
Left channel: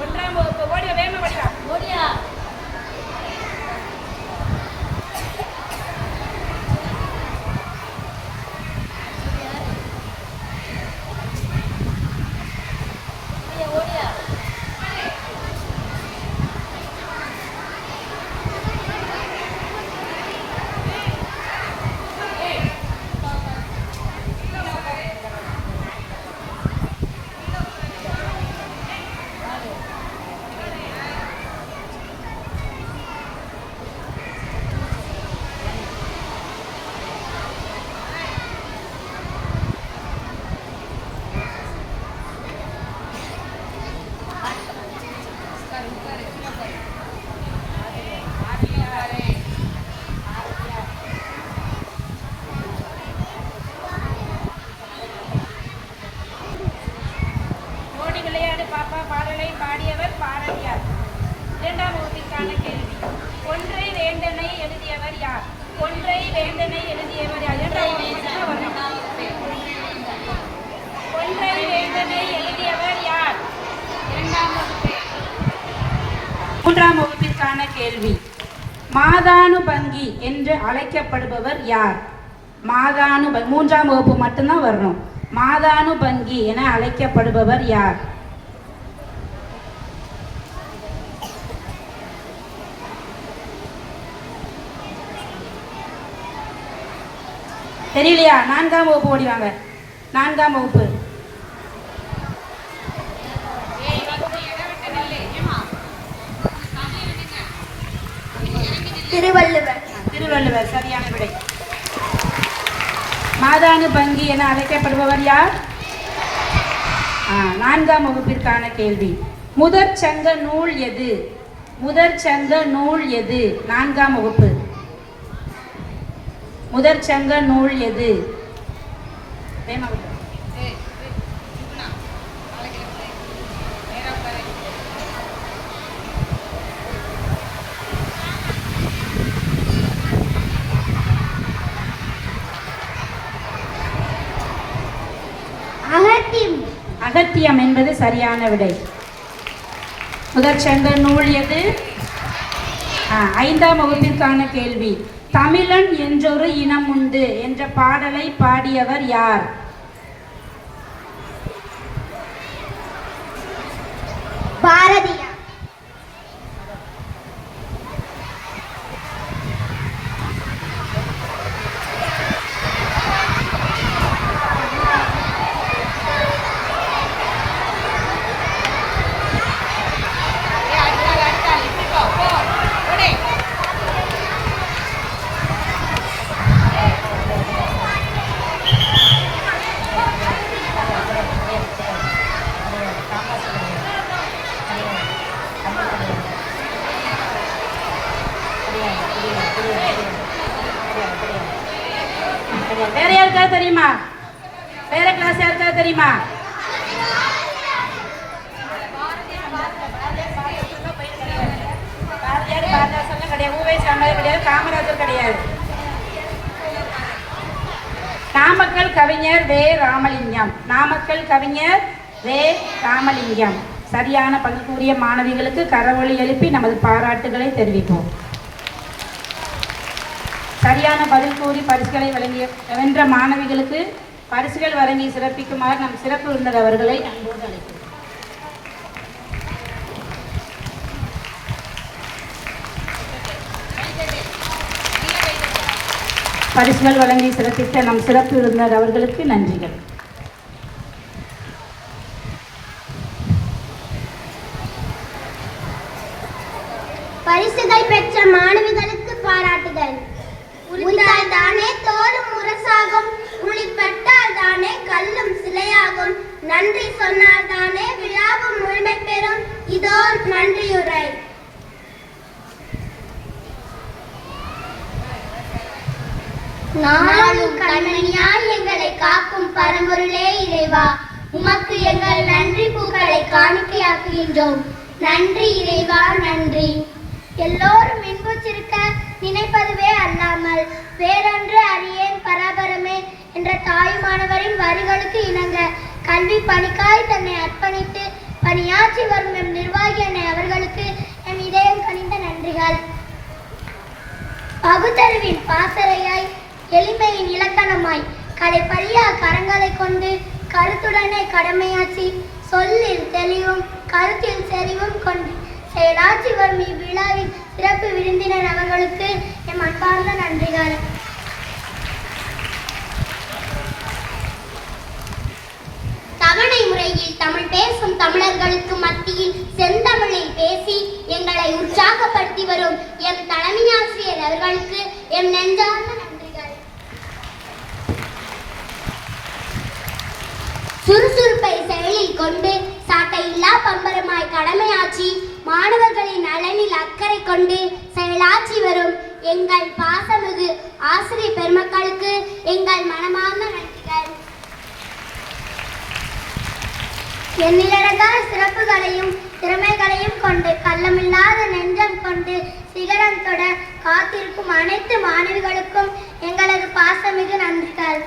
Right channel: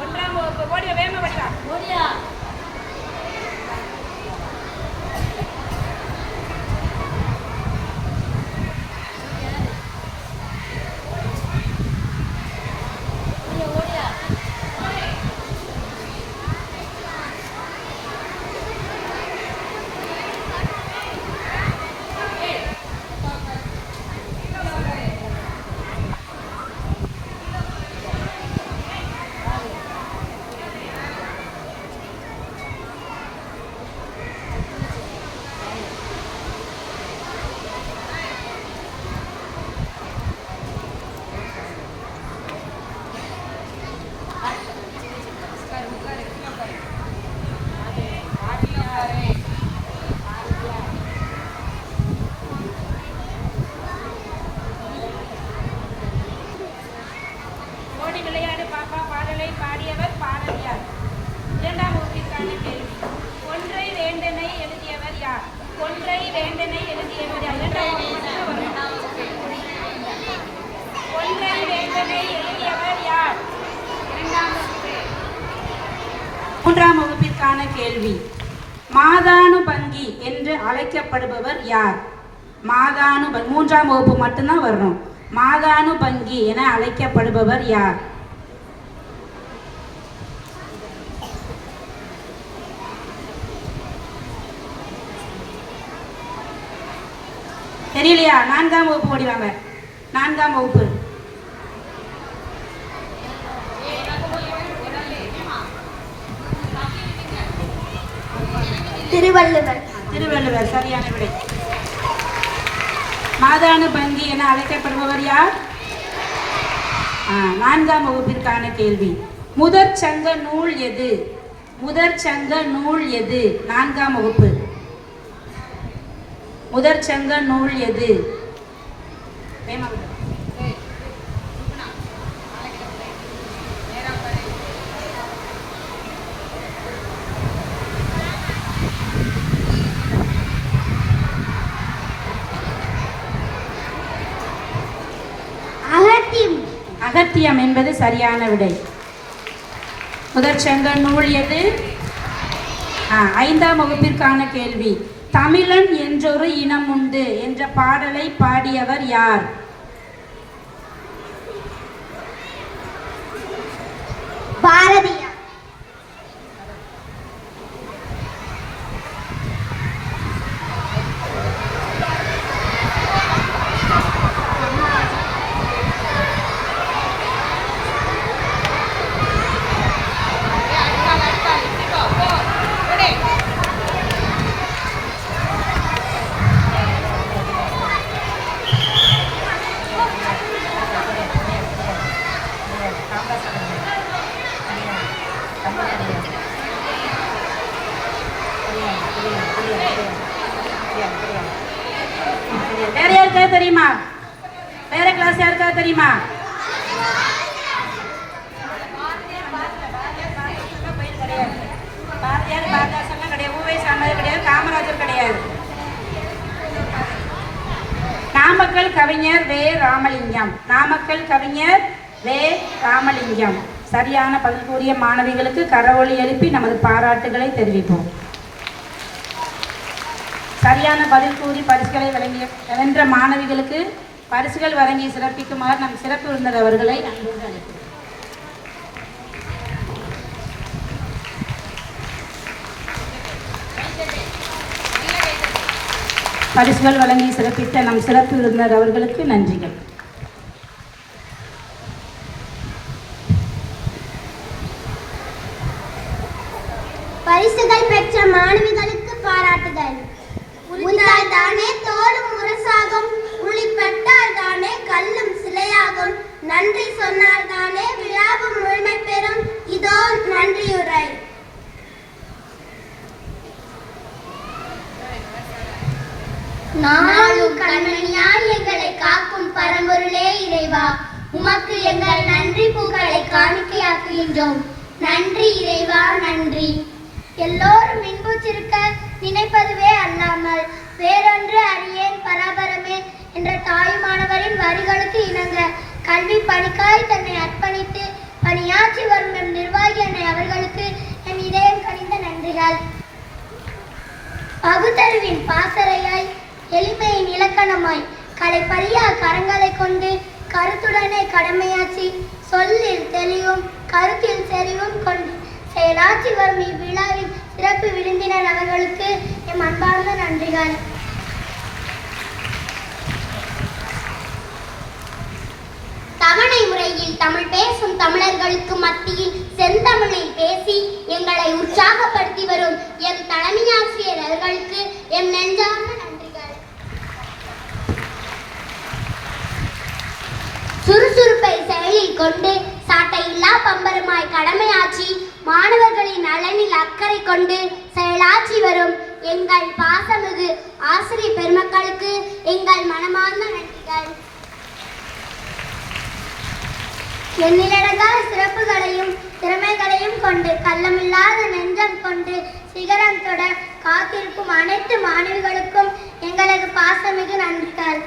1ஆம் வகுப்பு. ஓடி வேகமா படிடா. ஓடியா. ஓடி விளையாடு பாப்பா பாடலை பாடியவர் பாரதியார். 2ஆம் வகுப்பிற்கான கேள்வி. ஒன்றை வேந்தனை எழுதியவர் யார்? ஒன்றை வேந்தனை எழுதியவர் யார்? 2ஆம் வகுப்பு மட்டும்தான் வரணும். ஒன்றை வேந்தனை எழுதியவர் யார்? 2ஆம் வகுப்பு. 3ஆம் வகுப்பிற்கான கேள்வி. மாதானுபங்கி என்று அழைக்கப்படுபவர் யார்? 3ஆம் வகுப்பு மட்டும்தான் வரணும். மாதானுபங்கி என அழைக்கப்படுபவர் யார்? தெரியலையா? 4ஆம் வகுப்பு ஓடிவாங்க. 4ஆம் வகுப்பு. திருவள்ளுவர். திருவள்ளுவர் சரியான விடை. மாதானுபங்கி என அழைக்கப்படுபவர் யார்? 4ஆம் வகுப்பிற்கான கேள்வி. முதற் சங்க நூல் எது? முதற் சங்க நூல் எது? 4ஆம் வகுப்பு. முதற் சங்க நூல் எது? அகத்தியம் என்பது சரியான விடை. முதற் சங்க நூல் எது? 5ஆம் வகுப்பிற்கான கேள்வி. தமிழன் என்றொரு இனம் உண்டு என்ற பாடலை பாடியவர் யார்? பாரதியார். வேற யாருக்காவது தெரியுமா? வேற கிளாஸ் யாருக்காவது தெரியுமா? பாரதியார் பாரதாசன் கிடையாது, ஊவேஸ் ராமராஜர் கிடையாது, காமராஜர் கிடையாது. நாமக்கல் கவிஞர் வே. ராமலிங்கம். நாமக்கல் கவிஞர் வே. ராமலிங்கம். சரியான பதில் கூறிய மாணவிகளுக்கு கரவொலி எழுப்பி நமது பாராட்டுகளை தெரிவிப்போம். சரியான பதில் கூறி பரிசுகளை வழங்கிய வென்ற மாணவிகளுக்கு பரிசுகள் வழங்கி சிறப்பிக்குமாறு நம் சிறப்பு விருந்தினர் அவர்களை அன்போடு அழைக்கிறோம். பரிசுகள் வழங்கி சிறப்பித்த நம் சிறப்பு விருந்தினர் அவர்களுக்கு நன்றிகள். பரிசுகள் பெற்ற மாணவிகளுக்கு பாராட்டுதல். உண்டால் தானே தோளும் முரசாகும், உளிப்பட்டால் தானே கல்லும் சிலையாகும், நன்றி சொன்னால் தானே விழாவும் முழுமை பெறும், இதோ நன்றியுரை. நாளும் கண்மணியாய் எங்களை காக்கும் பரம்பொருளே இறைவா, உமக்கு எங்கள் நன்றி பூக்களை காணிக்கையாக்குகின்றோம். நன்றி இறைவா, நன்றி. எல்லோரும் இன்புற்றிருக்க நினைப்பதுவே அல்லாமல் வேறொன்று அறியேன் பராபரமே என்ற தாயுமானவரின் வரிகளுக்கு இணங்க கல்வி பணிக்காய் தன்னை அர்ப்பணித்து பணியாற்றி வரும் எம் நிர்வாகி அன்னை அவர்களுக்கு எம் இதயம் கனிந்த நன்றிகள். பகுத்தறிவின் பாசறையாய் எளிமையின் இலக்கணமாய் கலைப்பறியா கரங்களை கொண்டு கருத்துடனே கடமையாற்றி சொல்லில் தெளிவும் கருத்தில் செறிவும் கொண்டு செயலாற்றி வரும் இவ்விழாவின் சிறப்பு விருந்தினர் அவர்களுக்கு எம் அன்பார்ந்த நன்றிகள். தவணை முறையில் தமிழ் பேசும் தமிழர்களுக்கு மத்தியில் செந்தமிழில் பேசி எங்களை உற்சாகப்படுத்தி வரும் எம் தலைமையாசிரியர் அவர்களுக்கு எம் நெஞ்சார்ந்த நன்றிகள். சுறுசுறுப்பை செயலில் கொண்டு சாட்டையில்லா பம்பரமாய் கடமையாற்றி மாணவர்களின் நலனில் அக்கறை கொண்டு செயலாற்றி வரும் எங்கள் பாசமிகு ஆசிரியர் பெருமக்களுக்கு எங்கள் மனமார்ந்த நன்றிகள். எண்ணிலடங்கா சிறப்புகளையும் திறமைகளையும் கொண்டு கள்ளமில்லாத நெஞ்சம் கொண்டு சிகரம் தொட காத்திருக்கும் அனைத்து மாணவிகளுக்கும் எங்களது பாசமிகு நன்றிகள்.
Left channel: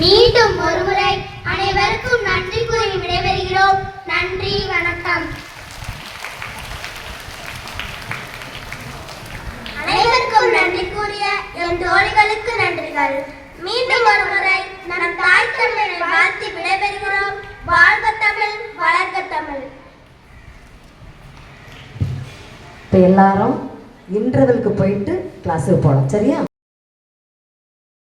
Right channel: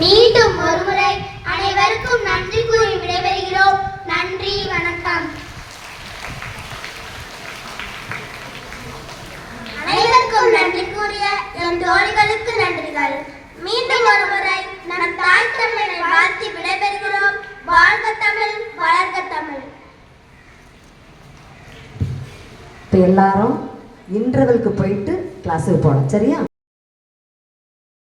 மீண்டும் ஒருமுறை அனைவருக்கும் நன்றி கூறி விடைபெறுகிறோம். நன்றி, வணக்கம். அனைவருக்கும் நன்றி கூறிய எம் தோழிகளுக்கு நன்றிகள். மீண்டும் ஒருமுறை நம் தாய் தமிழை வாழ்த்தி விடைபெறுகிறோம். வாழ்க தமிழ், வளர்க தமிழ். இப்போ எல்லாரும் இன்டர்வெலுக்கு போயிட்டு கிளாஸுக்கு போகலாம், சரியா?